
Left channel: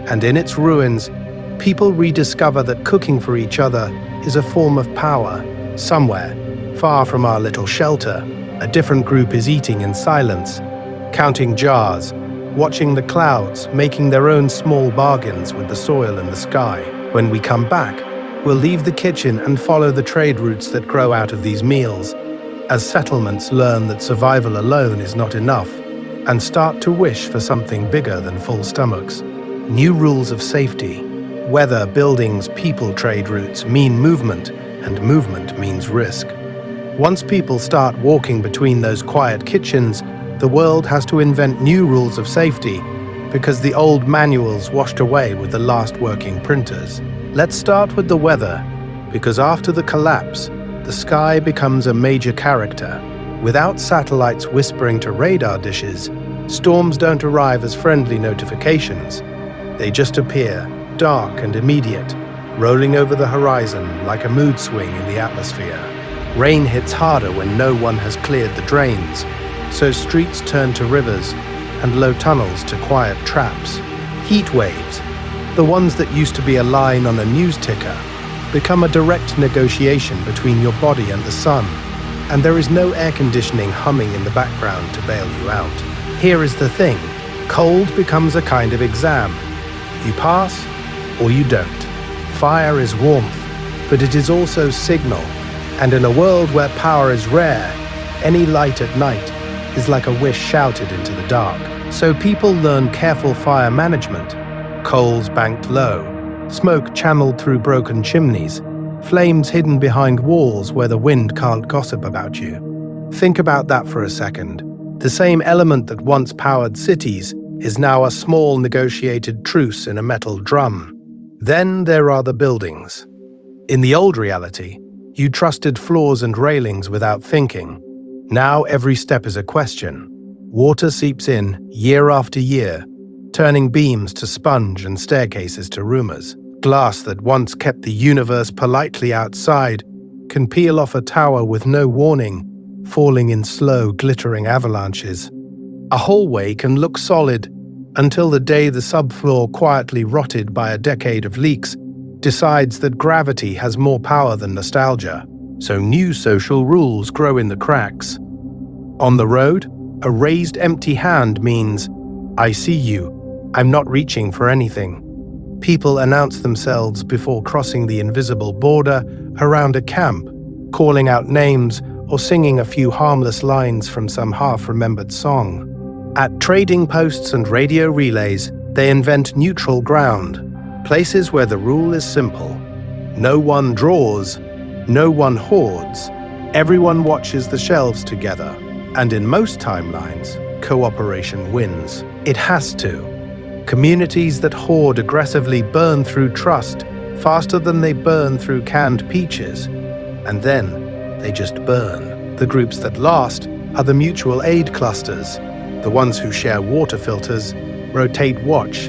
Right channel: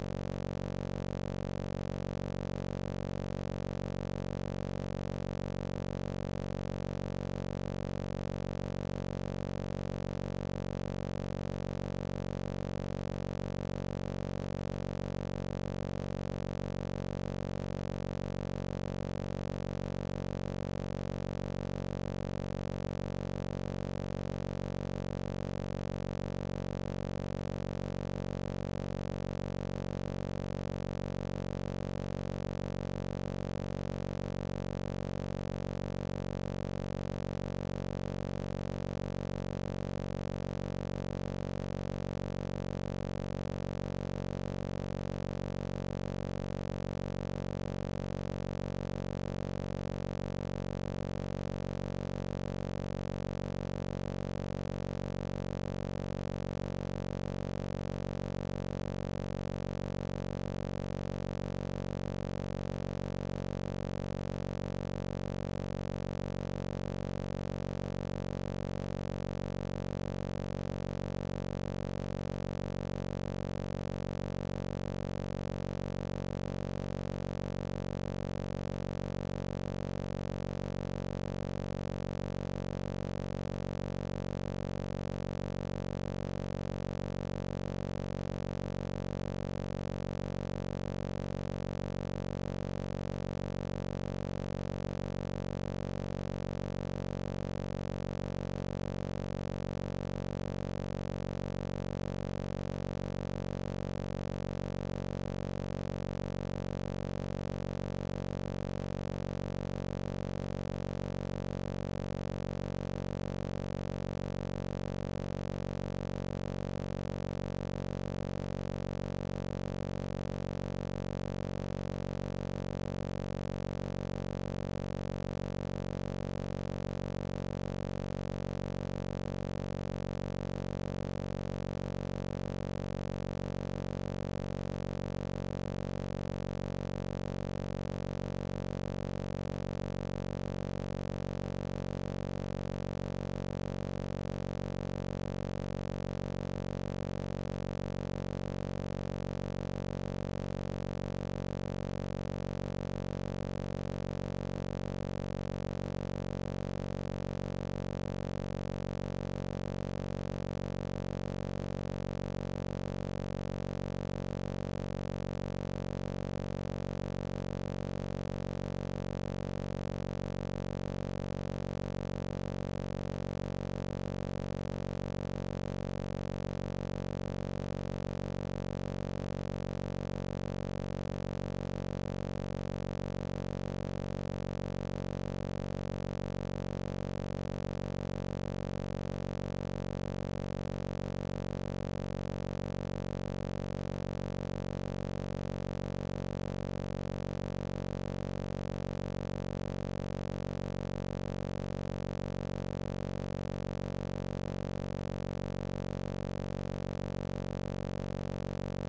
and in its ruins, people rediscover that cooking for each other is a form of power. Somewhere, far from our little shelter, a different group is eating in silence, counting jars, watching the clouds, making their own small bargains with the soil and the sky. When we come back, we'll leave the kitchen and follow the trade routes that grow out of these meals, as settlements learn that survival alone is not enough, and start to wish for something bigger than full stomachs. New rules of safety. Weather, buildings, people, trade routes mean movement, and movement means risk. Once people start walking between those quiet kitchens, the world has to invent new rules of safety, because the old manuals washed away with the last working printers. Let's start with the weather, because after the collapse, the sky becomes a major character. Without satellites whispering to radar dishes, storms don't arrive as friendly notifications. They just appear, dark and immediate, rolling over the horizon like a mood swing in the atmosphere. Rain hits harder when no one has cleared the drains, so streets turn to rivers and low tunnels to quiet traps. Heat waves, the ones that used to be a line on a news ticker, become a direct negotiation between your body and the sun, and there is no air conditioning humming in the background to bail you out. Here is the thing, cold becomes a kind of exam. You pass or you don't. Fire is warmth, but it is also signal, and in a world where power is rare, any light at night is like a wish shouted into the dark. So people learn careful fire management. Coals banked low, smoke channeled through broken chimneys, flames hidden behind walls where the wind can't gossip about you. Think about that for a second. The same element that once powered cities is now a small negotiated truce in a metal drum. Then there are the buildings. In the old reality, you trusted floors and railings without thinking. Now every step is a question. Water seeps in year after year, turning beams to sponge and staircases to rumors. Glass that once kept the universe politely outside can peel off a tower with no warning, falling in slow, glittering avalanches. A hallway can look solid until the day the subfloor, quietly rotted by a decade of leaks, decides that gravity has more power than nostalgia, so new social rules grow in the cracks. On the road, a raised empty hand means, "I see you, I'm not reaching for anything. People announce themselves before crossing the invisible border around a camp, calling out names or singing a few harmless lines from some half-remembered song. At trading posts and radio relays, they invent neutral ground, places where the rule is simple. No one draws, no one hoards, everyone watches the shelves together, and in most timelines, cooperation wins. It has to. Communities that hoard aggressively burn through trust faster than they burn through canned peaches, and then they just burn. The groups that last are the mutual aid clusters, the ones who share water filters, rotate watch,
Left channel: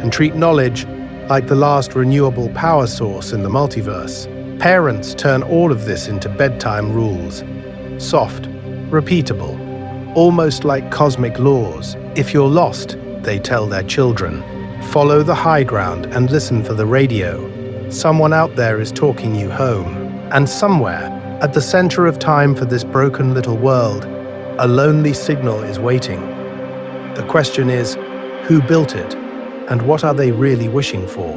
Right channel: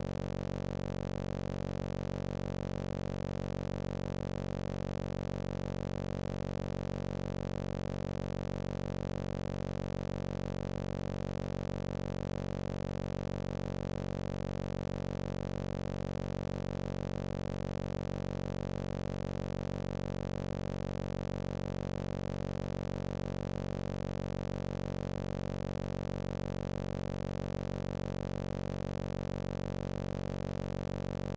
and treat knowledge like the last renewable power source in the multiverse. Parents turn all of this into bedtime rules. Soft, repeatable, almost like cosmic laws. If you're lost, they tell their children, follow the high ground and listen for the radio. Someone out there is talking you home. And somewhere, at the center of time for this broken little world, a lonely signal is waiting. The question is, who built it? And what are they really wishing for?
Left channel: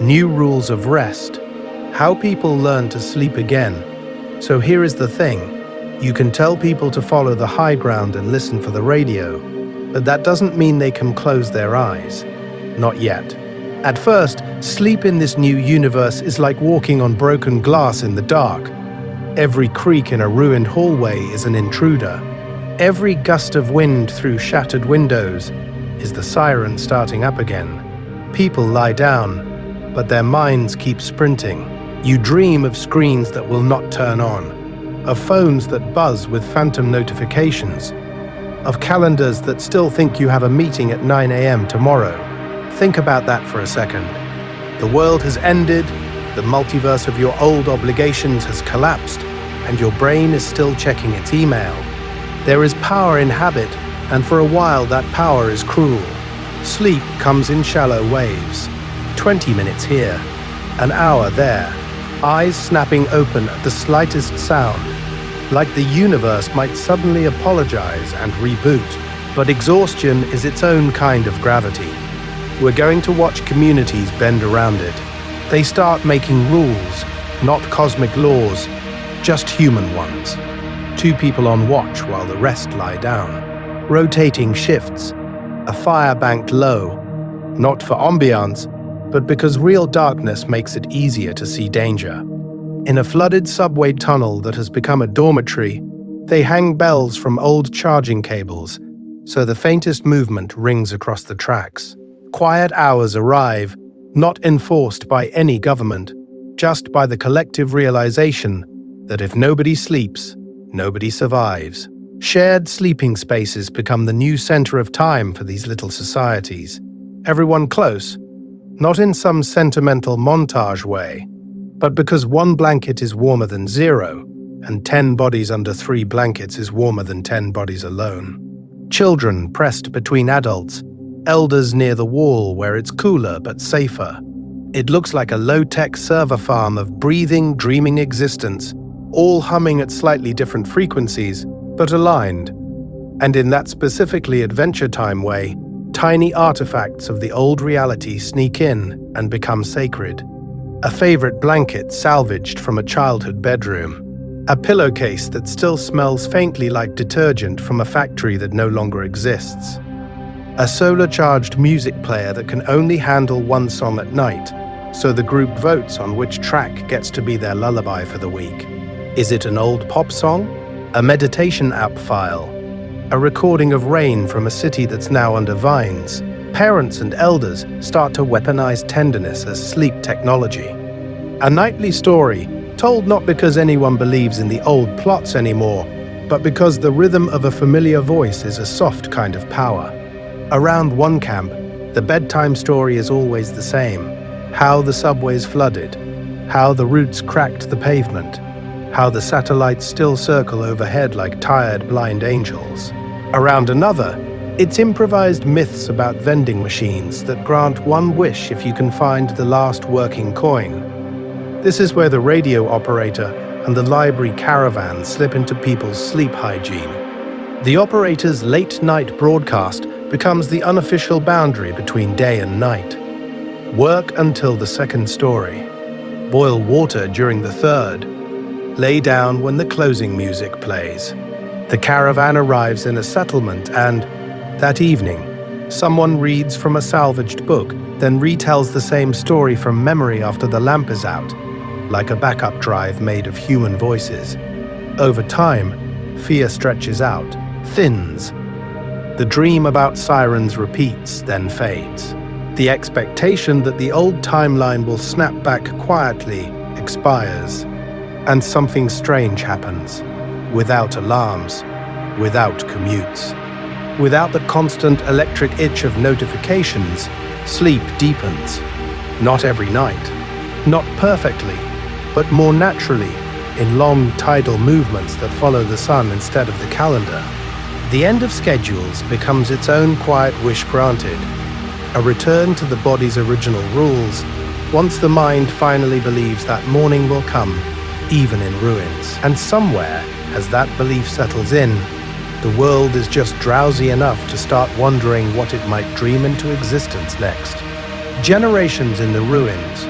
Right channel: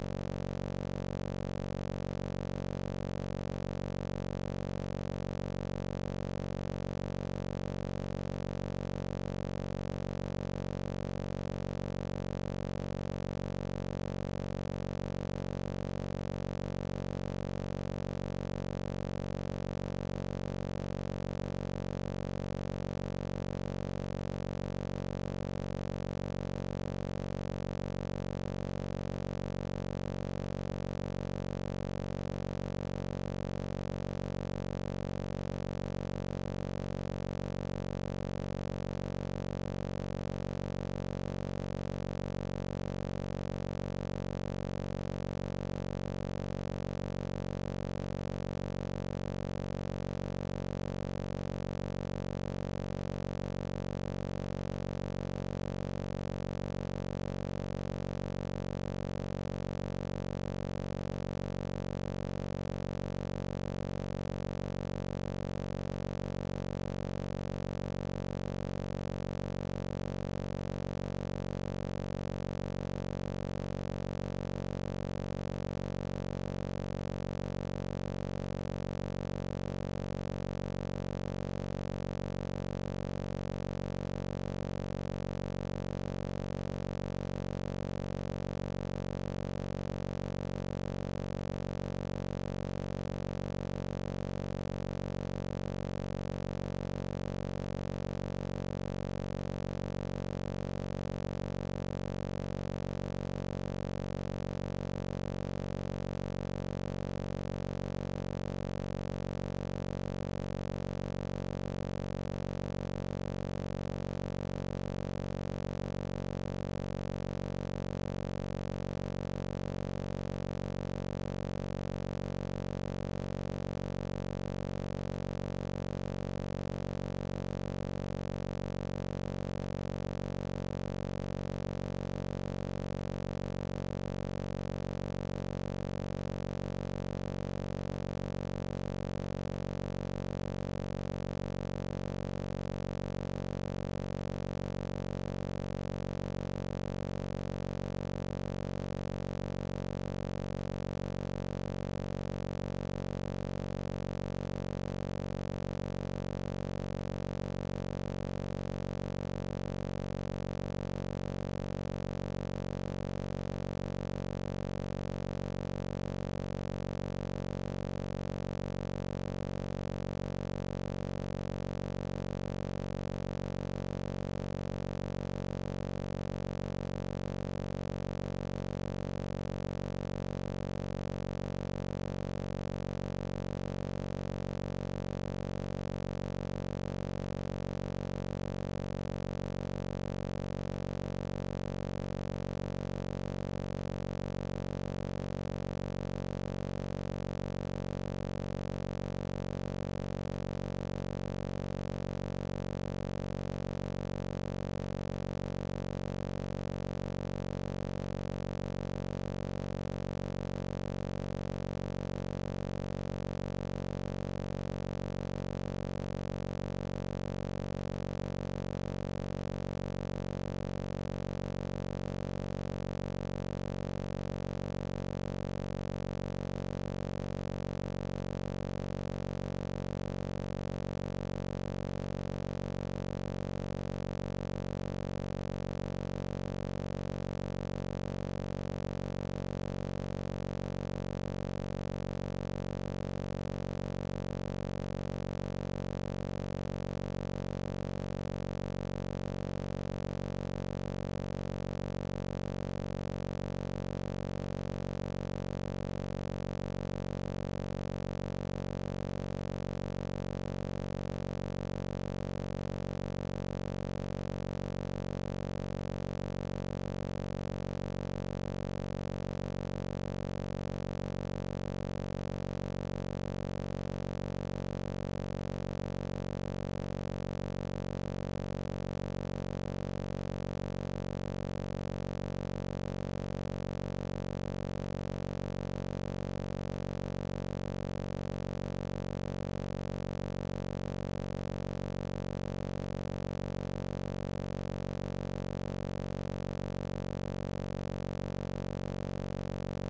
New rules of rest. How people learn to sleep again. So here is the thing. You can tell people to follow the high ground and listen for the radio, but that doesn't mean they can close their eyes. Not yet. At first, sleep in this new universe is like walking on broken glass in the dark. Every creak in a ruined hallway is an intruder. Every gust of wind through shattered windows is the siren starting up again. People lie down, but their minds keep sprinting. You dream of screens that will not turn on, of phones that buzz with phantom notifications, of calendars that still think you have a meeting at 9 a.m. tomorrow. Think about that for a second. The world has ended, the multiverse of your old obligations has collapsed, and your brain is still checking its email. There is power in habit, and for a while that power is cruel. Sleep comes in shallow waves. 20 minutes here, an hour there, eyes snapping open at the slightest sound, like the universe might suddenly apologize and reboot. But exhaustion is its own kind of gravity. We're going to watch communities bend around it. They start making rules, not cosmic laws, just human ones. 2 people on watch while the rest lie down. Rotating shifts, a fire banked low, not for ambiance, but because real darkness makes it easier to see danger. In a flooded subway tunnel that has become a dormitory, they hang bells from old charging cables, so the faintest movement rings across the tracks. Quiet hours arrive, not enforced by any government, just by the collective realization that if nobody sleeps, nobody survives. Shared sleeping spaces become the new center of time for these little societies. Everyone close, not in some sentimental montage way, but because 1 blanket is warmer than 0, and 10 bodies under 3 blankets is warmer than 10 bodies alone. Children pressed between adults, elders near the wall where it's cooler but safer. It looks like a low-tech server farm of breathing, dreaming existence, all humming at slightly different frequencies, but aligned. And in that specifically Adventure Time way, tiny artifacts of the old reality sneak in and become sacred. A favorite blanket salvaged from a childhood bedroom. A pillowcase that still smells faintly like detergent from a factory that no longer exists. A solar-charged music player that can only handle 1 song at night, so the group votes on which track gets to be their lullaby for the week. Is it an old pop song? A meditation app file? A recording of rain from a city that's now under vines? Parents and elders start to weaponize tenderness as sleep technology. A nightly story, told not because anyone believes in the old plots anymore, but because the rhythm of a familiar voice is a soft kind of power. Around one camp, the bedtime story is always the same. How the subways flooded, how the roots cracked the pavement, how the satellites still circle overhead like tired blind angels. Around another, it's improvised myths about vending machines that grant 1 wish if you can find the last working coin. This is where the radio operator and the library caravan slip into people's sleep hygiene. The operator's late-night broadcast becomes the unofficial boundary between day and night. Work until the second story. Boil water during the third. Lay down when the closing music plays. The caravan arrives in a settlement and, that evening, someone reads from a salvaged book, then retells the same story from memory after the lamp is out, like a backup drive made of human voices. Over time, fear stretches out, thins. The dream about sirens repeats, then fades. The expectation that the old timeline will snap back quietly expires, and something strange happens, without alarms, without commutes. Without the constant electric itch of notifications, sleep deepens. Not every night, not perfectly, but more naturally, in long tidal movements that follow the sun instead of the calendar. The end of schedules becomes its own quiet wish granted, a return to the body's original rules, once the mind finally believes that morning will come, even in ruins. And somewhere, as that belief settles in, the world is just drowsy enough to start wondering what it might dream into existence next. Generations in the ruins,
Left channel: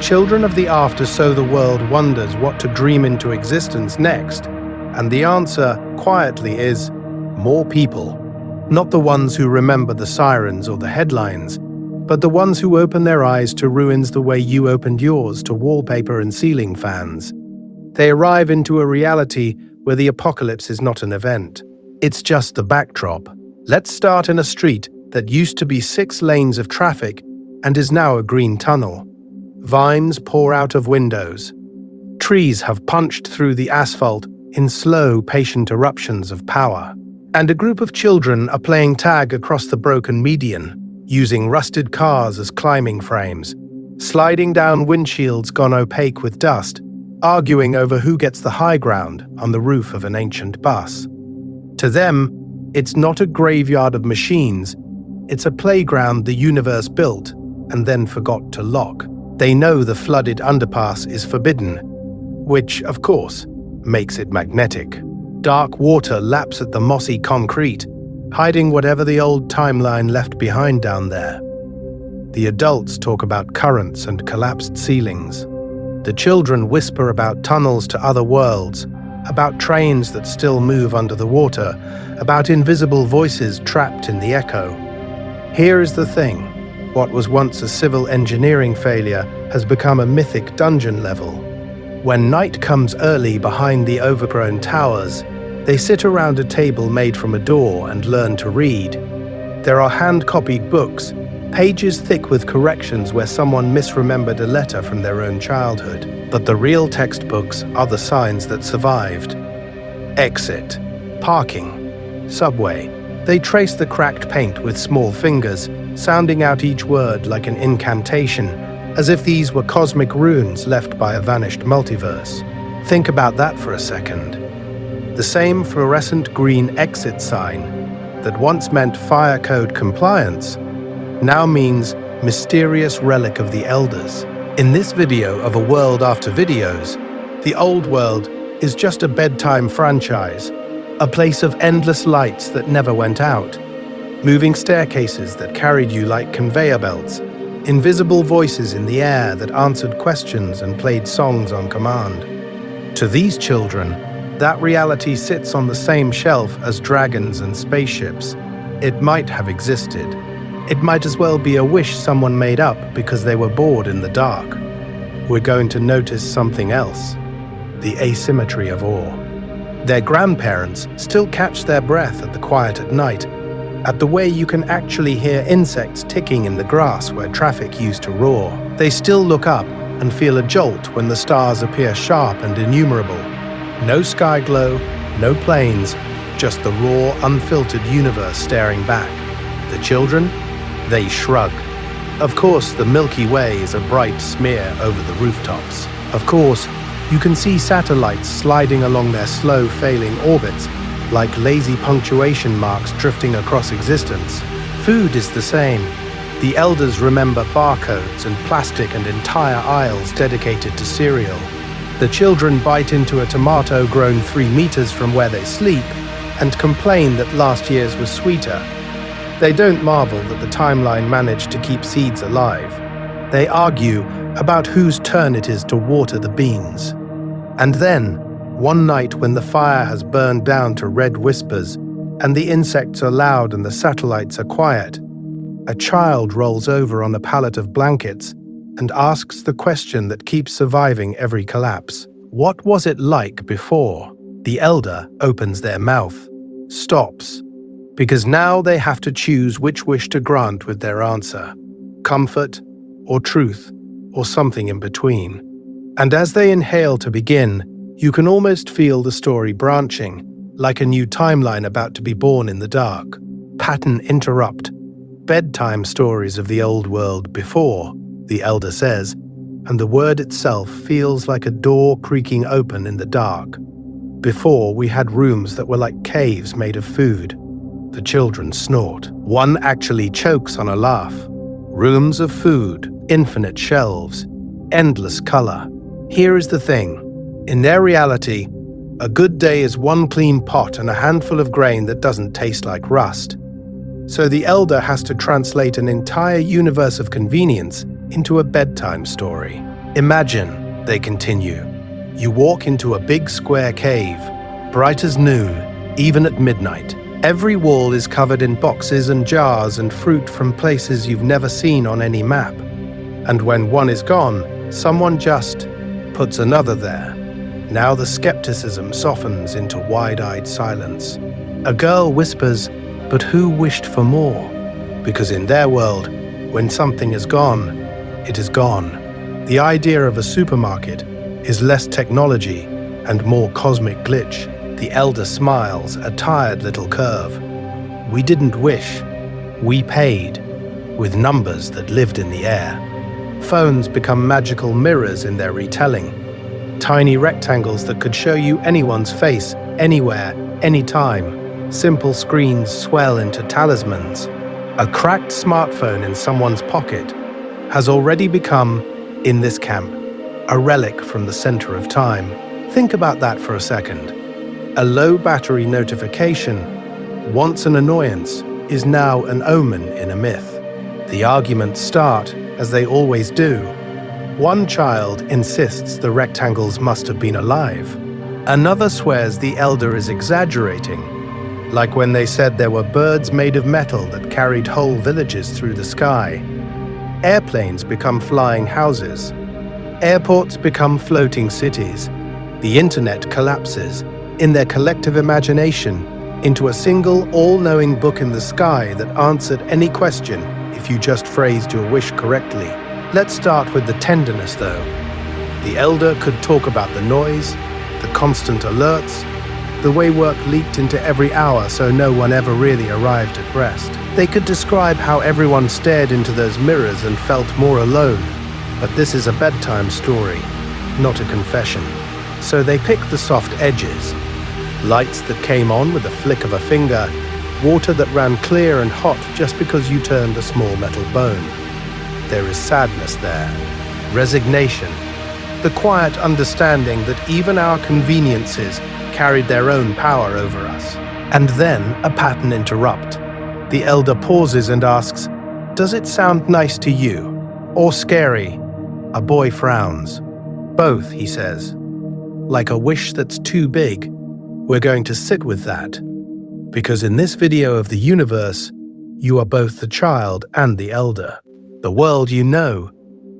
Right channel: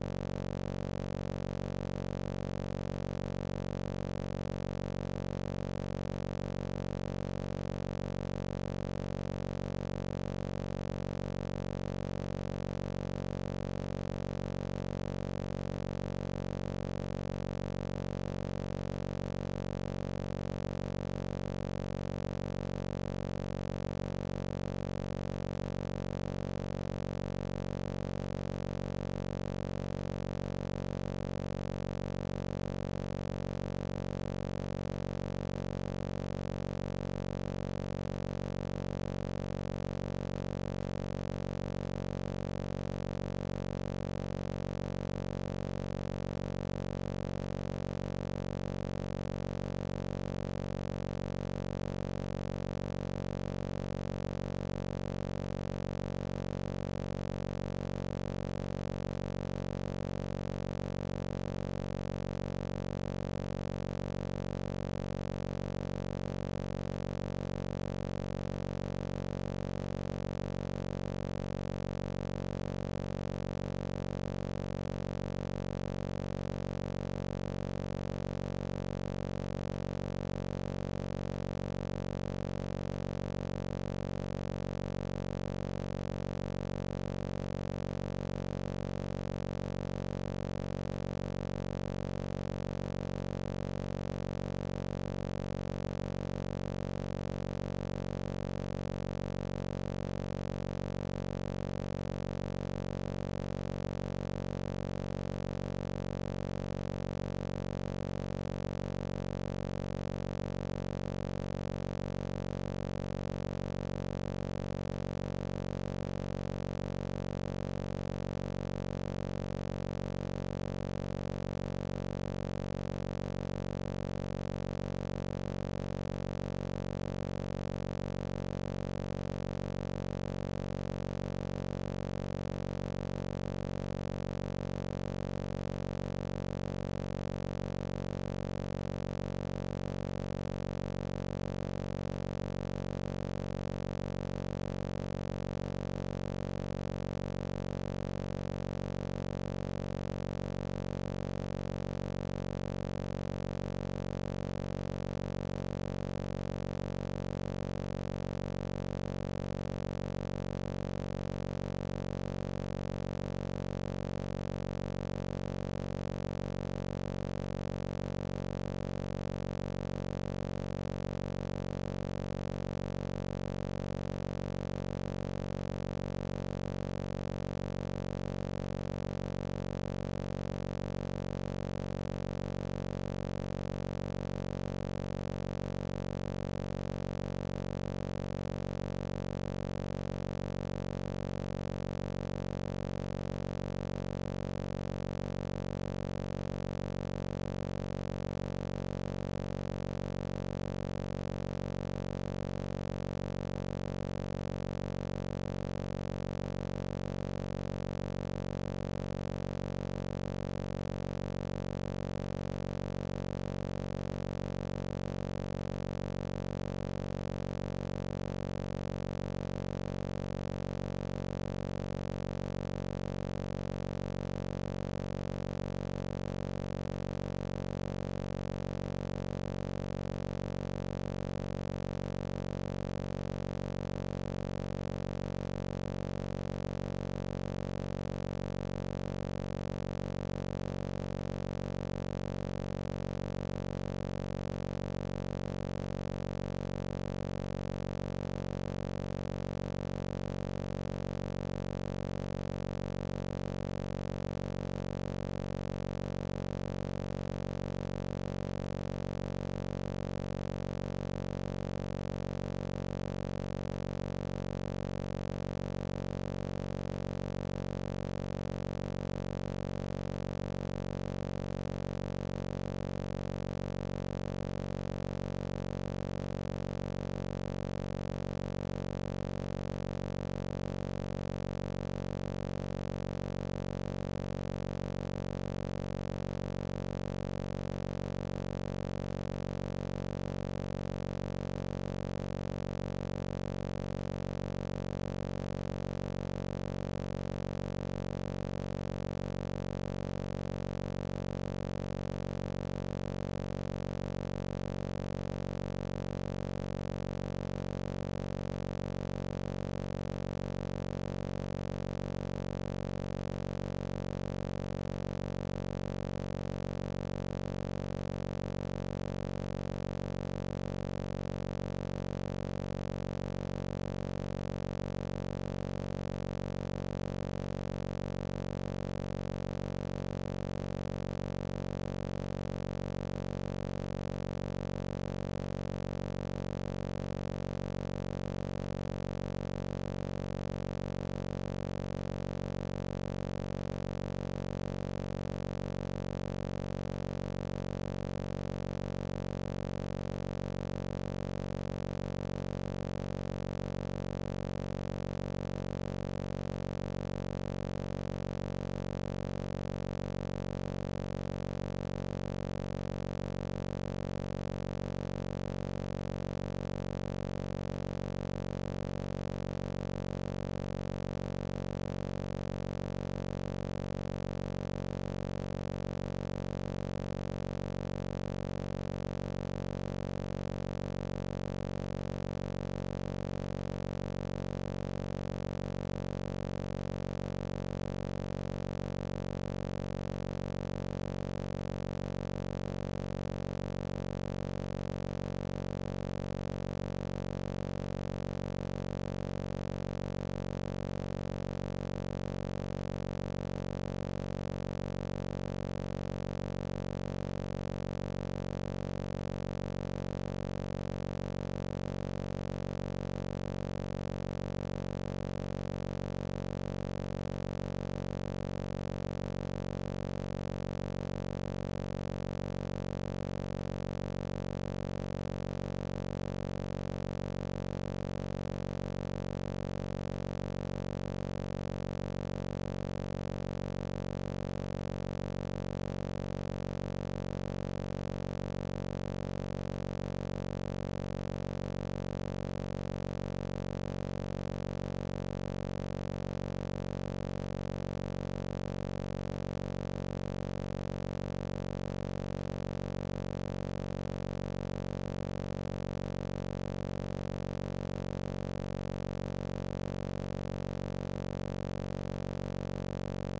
children of the after, so the world wonders what to dream into existence next, and the answer, quietly, is more people. Not the ones who remember the sirens or the headlines, but the ones who open their eyes to ruins the way you opened yours to wallpaper and ceiling fans. They arrive into a reality where the apocalypse is not an event. It's just the backdrop. Let's start in a street that used to be 6 lanes of traffic and is now a green tunnel. Vines pour out of windows. Trees have punched through the asphalt in slow, patient eruptions of power. And a group of children are playing tag across the broken median, using rusted cars as climbing frames, sliding down windshields gone opaque with dust, arguing over who gets the high ground on the roof of an ancient bus. To them, it's not a graveyard of machines, it's a playground the universe built and then forgot to lock. They know the flooded underpass is forbidden, which, of course, makes it magnetic. Dark water laps at the mossy concrete, hiding whatever the old timeline left behind down there. The adults talk about currents and collapsed ceilings. The children whisper about tunnels to other worlds, about trains that still move under the water, about invisible voices trapped in the echo. Here is the thing. What was once a civil engineering failure has become a mythic dungeon level. When night comes early behind the overgrown towers, they sit around a table made from a door and learn to read. There are hand-copied books, pages thick with corrections where someone misremembered a letter from their own childhood. But the real textbooks are the signs that survived. Exit, parking, subway. They trace the cracked paint with small fingers, sounding out each word like an incantation, as if these were cosmic runes left by a vanished multiverse. Think about that for a second. The same fluorescent green exit sign that once meant fire code compliance now means mysterious relic of the elders. In this video of a world after videos, the old world is just a bedtime franchise, a place of endless lights that never went out, moving staircases that carried you like conveyor belts, invisible voices in the air that answered questions and played songs on command. To these children, that reality sits on the same shelf as dragons and spaceships. It might have existed. It might as well be a wish someone made up because they were bored in the dark. We're going to notice something else: the asymmetry of awe. Their grandparents still catch their breath at the quiet at night, at the way you can actually hear insects ticking in the grass where traffic used to roar. They still look up and feel a jolt when the stars appear sharp and innumerable. No sky glow, no planes, just the raw, unfiltered universe staring back. The children? They shrug. Of course, the Milky Way is a bright smear over the rooftops. Of course, you can see satellites sliding along their slow, failing orbits, like lazy punctuation marks drifting across existence. Food is the same. The elders remember barcodes and plastic and entire aisles dedicated to cereal. The children bite into a tomato grown 3 meters from where they sleep and complain that last year's was sweeter. They don't marvel that the timeline managed to keep seeds alive. They argue about whose turn it is to water the beans. And then, one night when the fire has burned down to red whispers, and the insects are loud and the satellites are quiet, a child rolls over on a pallet of blankets and asks the question that keeps surviving every collapse. What was it like before? The elder opens their mouth, stops, because now they have to choose which wish to grant with their answer: comfort, or truth, or something in between. And as they inhale to begin, you can almost feel the story branching, like a new timeline about to be born in the dark. Pattern interrupt. Bedtime stories of the old world before, the elder says, and the word itself feels like a door creaking open in the dark. Before, we had rooms that were like caves made of food. The children snort. One actually chokes on a laugh. Rooms of food, infinite shelves, endless color. Here is the thing. In their reality, a good day is one clean pot and a handful of grain that doesn't taste like rust. So the elder has to translate an entire universe of convenience into a bedtime story. Imagine, they continue, you walk into a big square cave, bright as noon, even at midnight. Every wall is covered in boxes and jars and fruit from places you've never seen on any map. And when one is gone, someone just puts another there. Now the skepticism softens into wide-eyed silence. A girl whispers, "But who wished for more?" Because in their world, when something is gone, it is gone. The idea of a supermarket is less technology and more cosmic glitch. The elder smiles, a tired little curve. We didn't wish. We paid, with numbers that lived in the air. Phones become magical mirrors in their retelling. Tiny rectangles that could show you anyone's face, anywhere, anytime. Simple screens swell into talismans. A cracked smartphone in someone's pocket has already become, in this camp, a relic from the center of time. Think about that for a second. A low battery notification, once an annoyance, is now an omen in a myth. The arguments start, as they always do. One child insists the rectangles must have been alive. Another swears the elder is exaggerating, like when they said there were birds made of metal that carried whole villages through the sky. Airplanes become flying houses. Airports become floating cities. The internet collapses, in their collective imagination, into a single all-knowing book in the sky that answered any question if you just phrased your wish correctly. Let's start with the tenderness, though. The elder could talk about the noise, the constant alerts, the way work leaked into every hour so no one ever really arrived at rest. They could describe how everyone stared into those mirrors and felt more alone. But this is a bedtime story, not a confession. So they pick the soft edges. Lights that came on with a flick of a finger, water that ran clear and hot just because you turned a small metal bone. There is sadness there, resignation, the quiet understanding that even our conveniences carried their own power over us. And then a pattern interrupt. The elder pauses and asks, "Does it sound nice to you? Or scary?" A boy frowns. "Both," he says. Like a wish that's too big. We're going to sit with that. Because in this video of the universe, you are both the child and the elder. The world you know,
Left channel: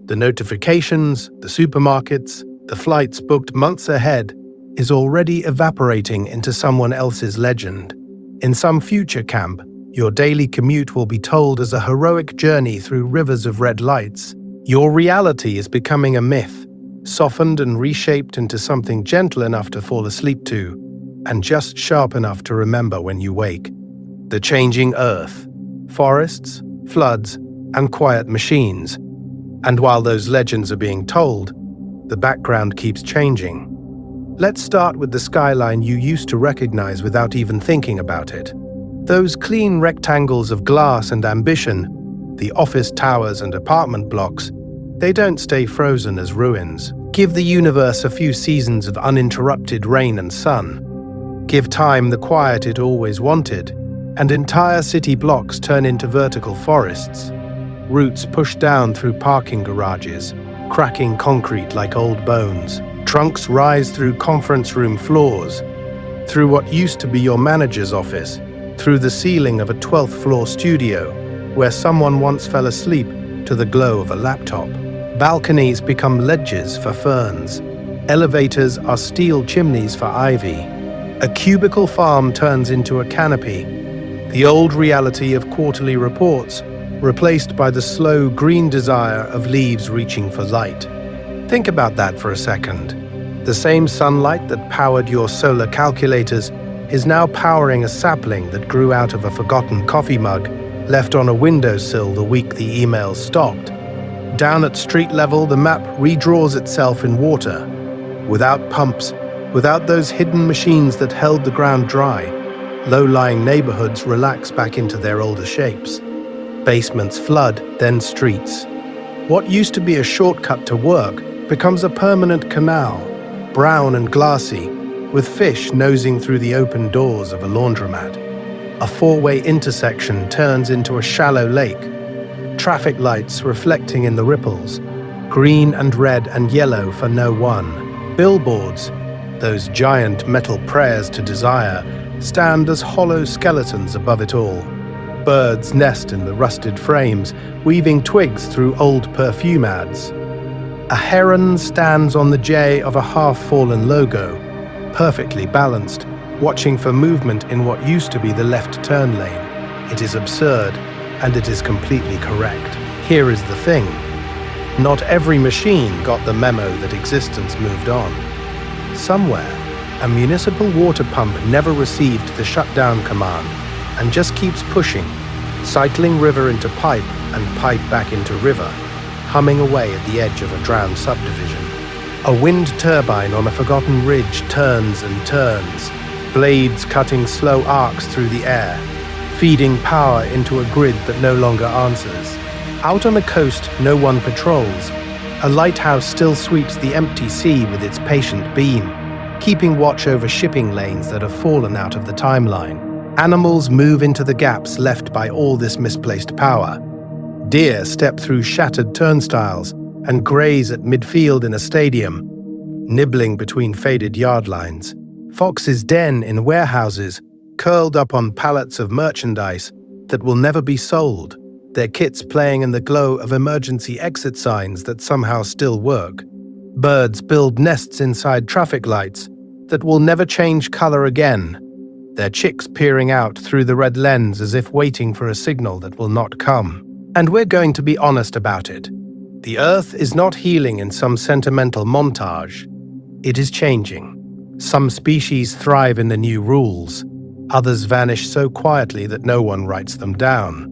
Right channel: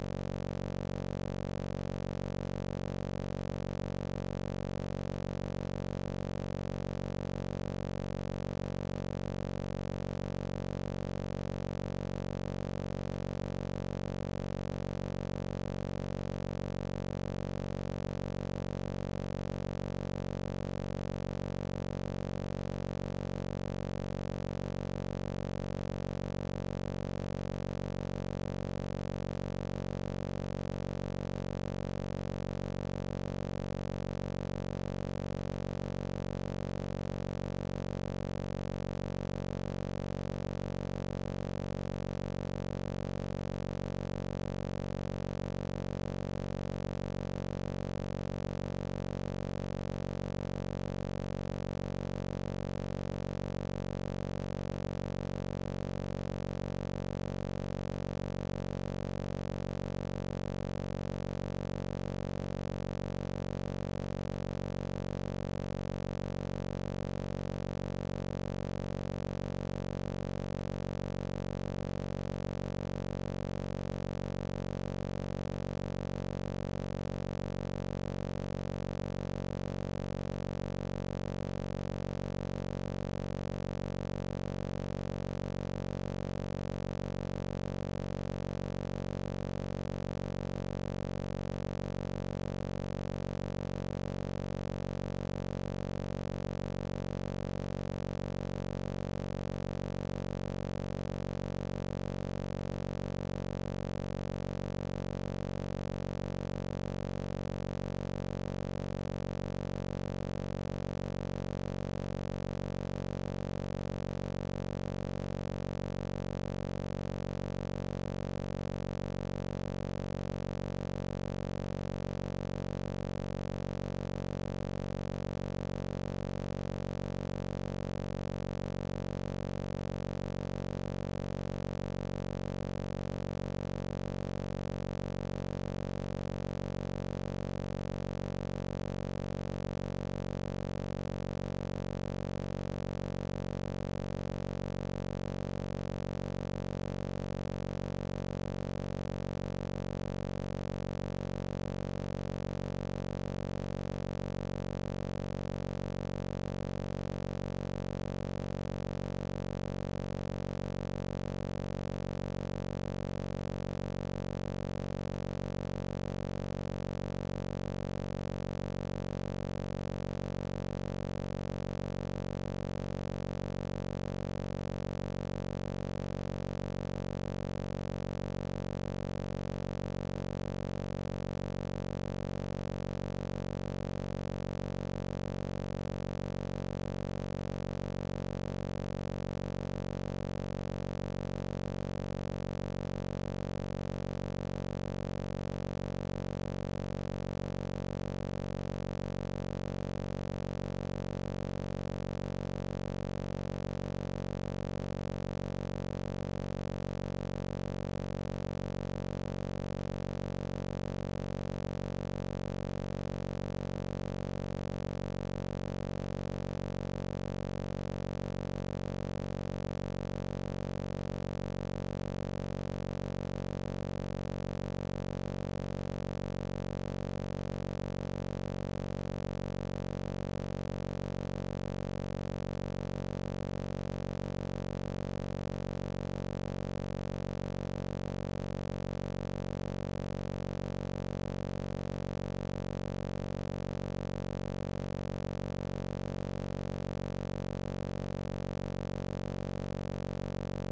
the notifications, the supermarkets, the flights booked months ahead, is already evaporating into someone else's legend. In some future camp, your daily commute will be told as a heroic journey through rivers of red lights. Your reality is becoming a myth, softened and reshaped into something gentle enough to fall asleep to, and just sharp enough to remember when you wake. The changing earth, forests, floods, and quiet machines. And while those legends are being told, the background keeps changing. Let's start with the skyline you used to recognize without even thinking about it. Those clean rectangles of glass and ambition, the office towers and apartment blocks, they don't stay frozen as ruins. Give the universe a few seasons of uninterrupted rain and sun. Give time the quiet it always wanted, and entire city blocks turn into vertical forests. Roots push down through parking garages, cracking concrete like old bones. Trunks rise through conference room floors, through what used to be your manager's office, through the ceiling of a 12th floor studio, where someone once fell asleep to the glow of a laptop. Balconies become ledges for ferns. Elevators are steel chimneys for ivy. A cubicle farm turns into a canopy. The old reality of quarterly reports, replaced by the slow green desire of leaves reaching for light. Think about that for a second. The same sunlight that powered your solar calculators is now powering a sapling that grew out of a forgotten coffee mug left on a windowsill the week the emails stopped. Down at street level, the map redraws itself in water. Without pumps, without those hidden machines that held the ground dry, low-lying neighborhoods relax back into their older shapes. Basements flood, then streets. What used to be a shortcut to work becomes a permanent canal, brown and glassy, with fish nosing through the open doors of a laundromat. A four-way intersection turns into a shallow lake, traffic lights reflecting in the ripples, green and red and yellow for no one. Billboards, those giant metal prayers to desire, stand as hollow skeletons above it all. Birds nest in the rusted frames, weaving twigs through old perfume ads. A heron stands on the J of a half-fallen logo, perfectly balanced, watching for movement in what used to be the left turn lane. It is absurd, and it is completely correct. Here is the thing. Not every machine got the memo that existence moved on. Somewhere, a municipal water pump never received the shutdown command and just keeps pushing, cycling river into pipe and pipe back into river, humming away at the edge of a drowned subdivision. A wind turbine on a forgotten ridge turns and turns, blades cutting slow arcs through the air, feeding power into a grid that no longer answers. Out on a coast no one patrols, a lighthouse still sweeps the empty sea with its patient beam, keeping watch over shipping lanes that have fallen out of the timeline. Animals move into the gaps left by all this misplaced power. Deer step through shattered turnstiles and graze at midfield in a stadium, nibbling between faded yard lines. Foxes den in warehouses, curled up on pallets of merchandise that will never be sold, their kits playing in the glow of emergency exit signs that somehow still work. Birds build nests inside traffic lights that will never change color again, their chicks peering out through the red lens as if waiting for a signal that will not come. And we're going to be honest about it. The Earth is not healing in some sentimental montage. It is changing. Some species thrive in the new rules. Others vanish so quietly that no one writes them down.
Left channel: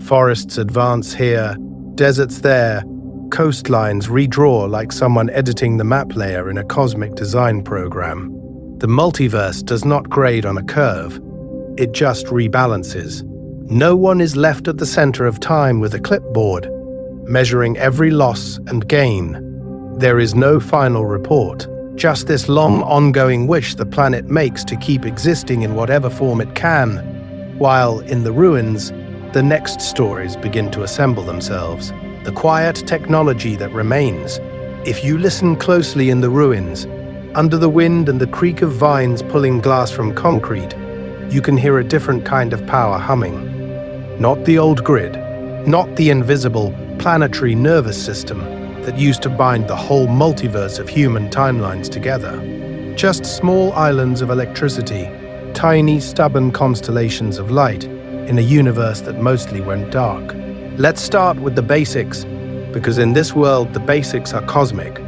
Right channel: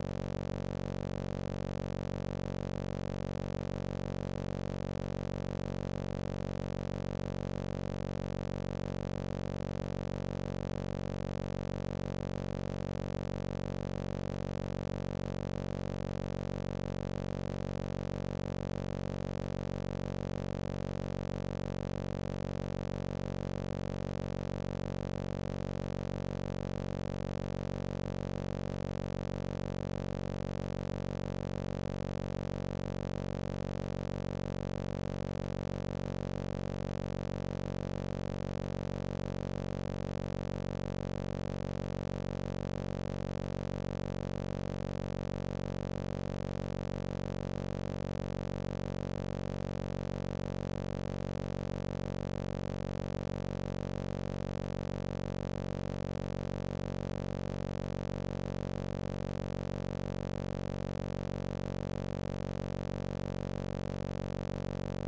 Forests advance here, deserts there, coastlines redraw like someone editing the map layer in a cosmic design program. The multiverse does not grade on a curve. It just rebalances. No one is left at the center of time with a clipboard, measuring every loss and gain. There is no final report, just this long, ongoing wish the planet makes to keep existing in whatever form it can, while, in the ruins, the next stories begin to assemble themselves. The quiet technology that remains. If you listen closely in the ruins, under the wind and the creak of vines pulling glass from concrete, you can hear a different kind of power humming. Not the old grid, not the invisible planetary nervous system that used to bind the whole multiverse of human timelines together. Just small islands of electricity, tiny, stubborn constellations of light in a universe that mostly went dark. Let's start with the basics, because in this world the basics are cosmic.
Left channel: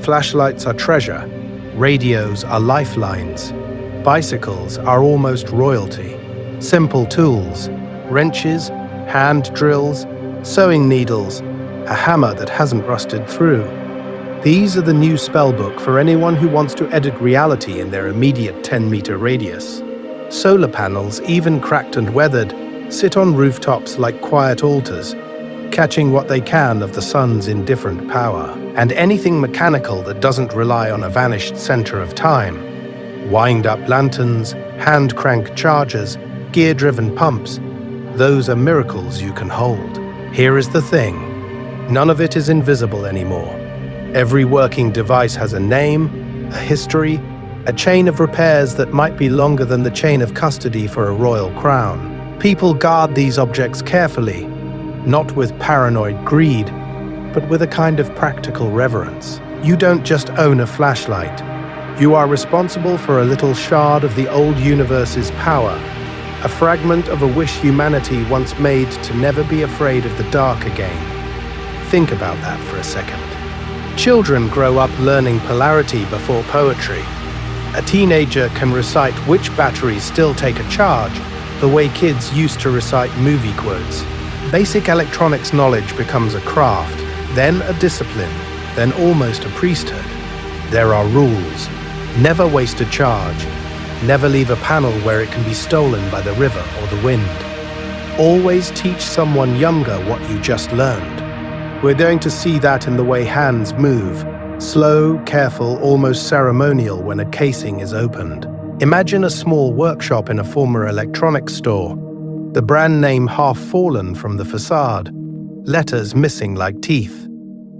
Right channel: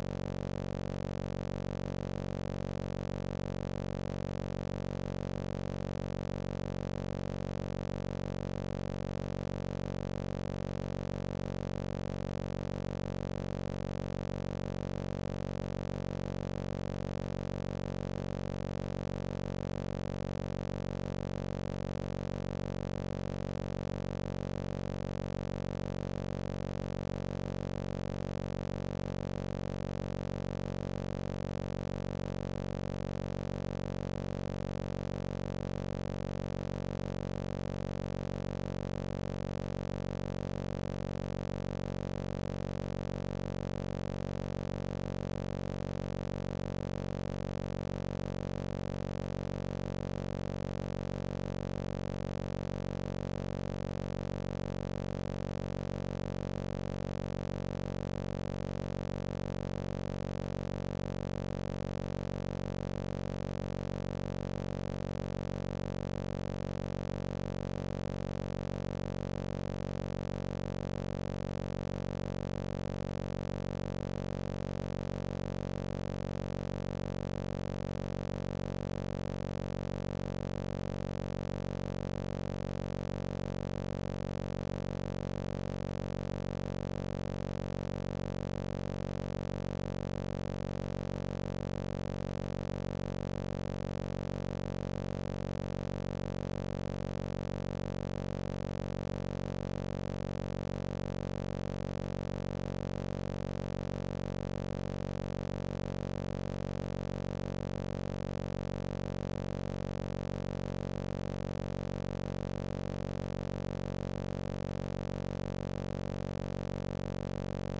Flashlights are treasure, radios are lifelines, bicycles are almost royalty. Simple tools, wrenches, hand drills, sewing needles, a hammer that hasn't rusted through. These are the new spellbook for anyone who wants to edit reality in their immediate 10-meter radius. Solar panels, even cracked and weathered, sit on rooftops like quiet altars, catching what they can of the sun's indifferent power. And anything mechanical that doesn't rely on a vanished center of time. Wind-up lanterns, hand-crank chargers, gear-driven pumps, those are miracles you can hold. Here is the thing. None of it is invisible anymore. Every working device has a name, a history, a chain of repairs that might be longer than the chain of custody for a royal crown. People guard these objects carefully, not with paranoid greed, but with a kind of practical reverence. You don't just own a flashlight. You are responsible for a little shard of the old universe's power, a fragment of a wish humanity once made to never be afraid of the dark again. Think about that for a second. Children grow up learning polarity before poetry. A teenager can recite which batteries still take a charge, the way kids used to recite movie quotes. Basic electronics knowledge becomes a craft, then a discipline, then almost a priesthood. There are rules. Never waste a charge. Never leave a panel where it can be stolen by the river or the wind. Always teach someone younger what you just learned. We're going to see that in the way hands move, slow, careful, almost ceremonial when a casing is opened. Imagine a small workshop in a former electronics store, the brand name half fallen from the facade, letters missing like teeth.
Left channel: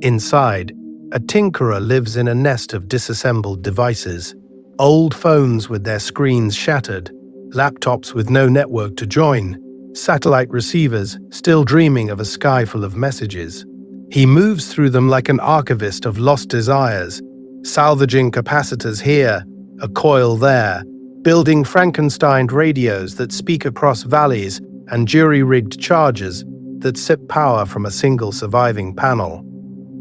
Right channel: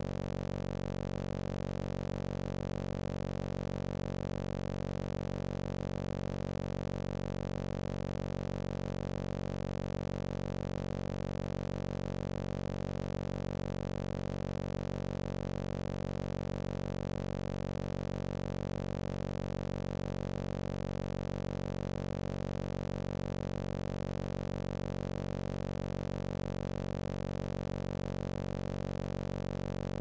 Inside, a tinkerer lives in a nest of disassembled devices, old phones with their screens shattered, laptops with no network to join, satellite receivers still dreaming of a sky full of messages. He moves through them like an archivist of lost desires, salvaging capacitors here, a coil there, building Frankenstein radios that speak across valleys and jury-rigged chargers that sip power from a single surviving panel.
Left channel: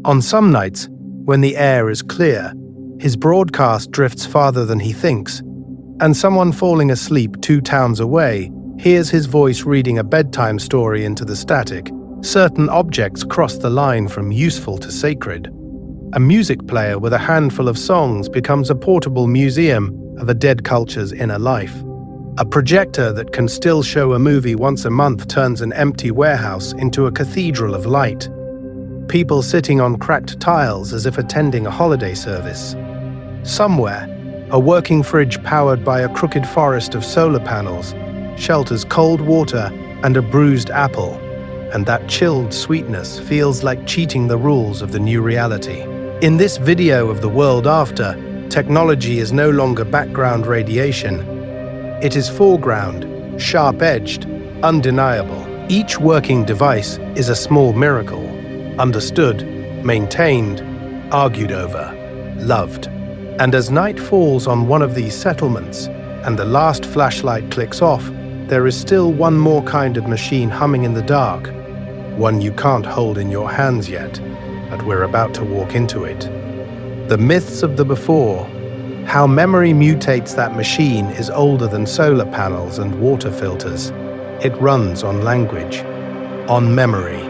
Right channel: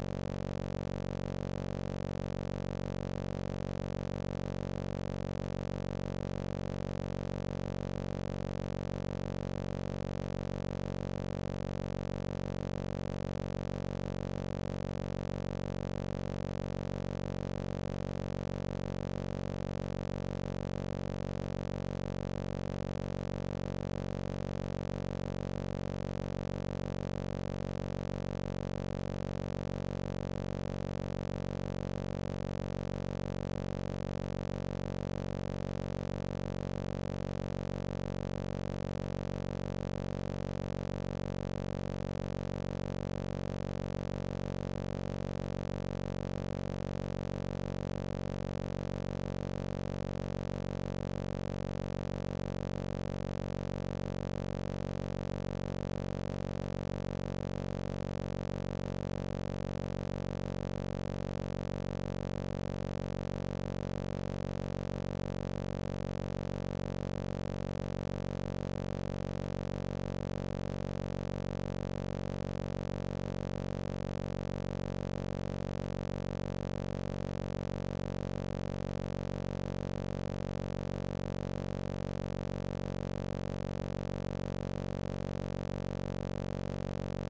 On some nights, when the air is clear, his broadcast drifts farther than he thinks, and someone falling asleep 2 towns away hears his voice reading a bedtime story into the static. Certain objects cross the line from useful to sacred. A music player with a handful of songs becomes a portable museum of a dead culture's inner life. A projector that can still show a movie once a month turns an empty warehouse into a cathedral of light. People sitting on cracked tiles as if attending a holiday service. Somewhere, a working fridge powered by a crooked forest of solar panels shelters cold water and a bruised apple, and that chilled sweetness feels like cheating the rules of the new reality. In this video of the world after, technology is no longer background radiation. It is foreground, sharp-edged, undeniable. Each working device is a small miracle, understood, maintained, argued over, loved. And as night falls on one of these settlements, and the last flashlight clicks off, there is still one more kind of machine humming in the dark, one you can't hold in your hands yet, but we're about to walk into it. The myths of the before, how memory mutates that machine, is older than solar panels and water filters. It runs on language, on memory,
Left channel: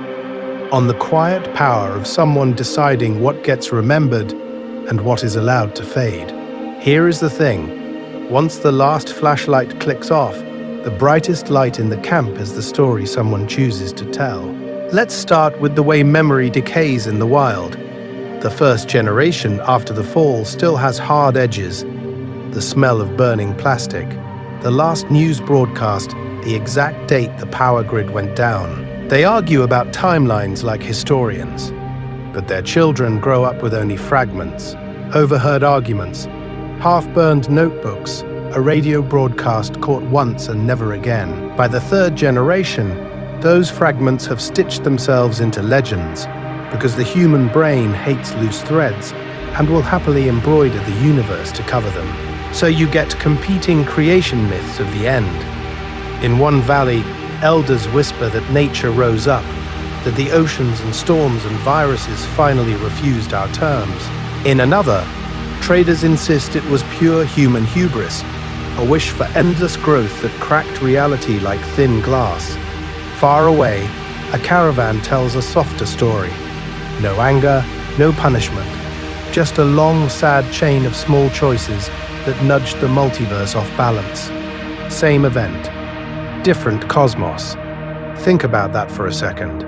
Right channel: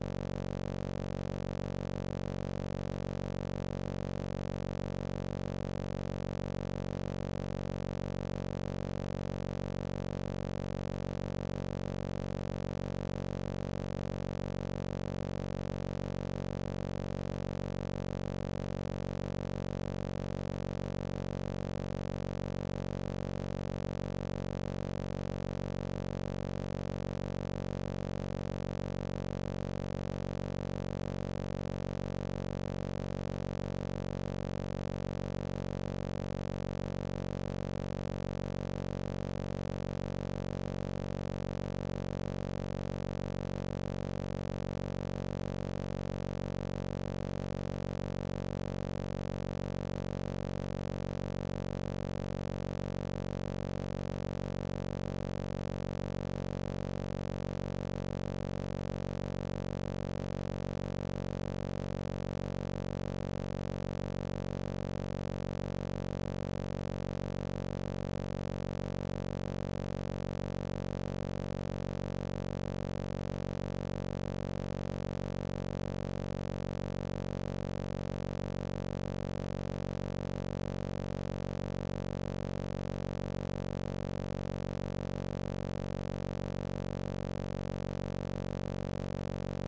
on the quiet power of someone deciding what gets remembered and what is allowed to fade. Here is the thing. Once the last flashlight clicks off, the brightest light in the camp is the story someone chooses to tell. Let's start with the way memory decays in the wild. The first generation after the fall still has hard edges, the smell of burning plastic, the last news broadcast, the exact date the power grid went down. They argue about timelines like historians, but their children grow up with only fragments, overheard arguments, half-burned notebooks, a radio broadcast caught once and never again. By the third generation, those fragments have stitched themselves into legends, because the human brain hates loose threads and will happily embroider the universe to cover them. So you get competing creation myths of the end. In one valley, elders whisper that nature rose up, that the oceans and storms and viruses finally refused our terms. In another, traders insist it was pure human hubris, a wish for endless growth that cracked reality like thin glass. Far away, a caravan tells a softer story. No anger, no punishment, just a long, sad chain of small choices that nudged the multiverse off balance. Same event, different cosmos. Think about that for a second.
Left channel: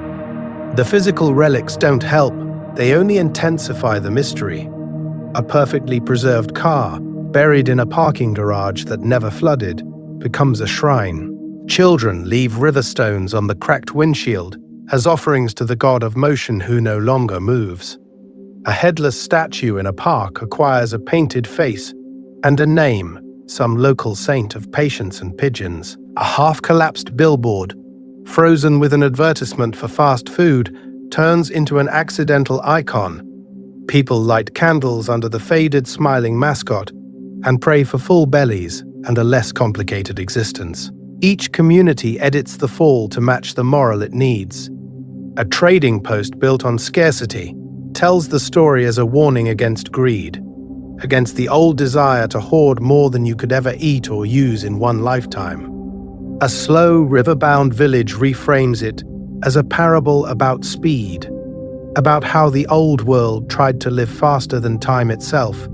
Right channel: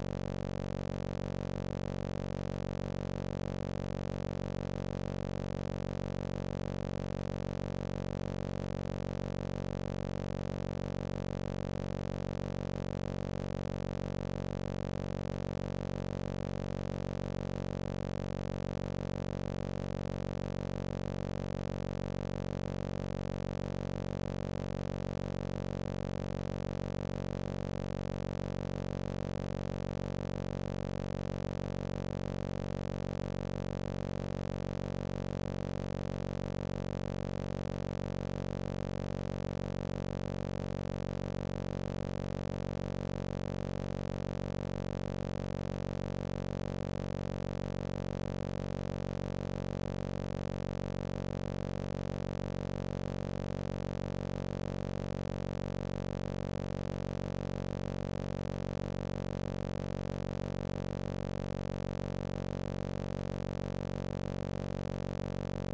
The physical relics don't help, they only intensify the mystery. A perfectly preserved car, buried in a parking garage that never flooded, becomes a shrine. Children leave river stones on the cracked windshield as offerings to the god of motion who no longer moves. A headless statue in a park acquires a painted face and a name, some local saint of patience and pigeons. A half-collapsed billboard, frozen with an advertisement for fast food, turns into an accidental icon. People light candles under the faded, smiling mascot and pray for full bellies and a less complicated existence. Each community edits the fall to match the moral it needs. A trading post built on scarcity tells the story as a warning against greed, against the old desire to hoard more than you could ever eat or use in one lifetime. A slow, river-bound village reframes it as a parable about speed, about how the old world tried to live faster than time itself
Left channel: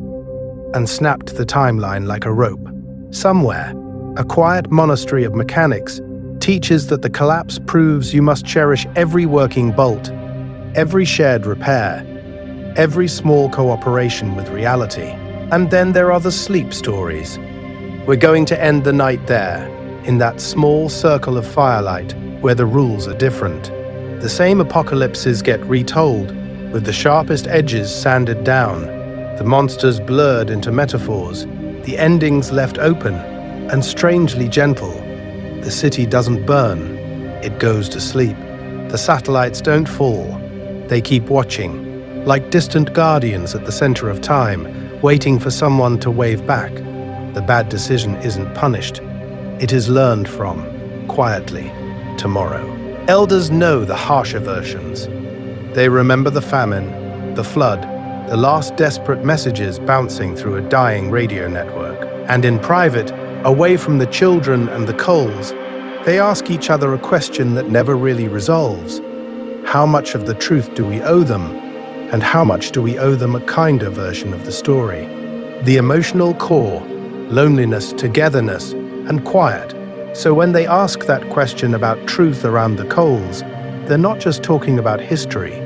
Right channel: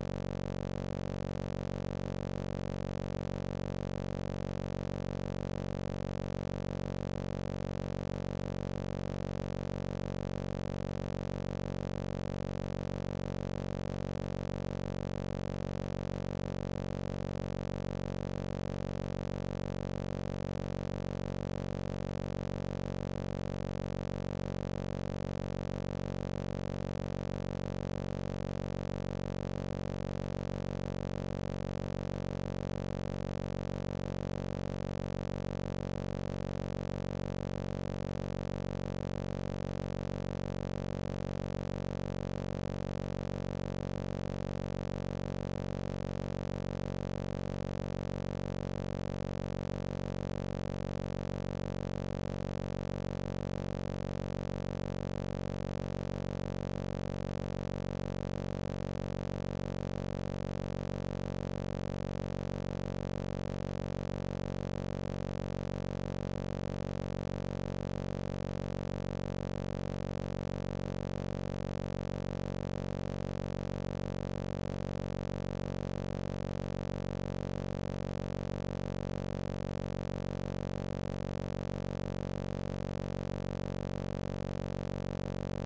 and snapped the timeline like a rope. Somewhere, a quiet monastery of mechanics teaches that the collapse proves you must cherish every working bolt, every shared repair, every small cooperation with reality. And then there are the sleep stories. We're going to end the night there, in that small circle of firelight where the rules are different. The same apocalypses get retold, with the sharpest edges sanded down, the monsters blurred into metaphors, the endings left open and strangely gentle. The city doesn't burn, it goes to sleep. The satellites don't fall, they keep watching, like distant guardians at the center of time, waiting for someone to wave back. The bad decision isn't punished, it is learned from, quietly, tomorrow. Elders know the harsher versions. They remember the famine, the flood, the last desperate messages bouncing through a dying radio network. And in private, away from the children and the coals, they ask each other a question that never really resolves. How much of the truth do we owe them? And how much do we owe them a kinder version of the story? The emotional core, loneliness, togetherness, and quiet. So when they ask that question about truth around the coals, they're not just talking about history,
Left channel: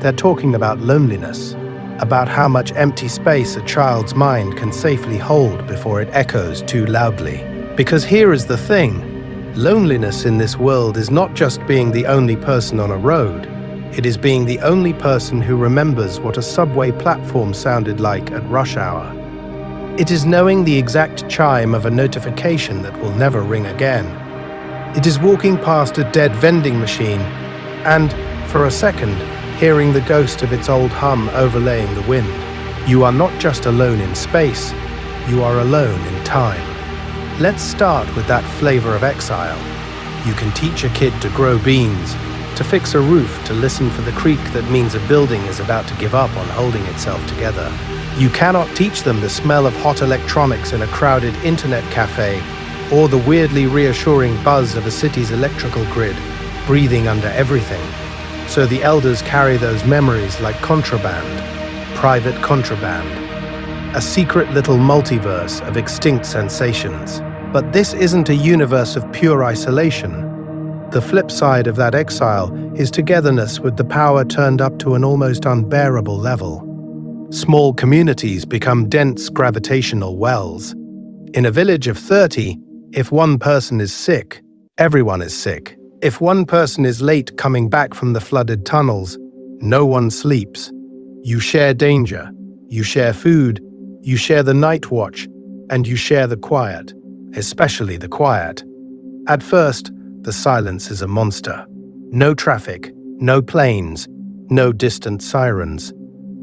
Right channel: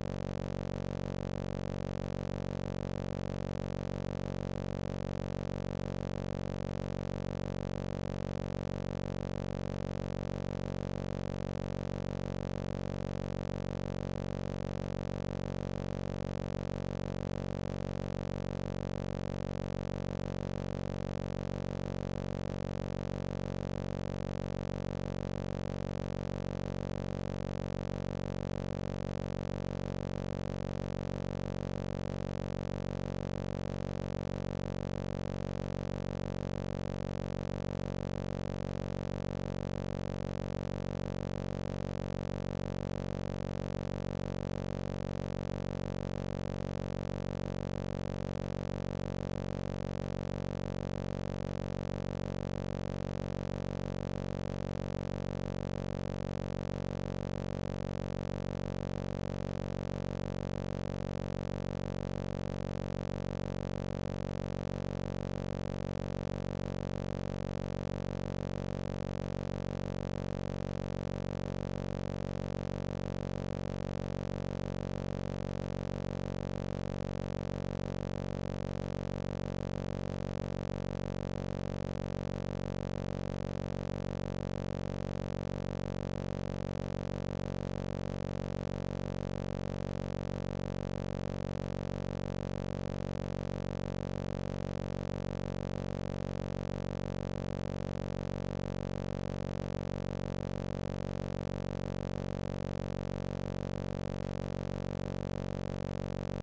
they're talking about loneliness, about how much empty space a child's mind can safely hold before it echoes too loudly. Because here is the thing, loneliness in this world is not just being the only person on a road, it is being the only person who remembers what a subway platform sounded like at rush hour. It is knowing the exact chime of a notification that will never ring again. It is walking past a dead vending machine and, for a second, hearing the ghost of its old hum overlaying the wind. You are not just alone in space, you are alone in time. Let's start with that flavor of exile. You can teach a kid to grow beans, to fix a roof, to listen for the creak that means a building is about to give up on holding itself together. You cannot teach them the smell of hot electronics in a crowded internet cafe, or the weirdly reassuring buzz of a city's electrical grid, breathing under everything. So the elders carry those memories like contraband, private contraband, a secret little multiverse of extinct sensations. But this isn't a universe of pure isolation. The flip side of that exile is togetherness with the power turned up to an almost unbearable level. Small communities become dense gravitational wells. In a village of 30, if one person is sick, everyone is sick. If one person is late coming back from the flooded tunnels, no one sleeps. You share danger, you share food, you share the night watch, and you share the quiet, especially the quiet. At first, the silence is a monster. No traffic, no planes, no distant sirens.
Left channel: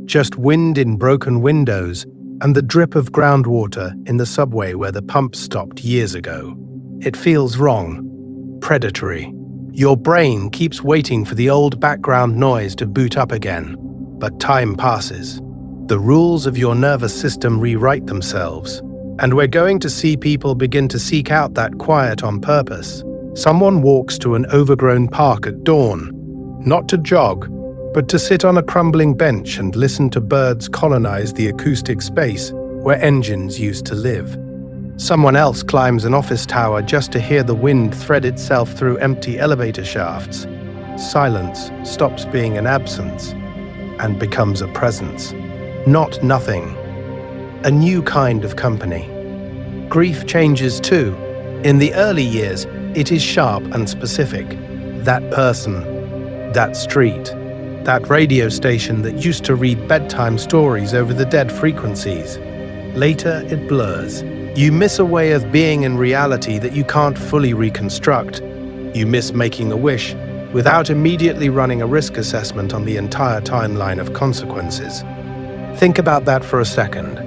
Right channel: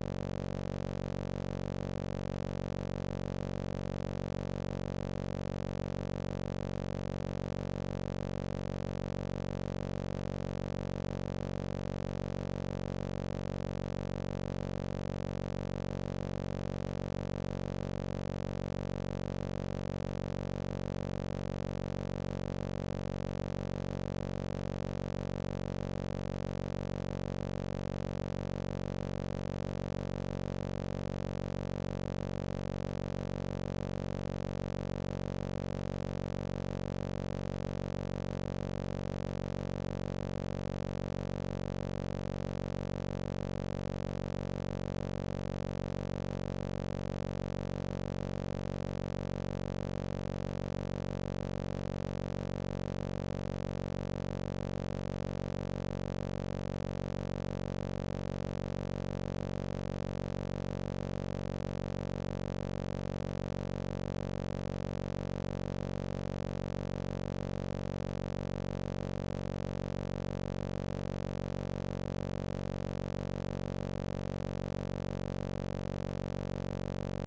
Just wind in broken windows and the drip of groundwater in the subway where the pump stopped years ago. It feels wrong, predatory. Your brain keeps waiting for the old background noise to boot up again. But time passes. The rules of your nervous system rewrite themselves. And we're going to see people begin to seek out that quiet on purpose. Someone walks to an overgrown park at dawn, not to jog, but to sit on a crumbling bench and listen to birds colonize the acoustic space where engines used to live. Someone else climbs an office tower just to hear the wind thread itself through empty elevator shafts. Silence stops being an absence and becomes a presence. Not nothing. A new kind of company. Grief changes too. In the early years, It is sharp and specific. That person, that street, that radio station that used to read bedtime stories over the dead frequencies. Later, it blurs. You miss a way of being in reality that you can't fully reconstruct. You miss making a wish without immediately running a risk assessment on the entire timeline of consequences. Think about that for a second.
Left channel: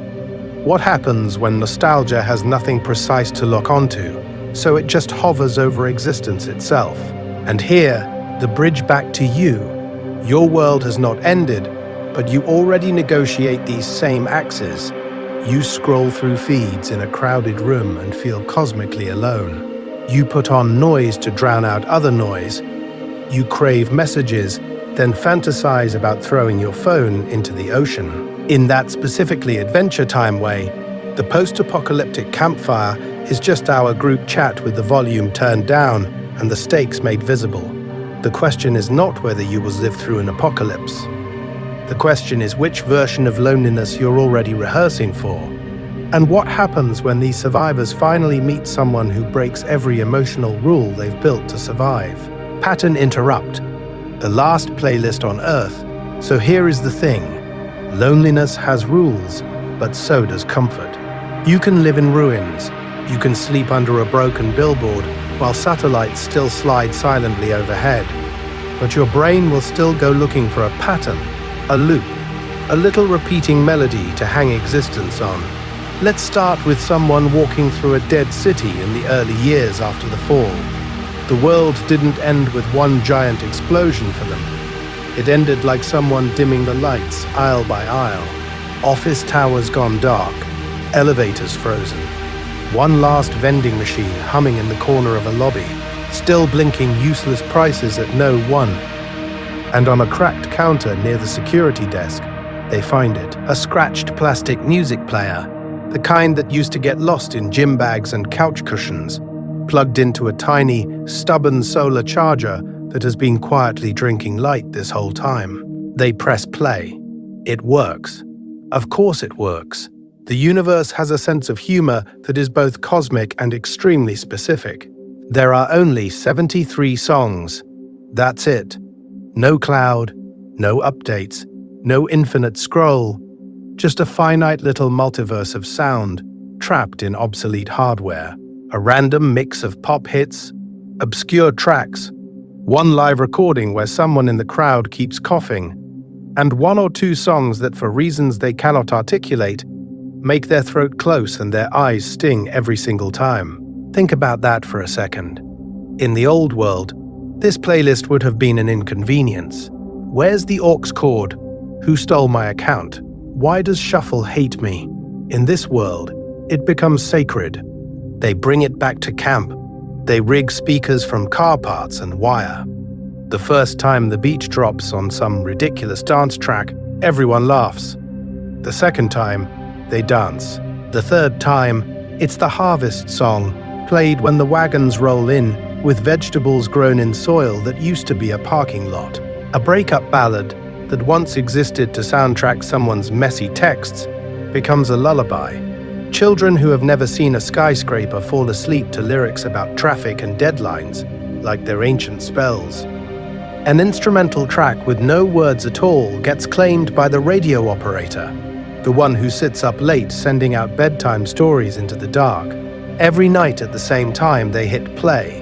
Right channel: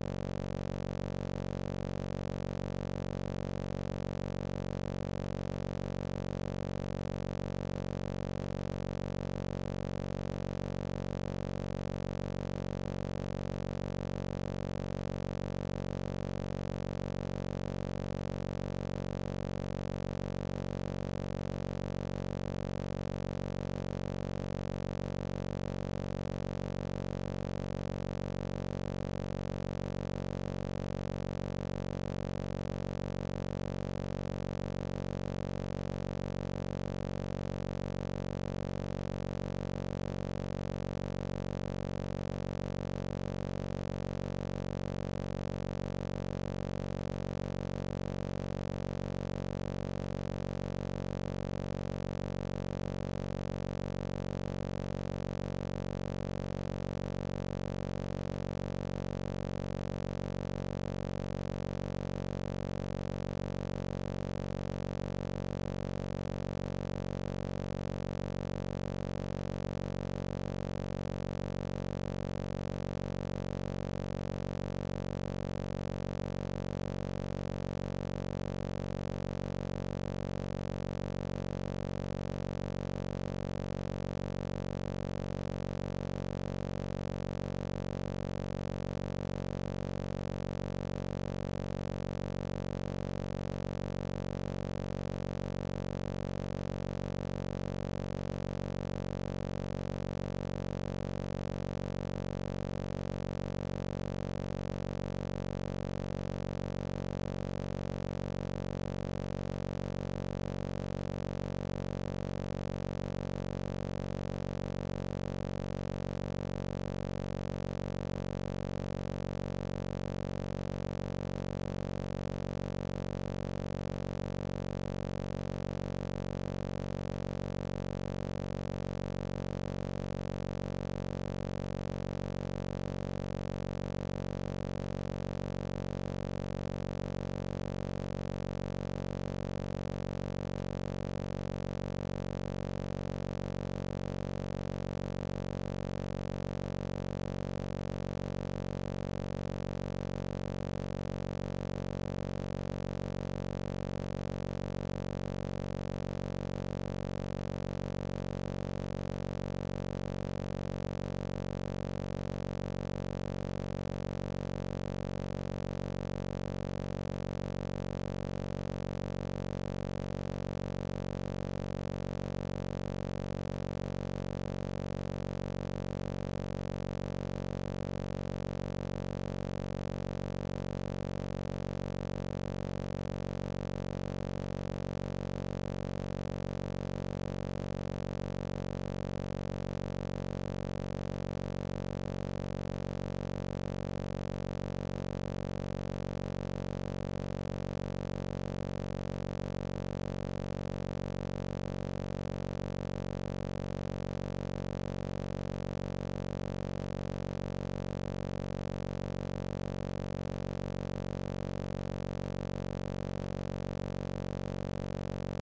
What happens when nostalgia has nothing precise to lock onto, so it just hovers over existence itself? And here, the bridge back to you. Your world has not ended, but you already negotiate these same axes. You scroll through feeds in a crowded room and feel cosmically alone. You put on noise to drown out other noise. You crave messages, then fantasize about throwing your phone into the ocean. In that specifically Adventure Time way, the post-apocalyptic campfire is just our group chat with the volume turned down and the stakes made visible. The question is not whether you will live through an apocalypse. The question is which version of loneliness you're already rehearsing for. And what happens when these survivors finally meet someone who breaks every emotional rule they've built to survive? Pattern interrupt. The last playlist on Earth. So here is the thing. Loneliness has rules, but so does comfort. You can live in ruins. You can sleep under a broken billboard while satellites still slide silently overhead. But your brain will still go looking for a pattern, a loop, a little repeating melody to hang existence on. Let's start with someone walking through a dead city in the early years after the fall. The world didn't end with one giant explosion for them. It ended like someone dimming the lights aisle by aisle. Office towers gone dark, elevators frozen. One last vending machine humming in the corner of a lobby, still blinking useless prices at no one. And on a cracked counter near the security desk, they find it, a scratched plastic music player, the kind that used to get lost in gym bags and couch cushions, plugged into a tiny, stubborn solar charger that has been quietly drinking light this whole time. They press play. It works. Of course it works. The universe has a sense of humor that is both cosmic and extremely specific. There are only 73 songs. That's it. No cloud, no updates, no infinite scroll, just a finite little multiverse of sound trapped in obsolete hardware. A random mix of pop hits, obscure tracks, one live recording where someone in the crowd keeps coughing, and one or two songs that, for reasons they cannot articulate, make their throat close and their eyes sting every single time. Think about that for a second. In the old world, this playlist would have been an inconvenience. Where's the aux cord? Who stole my account? Why does shuffle hate me? In this world, it becomes sacred. They bring it back to camp. They rig speakers from car parts and wire. The first time the beat drops on some ridiculous dance track, everyone laughs. The second time, they dance. The third time, it's the harvest song, played when the wagons roll in, with vegetables grown in soil that used to be a parking lot. A breakup ballad that once existed to soundtrack someone's messy texts becomes a lullaby. Children who have never seen a skyscraper fall asleep to lyrics about traffic and deadlines, like their ancient spells. An instrumental track with no words at all gets claimed by the radio operator, the one who sits up late sending out bedtime stories into the dark. Every night at the same time they hit play,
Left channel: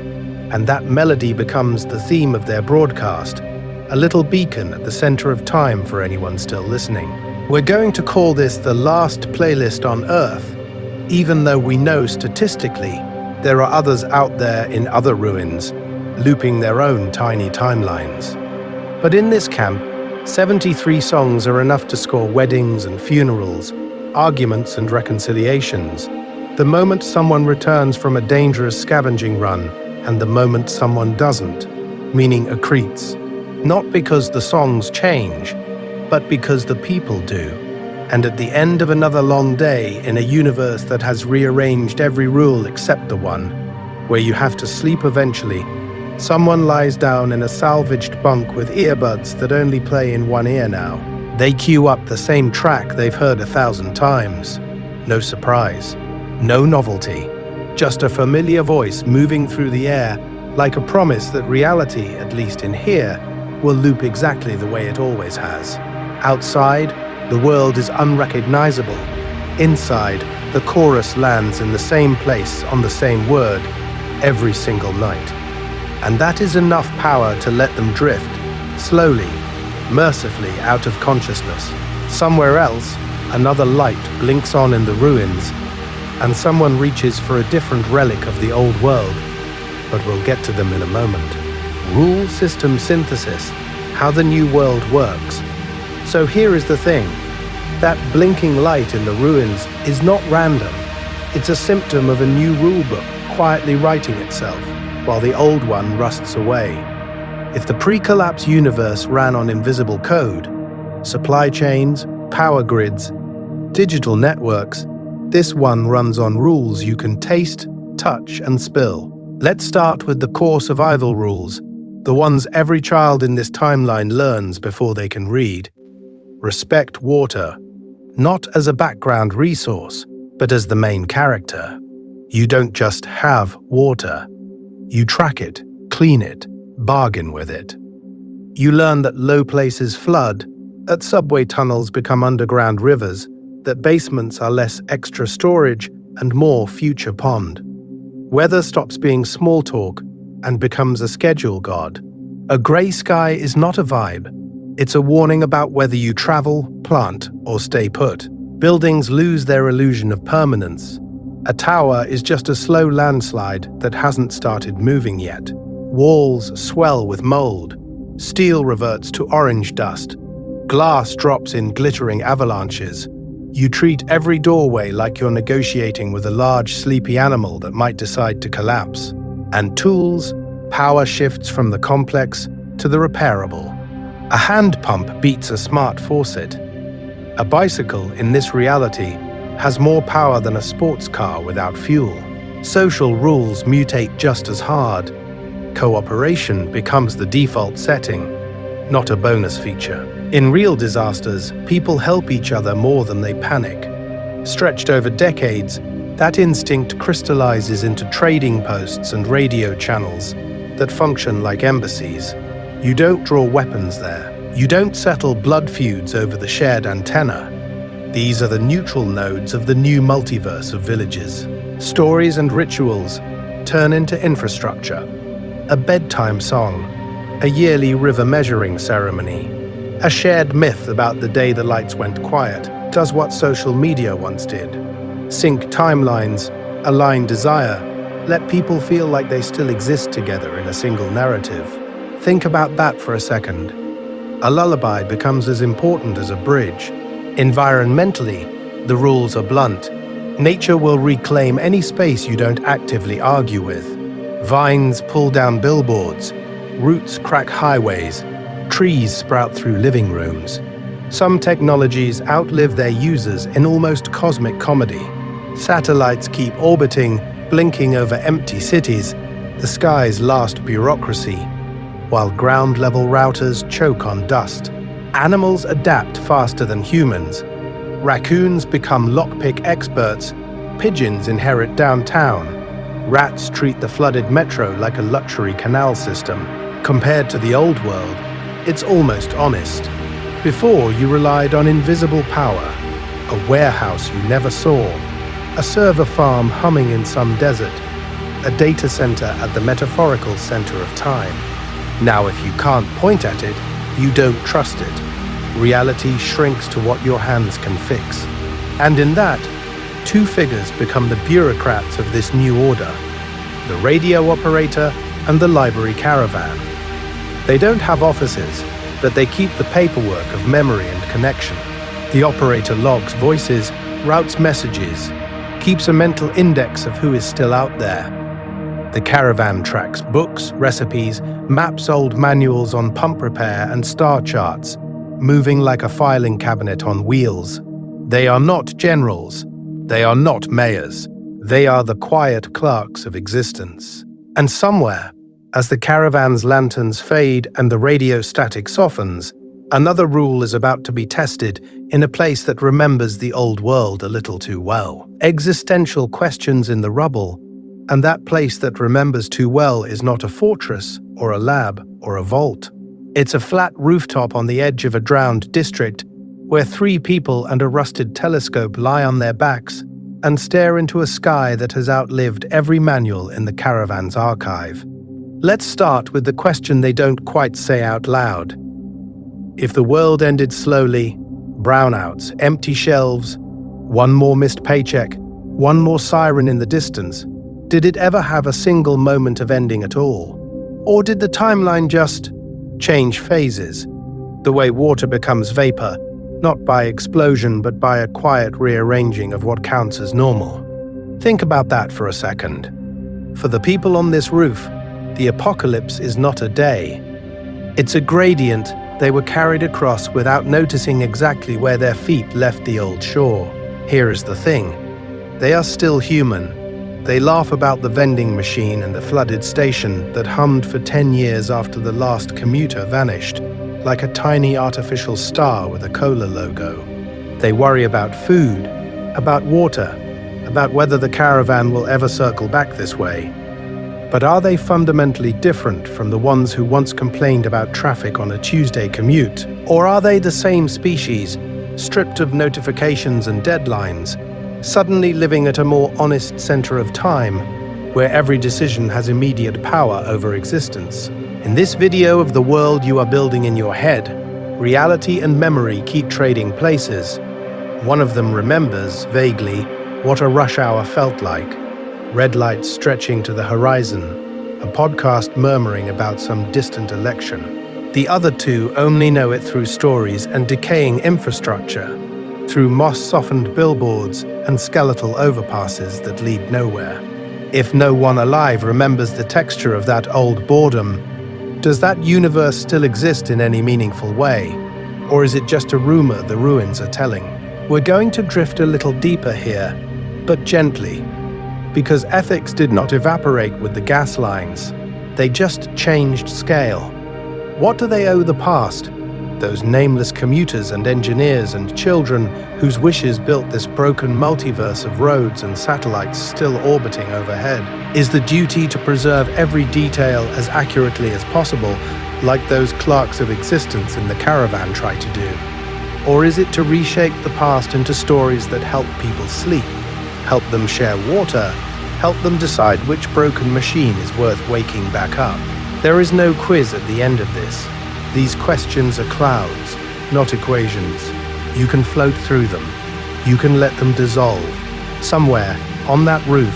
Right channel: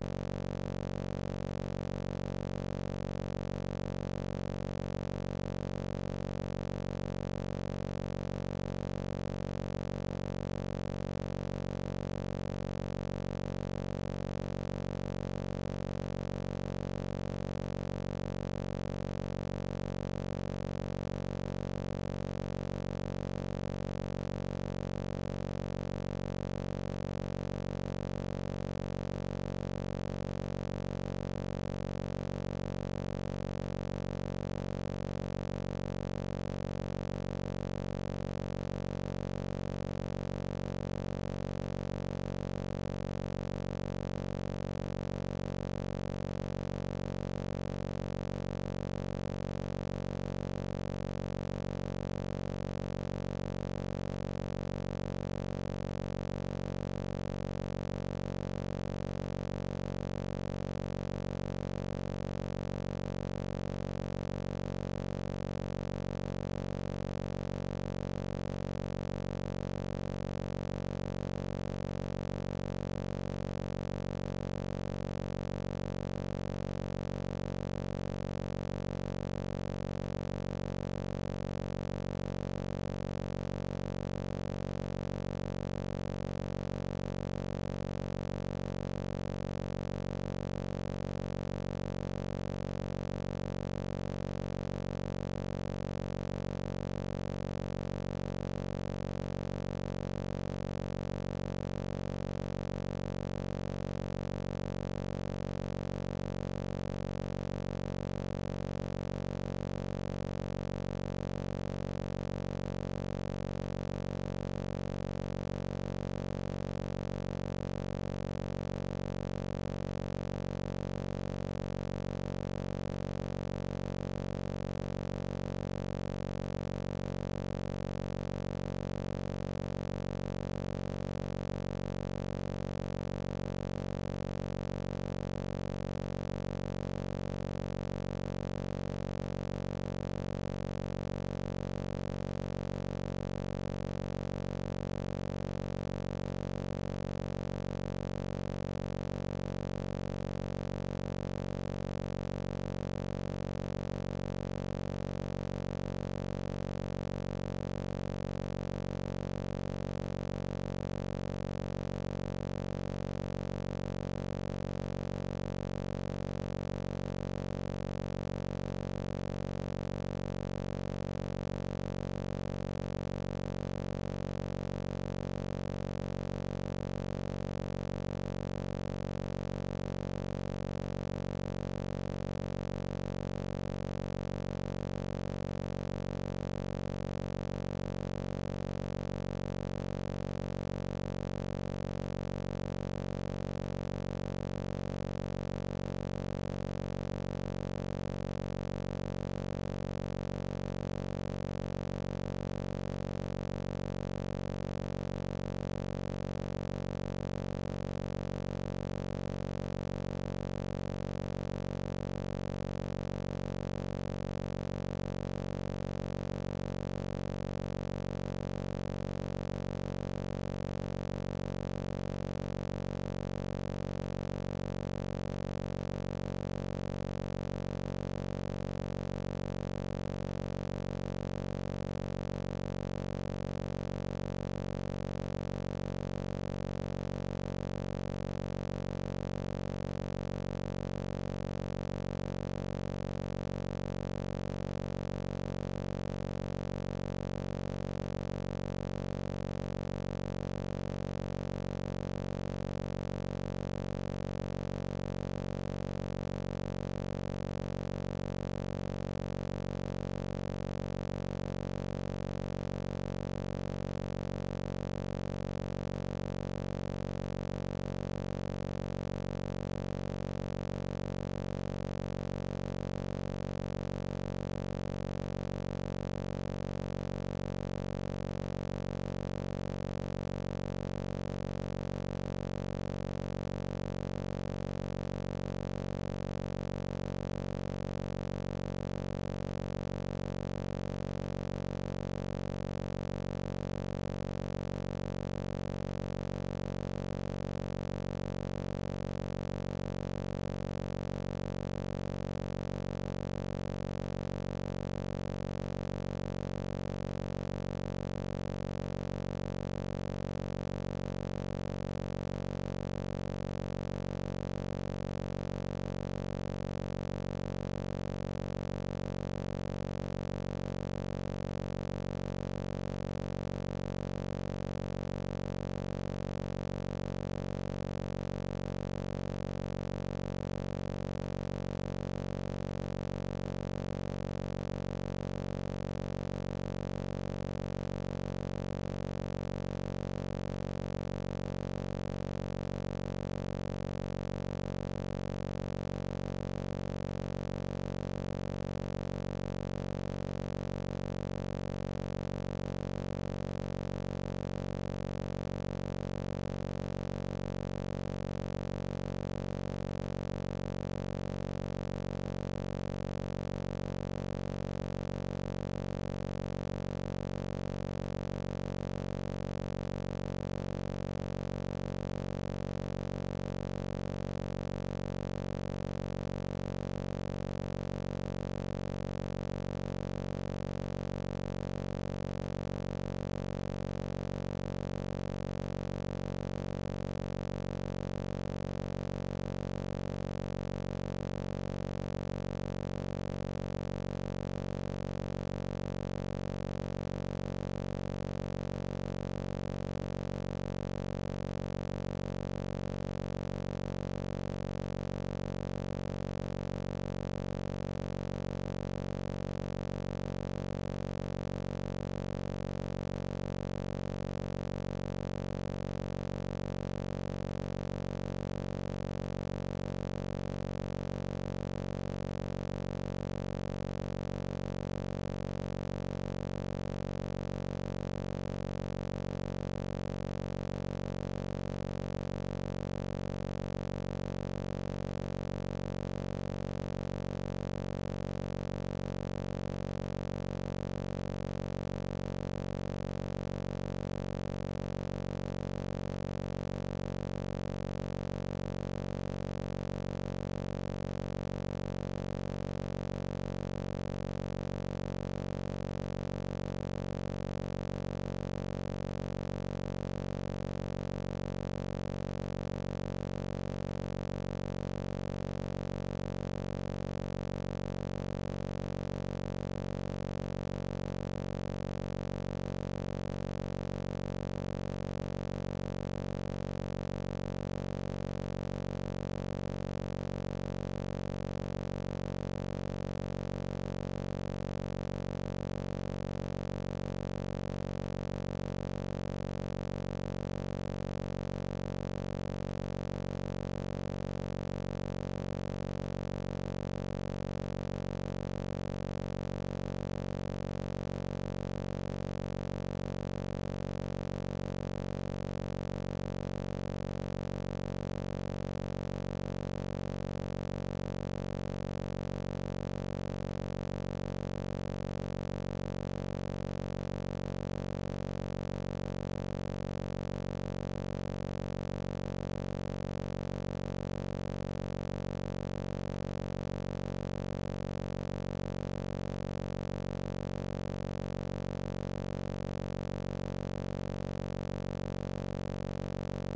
and that melody becomes the theme of their broadcast, a little beacon at the center of time for anyone still listening. We're going to call this the last playlist on Earth, even though we know statistically there are others out there in other ruins, looping their own tiny timelines. But in this camp, 73 songs are enough to score weddings and funerals, arguments and reconciliations, the moment someone returns from a dangerous scavenging run, and the moment someone doesn't, meaning accretes. Not because the songs change, but because the people do. And at the end of another long day in a universe that has rearranged every rule except the one, where you have to sleep eventually, someone lies down in a salvaged bunk with earbuds that only play in one ear now. They cue up the same track they've heard 1,000 times. No surprise, no novelty, just a familiar voice moving through the air, like a promise that reality, at least in here, will loop exactly the way it always has. Outside, the world is unrecognizable. Inside, the chorus lands in the same place on the same word every single night. And that is enough power to let them drift, slowly, mercifully out of consciousness. Somewhere else, another light blinks on in the ruins, and someone reaches for a different relic of the old world, but we'll get to them in a moment. Rule system synthesis, how the new world works. So here is the thing. That blinking light in the ruins is not random. It's a symptom of a new rulebook quietly writing itself, while the old one rusts away. If the pre-collapse universe ran on invisible code, supply chains, power grids, digital networks, this one runs on rules you can taste, touch, and spill. Let's start with the core survival rules, the ones every child in this timeline learns before they can read. Respect water, not as a background resource, but as the main character. You don't just have water. You track it, clean it, bargain with it. You learn that low places flood, that subway tunnels become underground rivers, that basements are less extra storage and more future pond. Weather stops being small talk and becomes a schedule god. A grey sky is not a vibe. It's a warning about whether you travel, plant, or stay put. Buildings lose their illusion of permanence. A tower is just a slow landslide that hasn't started moving yet. Walls swell with mold. Steel reverts to orange dust. Glass drops in glittering avalanches. You treat every doorway like you're negotiating with a large, sleepy animal that might decide to collapse. And tools, power shifts from the complex to the repairable. A hand pump beats a smart faucet. A bicycle, in this reality, has more power than a sports car without fuel. Social rules mutate just as hard. Cooperation becomes the default setting, not a bonus feature. In real disasters, people help each other more than they panic. Stretched over decades, that instinct crystallizes into trading posts and radio channels that function like embassies. You don't draw weapons there. You don't settle blood feuds over the shared antenna. These are the neutral nodes of the new multiverse of villages. Stories and rituals turn into infrastructure. A bedtime song, a yearly river measuring ceremony, a shared myth about the day the lights went quiet does what social media once did. Sync timelines, align desire, let people feel like they still exist together in a single narrative. Think about that for a second. A lullaby becomes as important as a bridge. Environmentally, the rules are blunt. Nature will reclaim any space you don't actively argue with. Vines pull down billboards, roots crack highways, trees sprout through living rooms. Some technologies outlive their users in almost cosmic comedy. Satellites keep orbiting, blinking over empty cities, the sky's last bureaucracy, while ground-level routers choke on dust. Animals adapt faster than humans. Raccoons become lockpick experts, pigeons inherit downtown. Rats treat the flooded metro like a luxury canal system. Compared to the old world, it's almost honest. Before, you relied on invisible power, a warehouse you never saw, a server farm humming in some desert, a data center at the metaphorical center of time. Now, if you can't point at it, you don't trust it. Reality shrinks to what your hands can fix. And in that, two figures become the bureaucrats of this new order: the radio operator and the library caravan. They don't have offices, but they keep the paperwork of memory and connection. The operator logs voices, routes messages, keeps a mental index of who is still out there. The caravan tracks books, recipes, maps old manuals on pump repair and star charts, moving like a filing cabinet on wheels. They are not generals. They are not mayors. They are the quiet clerks of existence. And somewhere, as the caravan's lanterns fade and the radio static softens, another rule is about to be tested in a place that remembers the old world a little too well. Existential questions in the rubble. And that place that remembers too well is not a fortress, or a lab, or a vault. It's a flat rooftop on the edge of a drowned district, where 3 people and a rusted telescope lie on their backs and stare into a sky that has outlived every manual in the caravan's archive. Let's start with the question they don't quite say out loud. If the world ended slowly, brownouts, empty shelves, one more missed paycheck, one more siren in the distance, did it ever have a single moment of ending at all? Or did the timeline just change phases, the way water becomes vapor, not by explosion but by a quiet rearranging of what counts as normal? Think about that for a second. For the people on this roof, the apocalypse is not a day. It's a gradient they were carried across without noticing exactly where their feet left the old shore. Here is the thing. They are still human. They laugh about the vending machine and the flooded station that hummed for 10 years after the last commuter vanished, like a tiny artificial star with a cola logo. They worry about food, about water, about whether the caravan will ever circle back this way. But are they fundamentally different from the ones who once complained about traffic on a Tuesday commute? Or are they the same species, stripped of notifications and deadlines, suddenly living at a more honest center of time, where every decision has immediate power over existence? In this video of the world you are building in your head, reality and memory keep trading places. One of them remembers, vaguely, what a rush hour felt like. Red lights stretching to the horizon, a podcast murmuring about some distant election. The other 2 only know it through stories and decaying infrastructure, through moss-softened billboards and skeletal overpasses that lead nowhere. If no one alive remembers the texture of that old boredom, does that universe still exist in any meaningful way? Or is it just a rumor the ruins are telling? We're going to drift a little deeper here, but gently, because ethics did not evaporate with the gas lines. They just changed scale. What do they owe the past? Those nameless commuters and engineers and children whose wishes built this broken multiverse of roads and satellites still orbiting overhead. Is the duty to preserve every detail as accurately as possible, like those clerks of existence in the caravan try to do? Or is it to reshape the past into stories that help people sleep, help them share water, help them decide which broken machine is worth waking back up? There is no quiz at the end of this. These questions are clouds, not equations. You can float through them. You can let them dissolve. Somewhere, on that roof,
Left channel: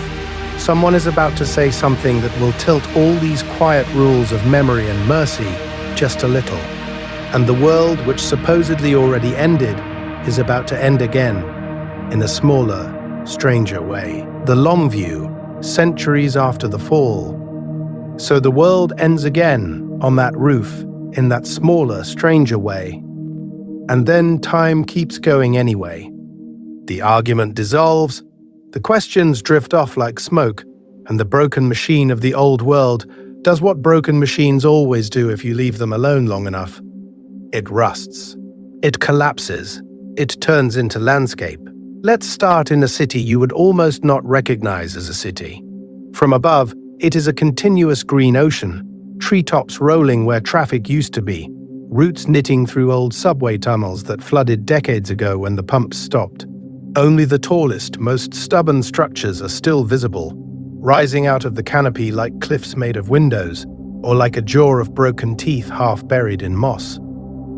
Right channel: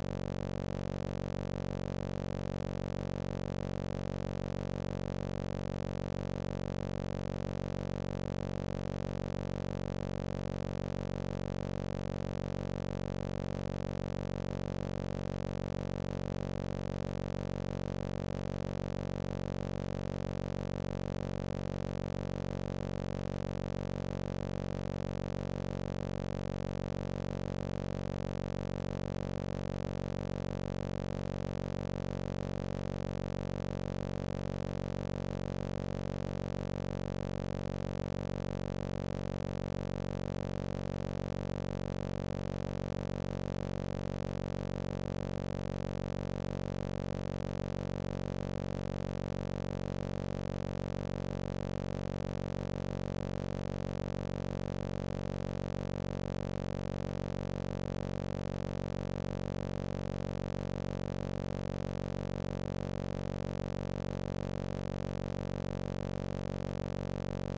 someone is about to say something that will tilt all these quiet rules of memory and mercy just a little. And the world, which supposedly already ended, is about to end again, in a smaller, stranger way. The long view, centuries after the fall. So the world ends again, on that roof, in that smaller, stranger way. And then time keeps going anyway. The argument dissolves, the questions drift off like smoke, and the broken machine of the old world does what broken machines always do if you leave them alone long enough. It rusts. It collapses. It turns into landscape. Let's start in a city you would almost not recognize as a city. From above, it is a continuous green ocean, treetops rolling where traffic used to be, roots knitting through old subway tunnels that flooded decades ago when the pumps stopped. Only the tallest, most stubborn structures are still visible, rising out of the canopy like cliffs made of windows, or like a jaw of broken teeth half buried in moss.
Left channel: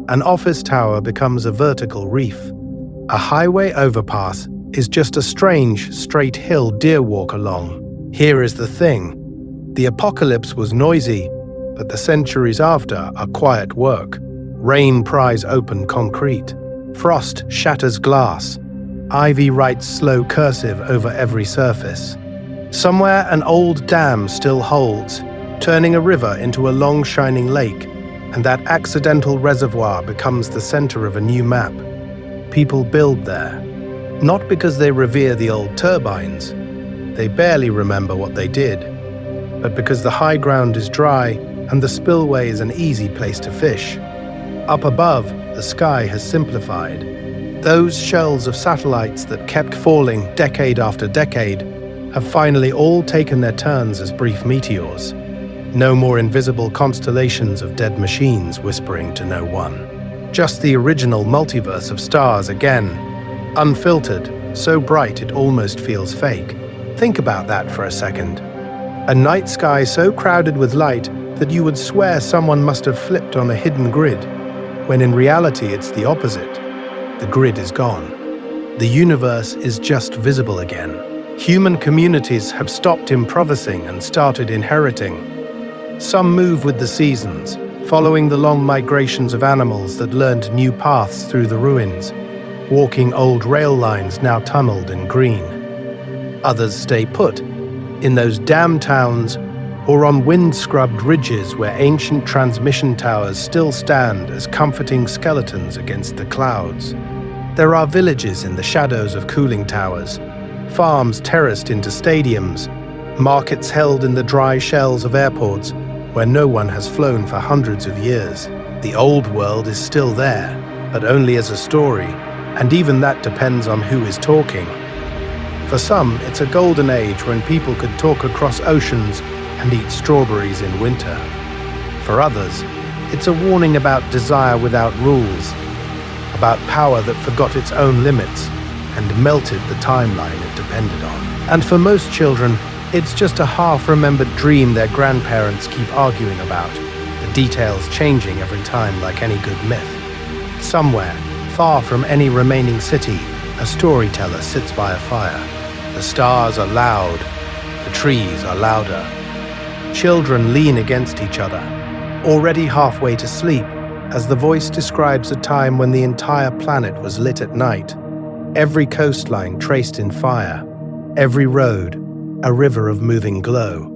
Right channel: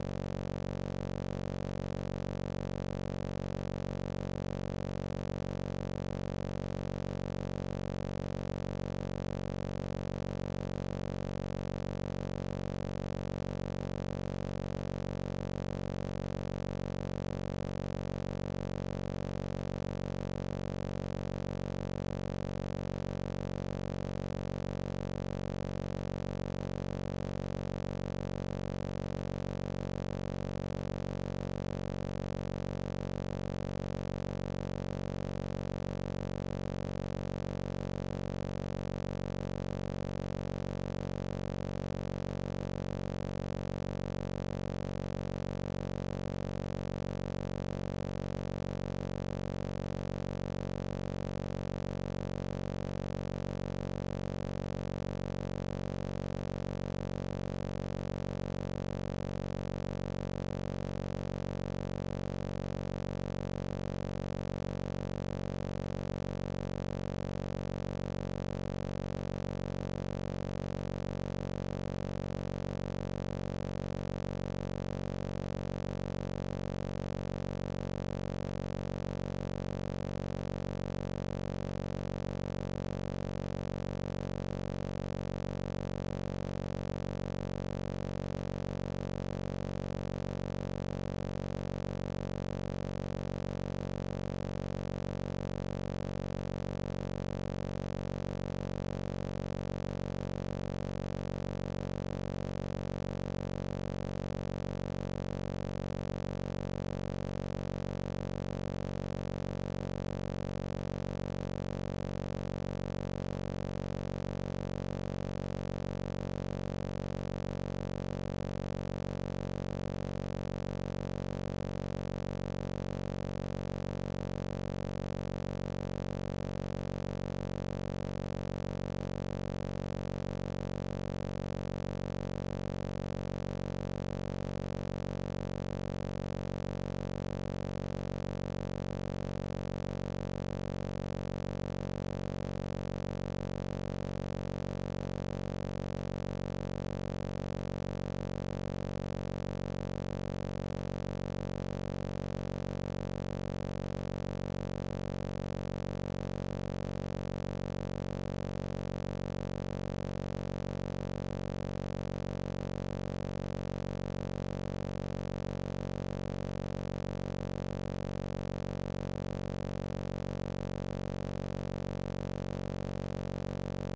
An office tower becomes a vertical reef. A highway overpass is just a strange, straight hill deer walk along. Here is the thing. The apocalypse was noisy, but the centuries after are quiet work. Rain pries open concrete. Frost shatters glass. Ivy writes slow cursive over every surface. Somewhere an old dam still holds, turning a river into a long shining lake, and that accidental reservoir becomes the center of a new map. People build there, not because they revere the old turbines. They barely remember what they did, but because the high ground is dry and the spillway is an easy place to fish. Up above, the sky has simplified. Those shells of satellites that kept falling decade after decade have finally all taken their turns as brief meteors. No more invisible constellations of dead machines whispering to no one. Just the original multiverse of stars again, unfiltered, so bright it almost feels fake. Think about that for a second. A night sky so crowded with light that you would swear someone must have flipped on a hidden grid, when in reality it's the opposite. The grid is gone. The universe is just visible again. Human communities have stopped improvising and started inheriting. Some move with the seasons, following the long migrations of animals that learned new paths through the ruins, walking old rail lines now tunneled and green. Others stay put, in those dam towns or on wind-scrubbed ridges where ancient transmission towers still stand as comforting skeletons against the clouds. There are villages in the shadows of cooling towers, farms terraced into stadiums, markets held in the dry shells of airports where no one has flown for hundreds of years. The old world is still there, but only as a story, and even that depends on who is talking. For some, it's a golden age when people could talk across oceans and eat strawberries in winter. For others, it's a warning about desire without rules, about power that forgot its own limits and melted the timeline it depended on. And for most children, it's just a half-remembered dream their grandparents keep arguing about, the details changing every time like any good myth. Somewhere, far from any remaining city, a storyteller sits by a fire. The stars are loud, the trees are louder. Children lean against each other, already halfway to sleep, as the voice describes a time when the entire planet was lit at night, every coastline traced in fire, every road a river of moving glow.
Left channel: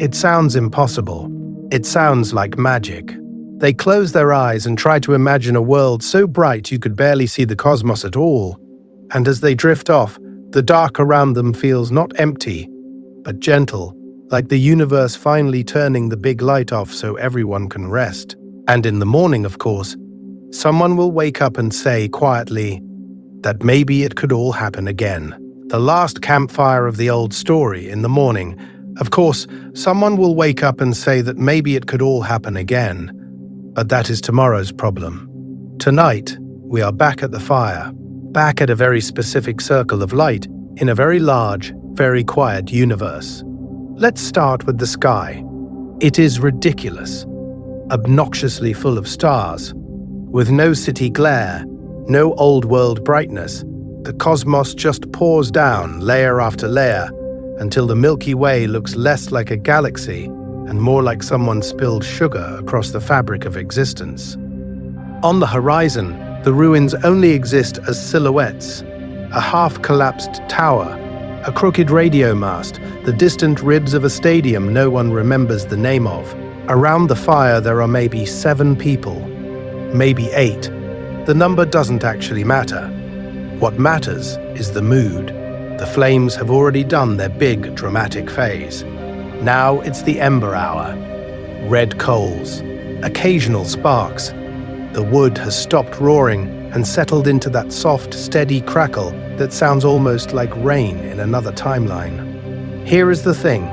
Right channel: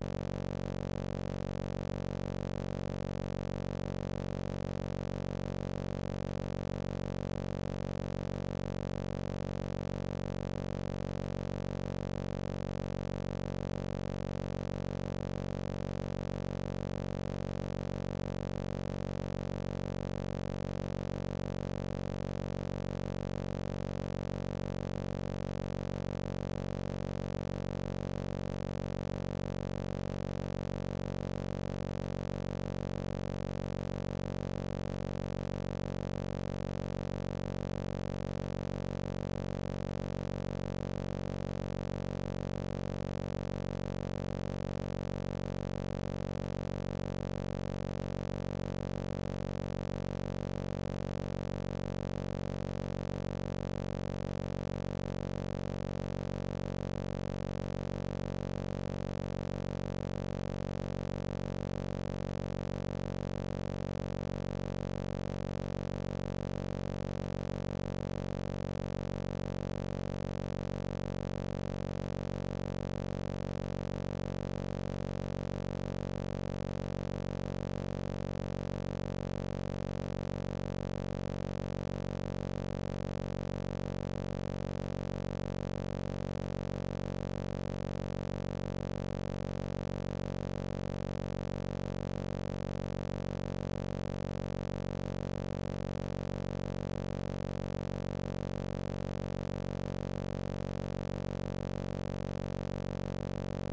It sounds impossible. It sounds like magic. They close their eyes and try to imagine a world so bright you could barely see the cosmos at all. And as they drift off, the dark around them feels not empty, but gentle, like the universe finally turning the big light off so everyone can rest. And in the morning, of course, someone will wake up and say quietly that maybe it could all happen again. The last campfire of the old story in the morning. Of course, someone will wake up and say that maybe it could all happen again. But that is tomorrow's problem. Tonight, we are back at the fire, back at a very specific circle of light in a very large, very quiet universe. Let's start with the sky. It is ridiculous, obnoxiously full of stars. With no city glare, no old world brightness, the cosmos just pours down layer after layer until the Milky Way looks less like a galaxy and more like someone spilled sugar across the fabric of existence. On the horizon, the ruins only exist as silhouettes, a half-collapsed tower, a crooked radio mast, the distant ribs of a stadium no one remembers the name of. Around the fire there are maybe 7 people, maybe 8. The number doesn't actually matter. What matters is the mood. The flames have already done their big, dramatic phase. Now it's the ember hour. Red coals, occasional sparks. The wood has stopped roaring and settled into that soft, steady crackle that sounds almost like rain in another timeline. Here is the thing.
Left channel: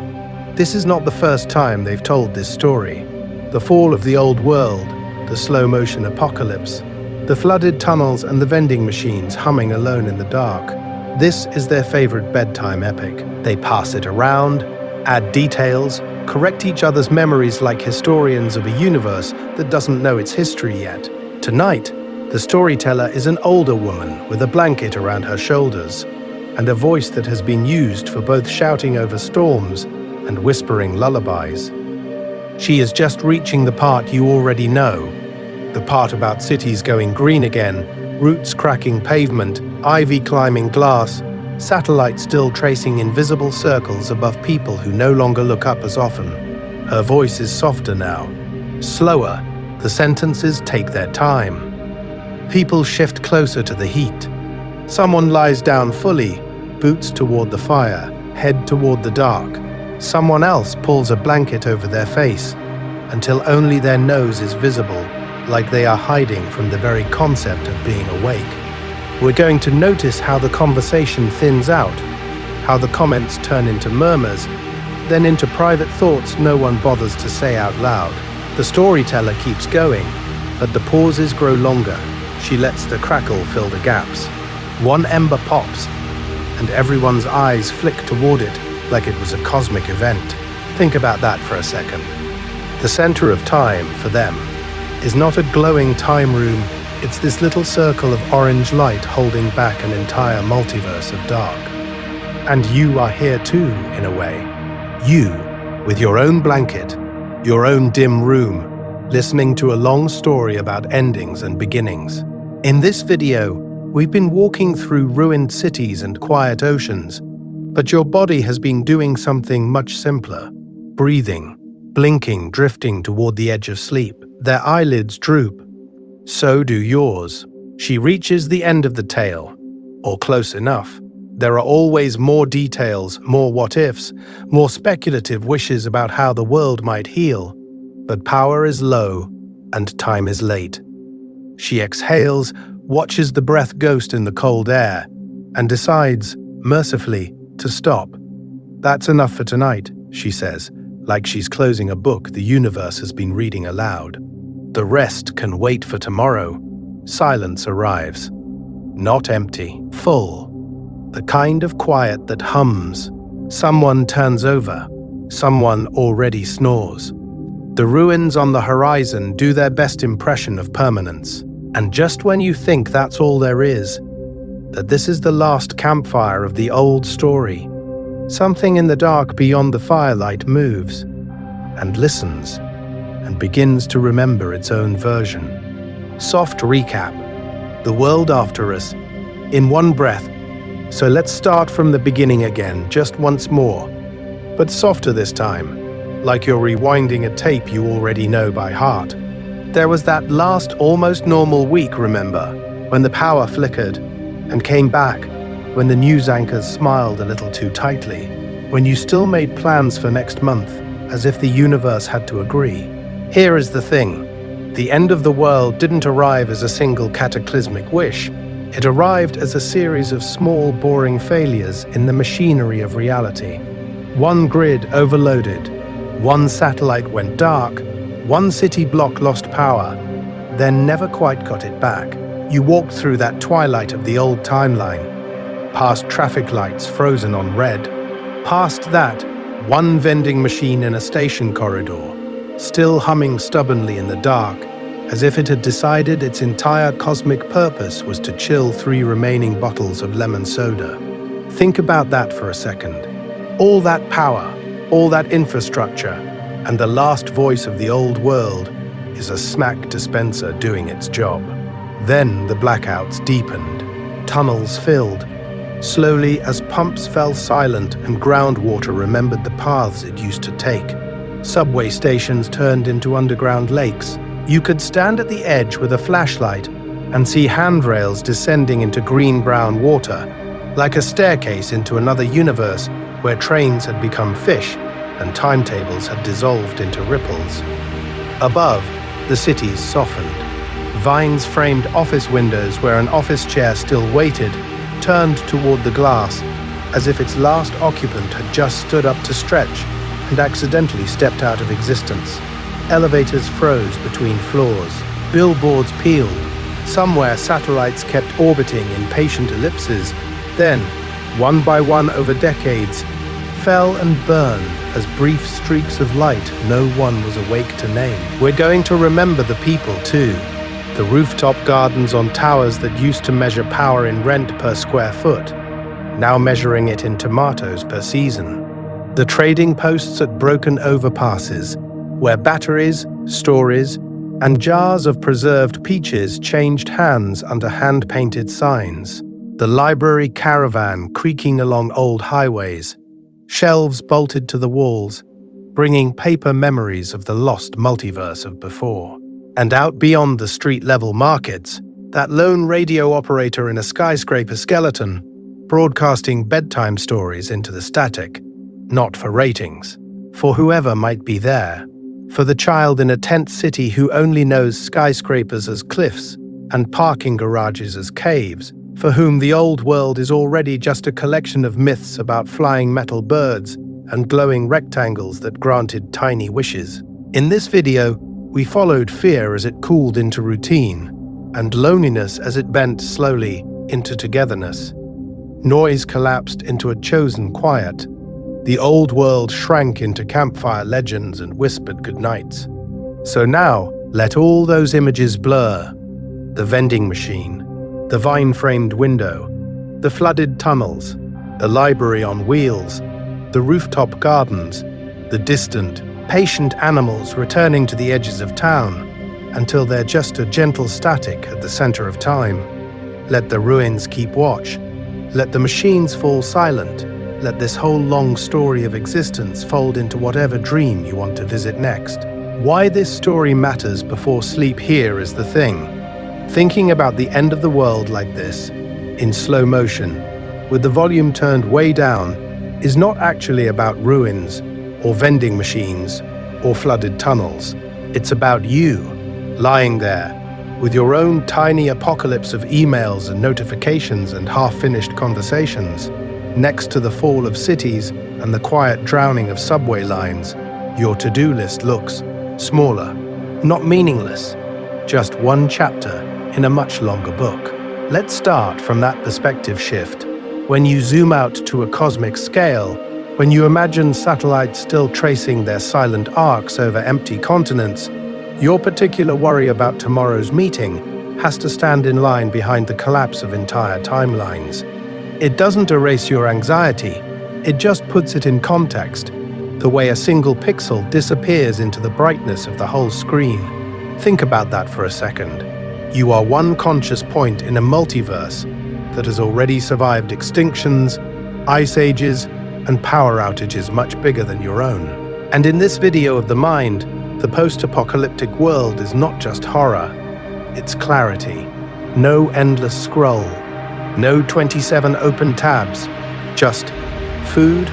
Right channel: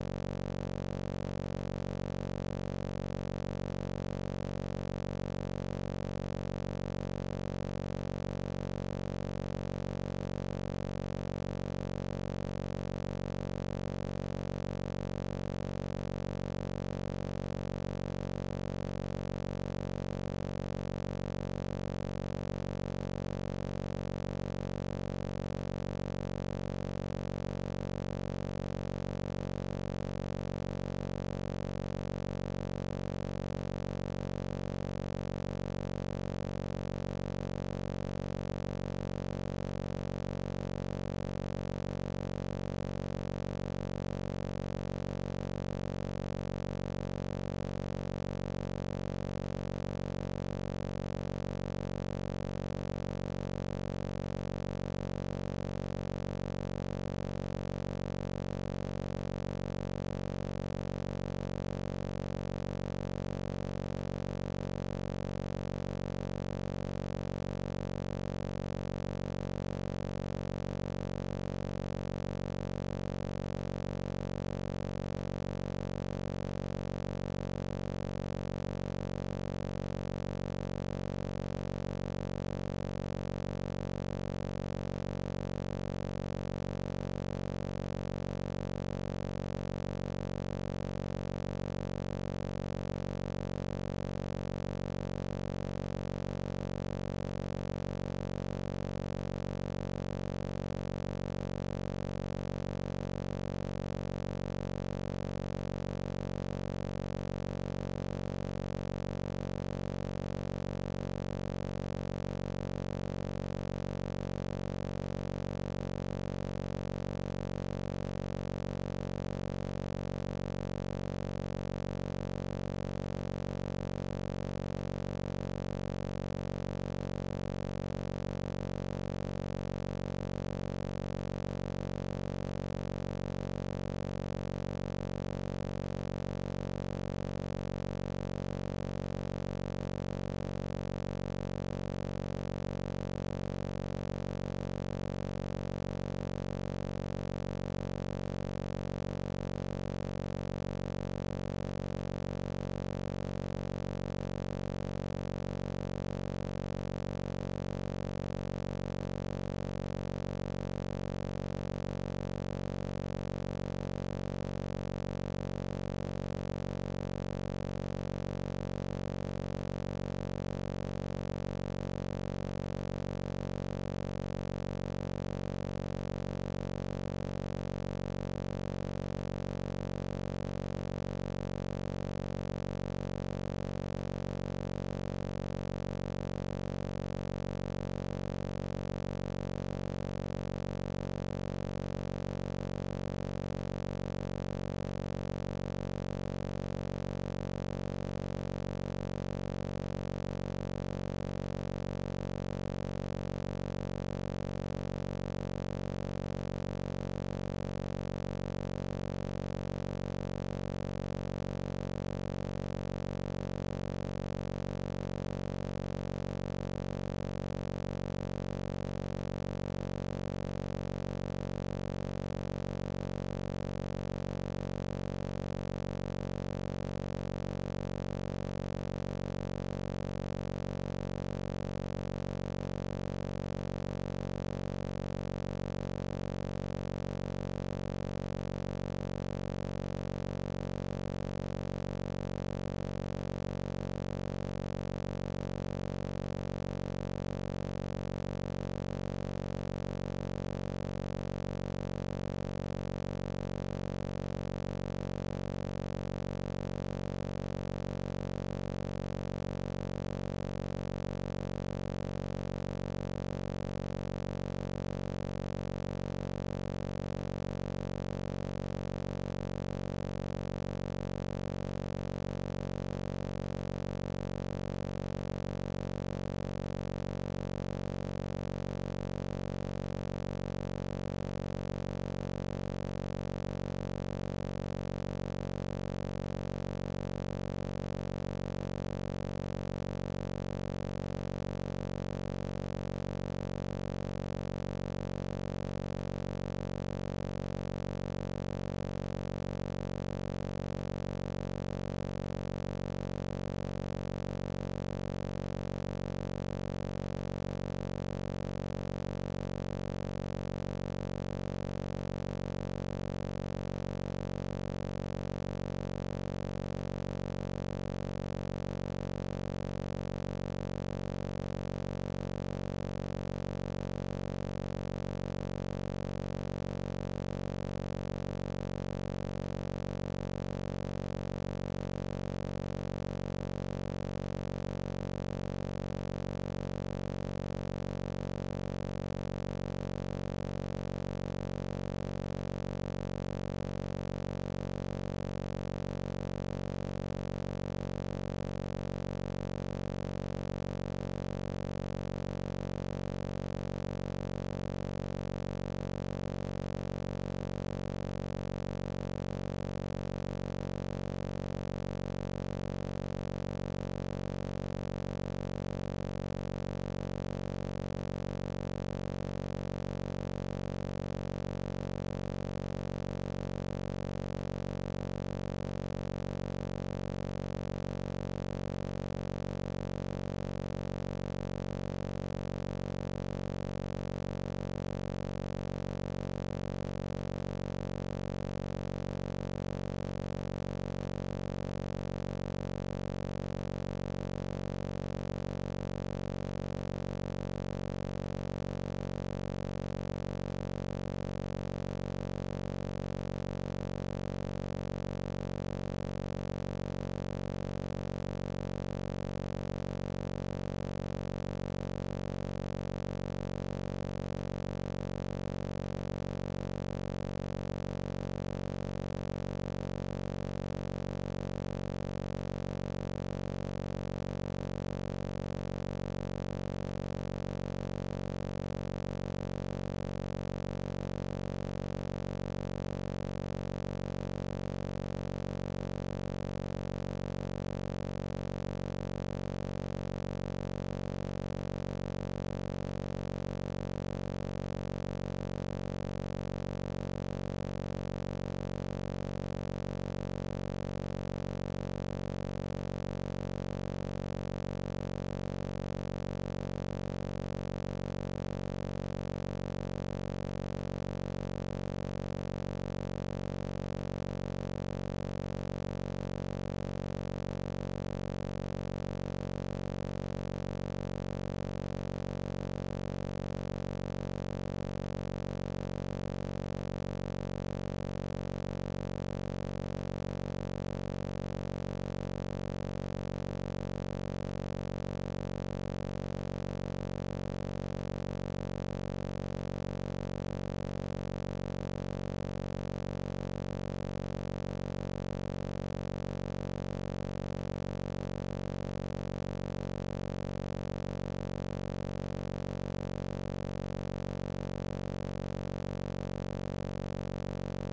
This is not the first time they've told this story. The fall of the old world, the slow-motion apocalypse, the flooded tunnels and the vending machines humming alone in the dark. This is their favorite bedtime epic. They pass it around, add details, correct each other's memories like historians of a universe that doesn't know its history yet. Tonight, the storyteller is an older woman with a blanket around her shoulders and a voice that has been used for both shouting over storms and whispering lullabies. She is just reaching the part you already know, the part about cities going green again, roots cracking pavement, ivy climbing glass, satellites still tracing invisible circles above people who no longer look up as often. Her voice is softer now, slower. The sentences take their time. People shift closer to the heat. Someone lies down fully, boots toward the fire, head toward the dark. Someone else pulls a blanket over their face until only their nose is visible, like they are hiding from the very concept of being awake. We're going to notice how the conversation thins out, how the comments turn into murmurs, then into private thoughts no one bothers to say out loud. The storyteller keeps going, but the pauses grow longer. She lets the crackle fill the gaps. One ember pops, and everyone's eyes flick toward it like it was a cosmic event. Think about that for a second. The center of time, for them, is not a glowing time room, it's this little circle of orange light holding back an entire multiverse of dark. And you are here too, in a way. You, with your own blanket, your own dim room, listening to a long story about endings and beginnings. In this video, we've been walking through ruined cities and quiet oceans, but your body has been doing something much simpler. Breathing, blinking, drifting toward the edge of sleep. Their eyelids droop. So do yours. She reaches the end of the tale, or close enough. There are always more details, more what-ifs, more speculative wishes about how the world might heal. But power is low, and time is late. She exhales, watches the breath ghost in the cold air, and decides, mercifully, to stop. That's enough for tonight, she says, like she's closing a book the universe has been reading aloud. The rest can wait for tomorrow. Silence arrives. Not empty, full. The kind of quiet that hums. Someone turns over. Someone already snores. The ruins on the horizon do their best impression of permanence. And just when you think that's all there is, that this is the last campfire of the old story, something in the dark beyond the firelight moves and listens and begins to remember its own version. Soft recap. The world after us, in one breath. So let's start from the beginning again, just once more, but softer this time, like you're rewinding a tape you already know by heart. There was that last almost normal week, remember, when the power flickered and came back, when the news anchors smiled a little too tightly, when you still made plans for next month, as if the universe had to agree. Here is the thing. The end of the world didn't arrive as a single cataclysmic wish. It arrived as a series of small, boring failures in the machinery of reality. One grid overloaded, one satellite went dark, one city block lost power, then never quite got it back. You walked through that twilight of the old timeline, past traffic lights frozen on red, past that, one vending machine in a station corridor, still humming stubbornly in the dark, as if it had decided its entire cosmic purpose was to chill 3 remaining bottles of lemon soda. Think about that for a second. All that power, all that infrastructure, and the last voice of the old world is a smack dispenser doing its job. Then the blackouts deepened, tunnels filled, slowly as pumps fell silent and groundwater remembered the paths it used to take. Subway stations turned into underground lakes. You could stand at the edge with a flashlight and see handrails descending into green-brown water, like a staircase into another universe where trains had become fish and timetables had dissolved into ripples. Above, the cities softened. Vines-framed office windows where an office chair still waited turned toward the glass, as if its last occupant had just stood up to stretch and accidentally stepped out of existence. Elevators froze between floors. Billboards peeled. Somewhere satellites kept orbiting in patient ellipses, then, one by one over decades, fell and burned as brief streaks of light no one was awake to name. We're going to remember the people too. The rooftop gardens on towers that used to measure power in rent per square foot, now measuring it in tomatoes per season. The trading posts at broken overpasses, where batteries, stories, and jars of preserved peaches changed hands under hand-painted signs. The library caravan creaking along old highways, shelves bolted to the walls, bringing paper memories of the lost multiverse of before. And out beyond the street-level markets, that lone radio operator in a skyscraper skeleton, broadcasting bedtime stories into the static, not for ratings, for whoever might be there, for the child in a tent city who only knows skyscrapers as cliffs and parking garages as caves, for whom the old world is already just a collection of myths about flying metal birds and glowing rectangles that granted tiny wishes. In this video, we followed fear as it cooled into routine, and loneliness as it bent slowly into togetherness. Noise collapsed into a chosen quiet. The old world shrank into campfire legends and whispered goodnights. So now, let all those images blur. The vending machine, the vine-framed window, the flooded tunnels, the library on wheels, the rooftop gardens, the distant, patient animals returning to the edges of town, until they're just a gentle static at the center of time. Let the ruins keep watch. Let the machines fall silent. Let this whole long story of existence fold into whatever dream you want to visit next. Why this story matters before sleep here is the thing. Thinking about the end of the world like this, in slow motion, with the volume turned way down, is not actually about ruins, or vending machines, or flooded tunnels. It's about you, lying there, with your own tiny apocalypse of emails and notifications and half-finished conversations. Next to the fall of cities and the quiet drowning of subway lines, your to-do list looks smaller, not meaningless, just one chapter in a much longer book. Let's start from that perspective shift. When you zoom out to a cosmic scale, when you imagine satellites still tracing their silent arcs over empty continents, your particular worry about tomorrow's meeting has to stand in line behind the collapse of entire timelines. It doesn't erase your anxiety, it just puts it in context, the way a single pixel disappears into the brightness of the whole screen. Think about that for a second. You are one conscious point in a multiverse that has already survived extinctions, ice ages, and power outages much bigger than your own. And in this video of the mind, the post-apocalyptic world is not just horror, it's clarity. No endless scroll, no 27 open tabs, just food,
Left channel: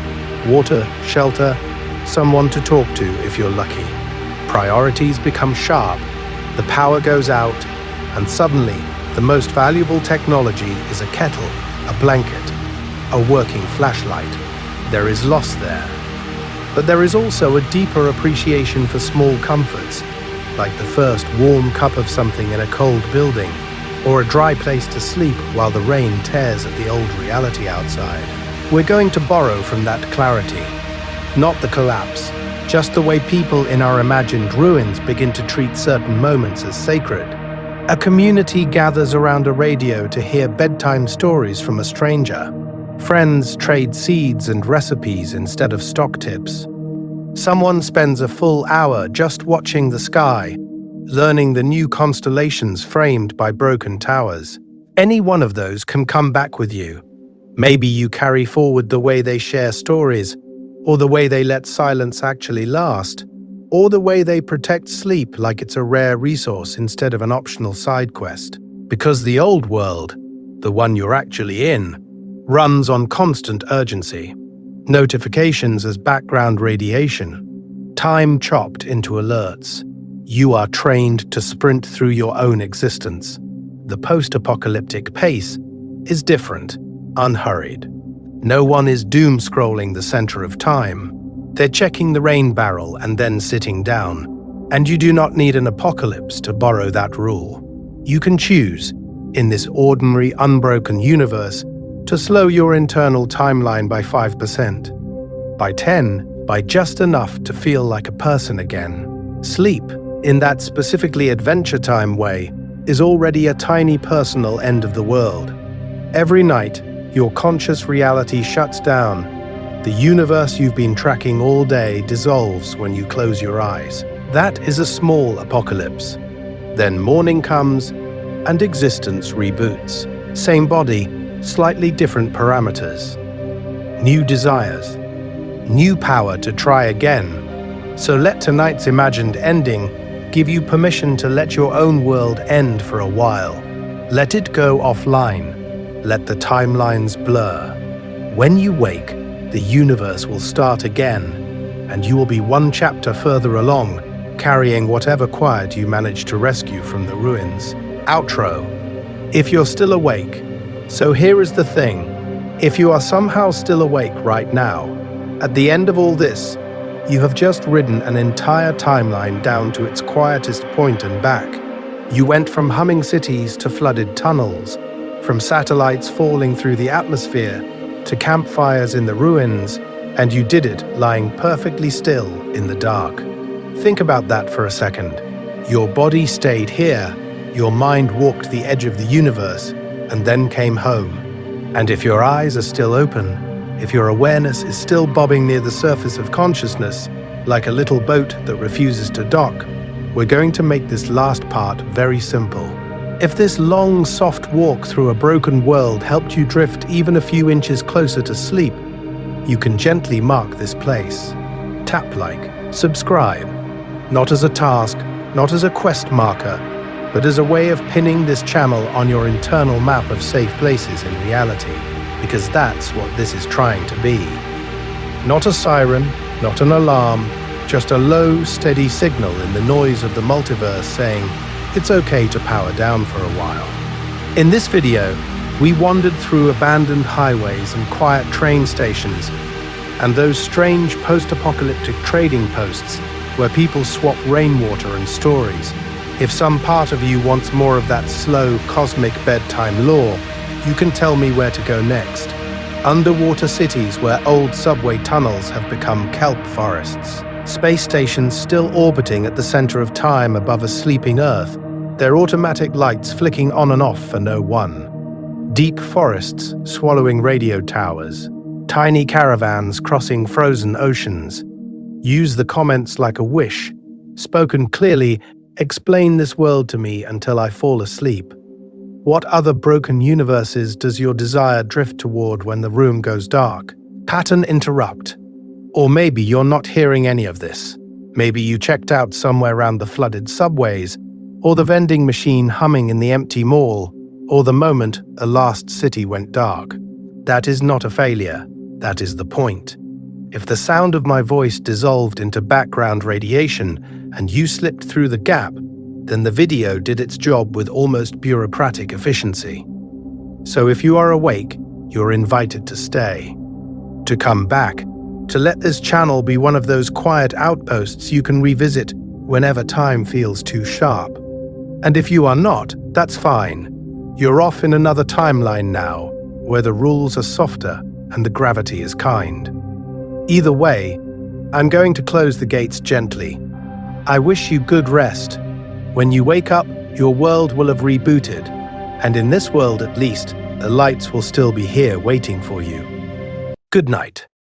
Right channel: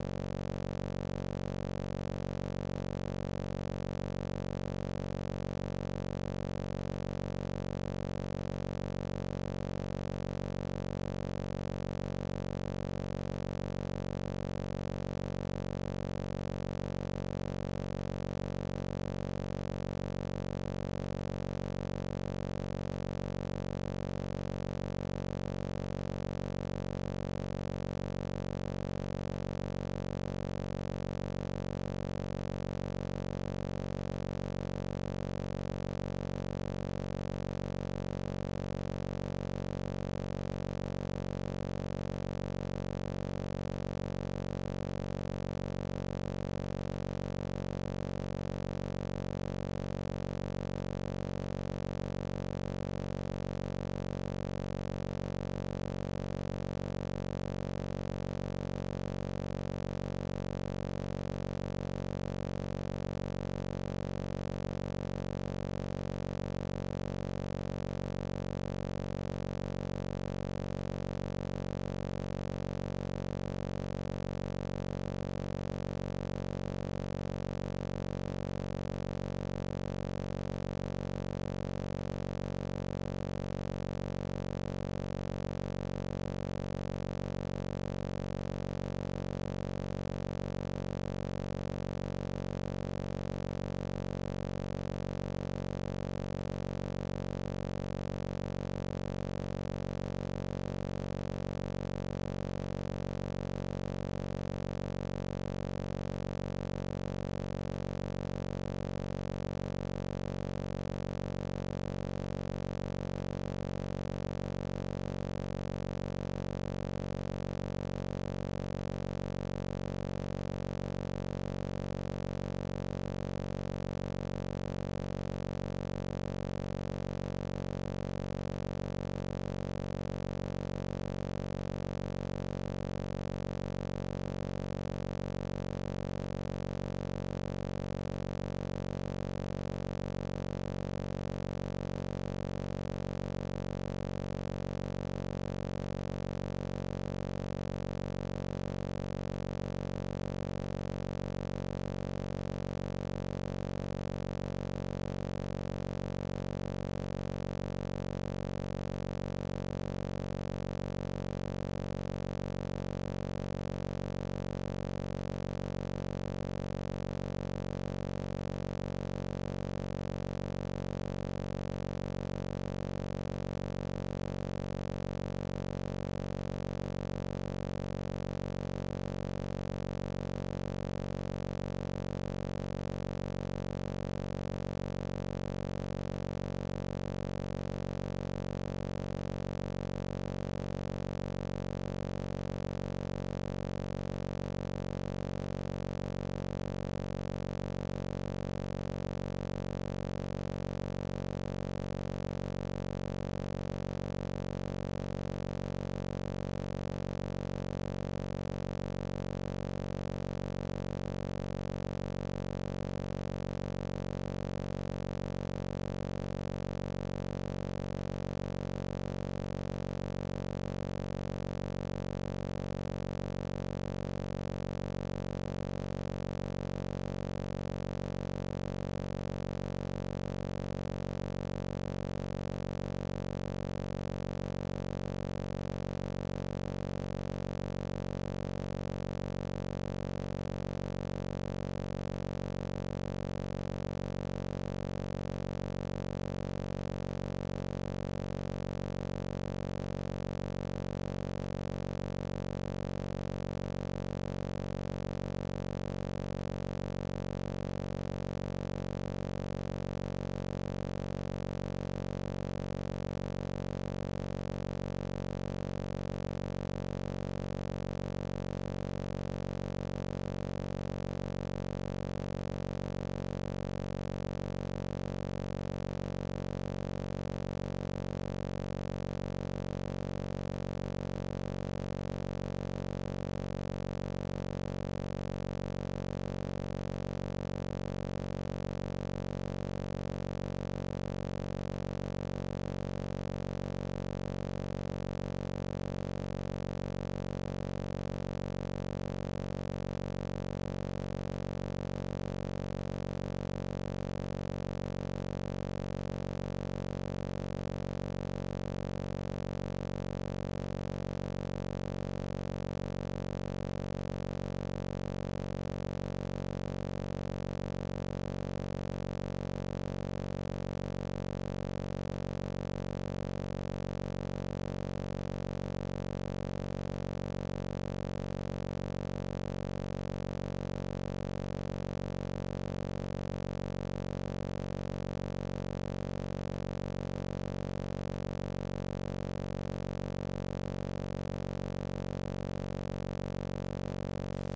water, shelter, someone to talk to if you're lucky. Priorities become sharp, the power goes out, and suddenly the most valuable technology is a kettle, a blanket, a working flashlight. There is loss there. But there is also a deeper appreciation for small comforts, like the first warm cup of something in a cold building, or a dry place to sleep while the rain tears at the old reality outside. We're going to borrow from that clarity, not the collapse, just the way people in our imagined ruins begin to treat certain moments as sacred. A community gathers around a radio to hear bedtime stories from a stranger. Friends trade seeds and recipes instead of stock tips. Someone spends a full hour just watching the sky, learning the new constellations framed by broken towers. Any one of those can come back with you. Maybe you carry forward the way they share stories, or the way they let silence actually last, or the way they protect sleep like it's a rare resource instead of an optional side quest. Because the old world, the one you're actually in, runs on constant urgency. Notifications as background radiation, time chopped into alerts. You are trained to sprint through your own existence. The post-apocalyptic pace is different, unhurried. No one is doom-scrolling the center of time. They're checking the rain barrel and then sitting down. And you do not need an apocalypse to borrow that rule. You can choose, in this ordinary, unbroken universe, to slow your internal timeline by 5%. By 10, by just enough to feel like a person again. Sleep, in that specifically Adventure Time way, is already a tiny personal end of the world. Every night, your conscious reality shuts down. The universe you've been tracking all day dissolves when you close your eyes. That is a small apocalypse. Then morning comes, and existence reboots. Same body, slightly different parameters. New desires. New power to try again. So let tonight's imagined ending give you permission to let your own world end for a while. Let it go offline. Let the timelines blur. When you wake, the universe will start again, and you will be one chapter further along, carrying whatever quiet you managed to rescue from the ruins. Outro. If you're still awake. So here is the thing. If you are somehow still awake right now, at the end of all this, you have just ridden an entire timeline down to its quietest point and back. You went from humming cities to flooded tunnels, from satellites falling through the atmosphere to campfires in the ruins, and you did it lying perfectly still in the dark. Think about that for a second. Your body stayed here, your mind walked the edge of the universe, and then came home. And if your eyes are still open, if your awareness is still bobbing near the surface of consciousness, like a little boat that refuses to dock, we're going to make this last part very simple. If this long, soft walk through a broken world helped you drift even a few inches closer to sleep, you can gently mark this place. Tap like, subscribe. Not as a task, not as a quest marker, but as a way of pinning this channel on your internal map of safe places in reality, because that's what this is trying to be. Not a siren, not an alarm, just a low, steady signal in the noise of the multiverse saying, it's okay to power down for a while. In this video, we wandered through abandoned highways and quiet train stations, and those strange post-apocalyptic trading posts where people swap rainwater and stories. If some part of you wants more of that slow, cosmic bedtime lore, you can tell me where to go next. Underwater cities where old subway tunnels have become kelp forests. Space stations still orbiting at the center of time above a sleeping Earth, their automatic lights flicking on and off for no one. Deep forests swallowing radio towers. Tiny caravans crossing frozen oceans. Use the comments like a wish. Spoken clearly, explain this world to me until I fall asleep. What other broken universes does your desire drift toward when the room goes dark? Pattern interrupt. Or maybe you're not hearing any of this. Maybe you checked out somewhere around the flooded subways, or the vending machine humming in the empty mall, or the moment a lost city went dark. That is not a failure. That is the point. If the sound of my voice dissolved into background radiation and you slipped through the gap, then the video did its job with almost bureaucratic efficiency. So if you are awake, you're invited to stay, to come back, to let this channel be one of those quiet outposts you can revisit whenever time feels too sharp. And if you are not, that's fine. You're off in another timeline now, where the rules are softer and the gravity is kind. Either way, I'm going to close the gates gently. I wish you good rest. When you wake up, your world will have rebooted, and in this world at least, the lights will still be here waiting for you. Good night.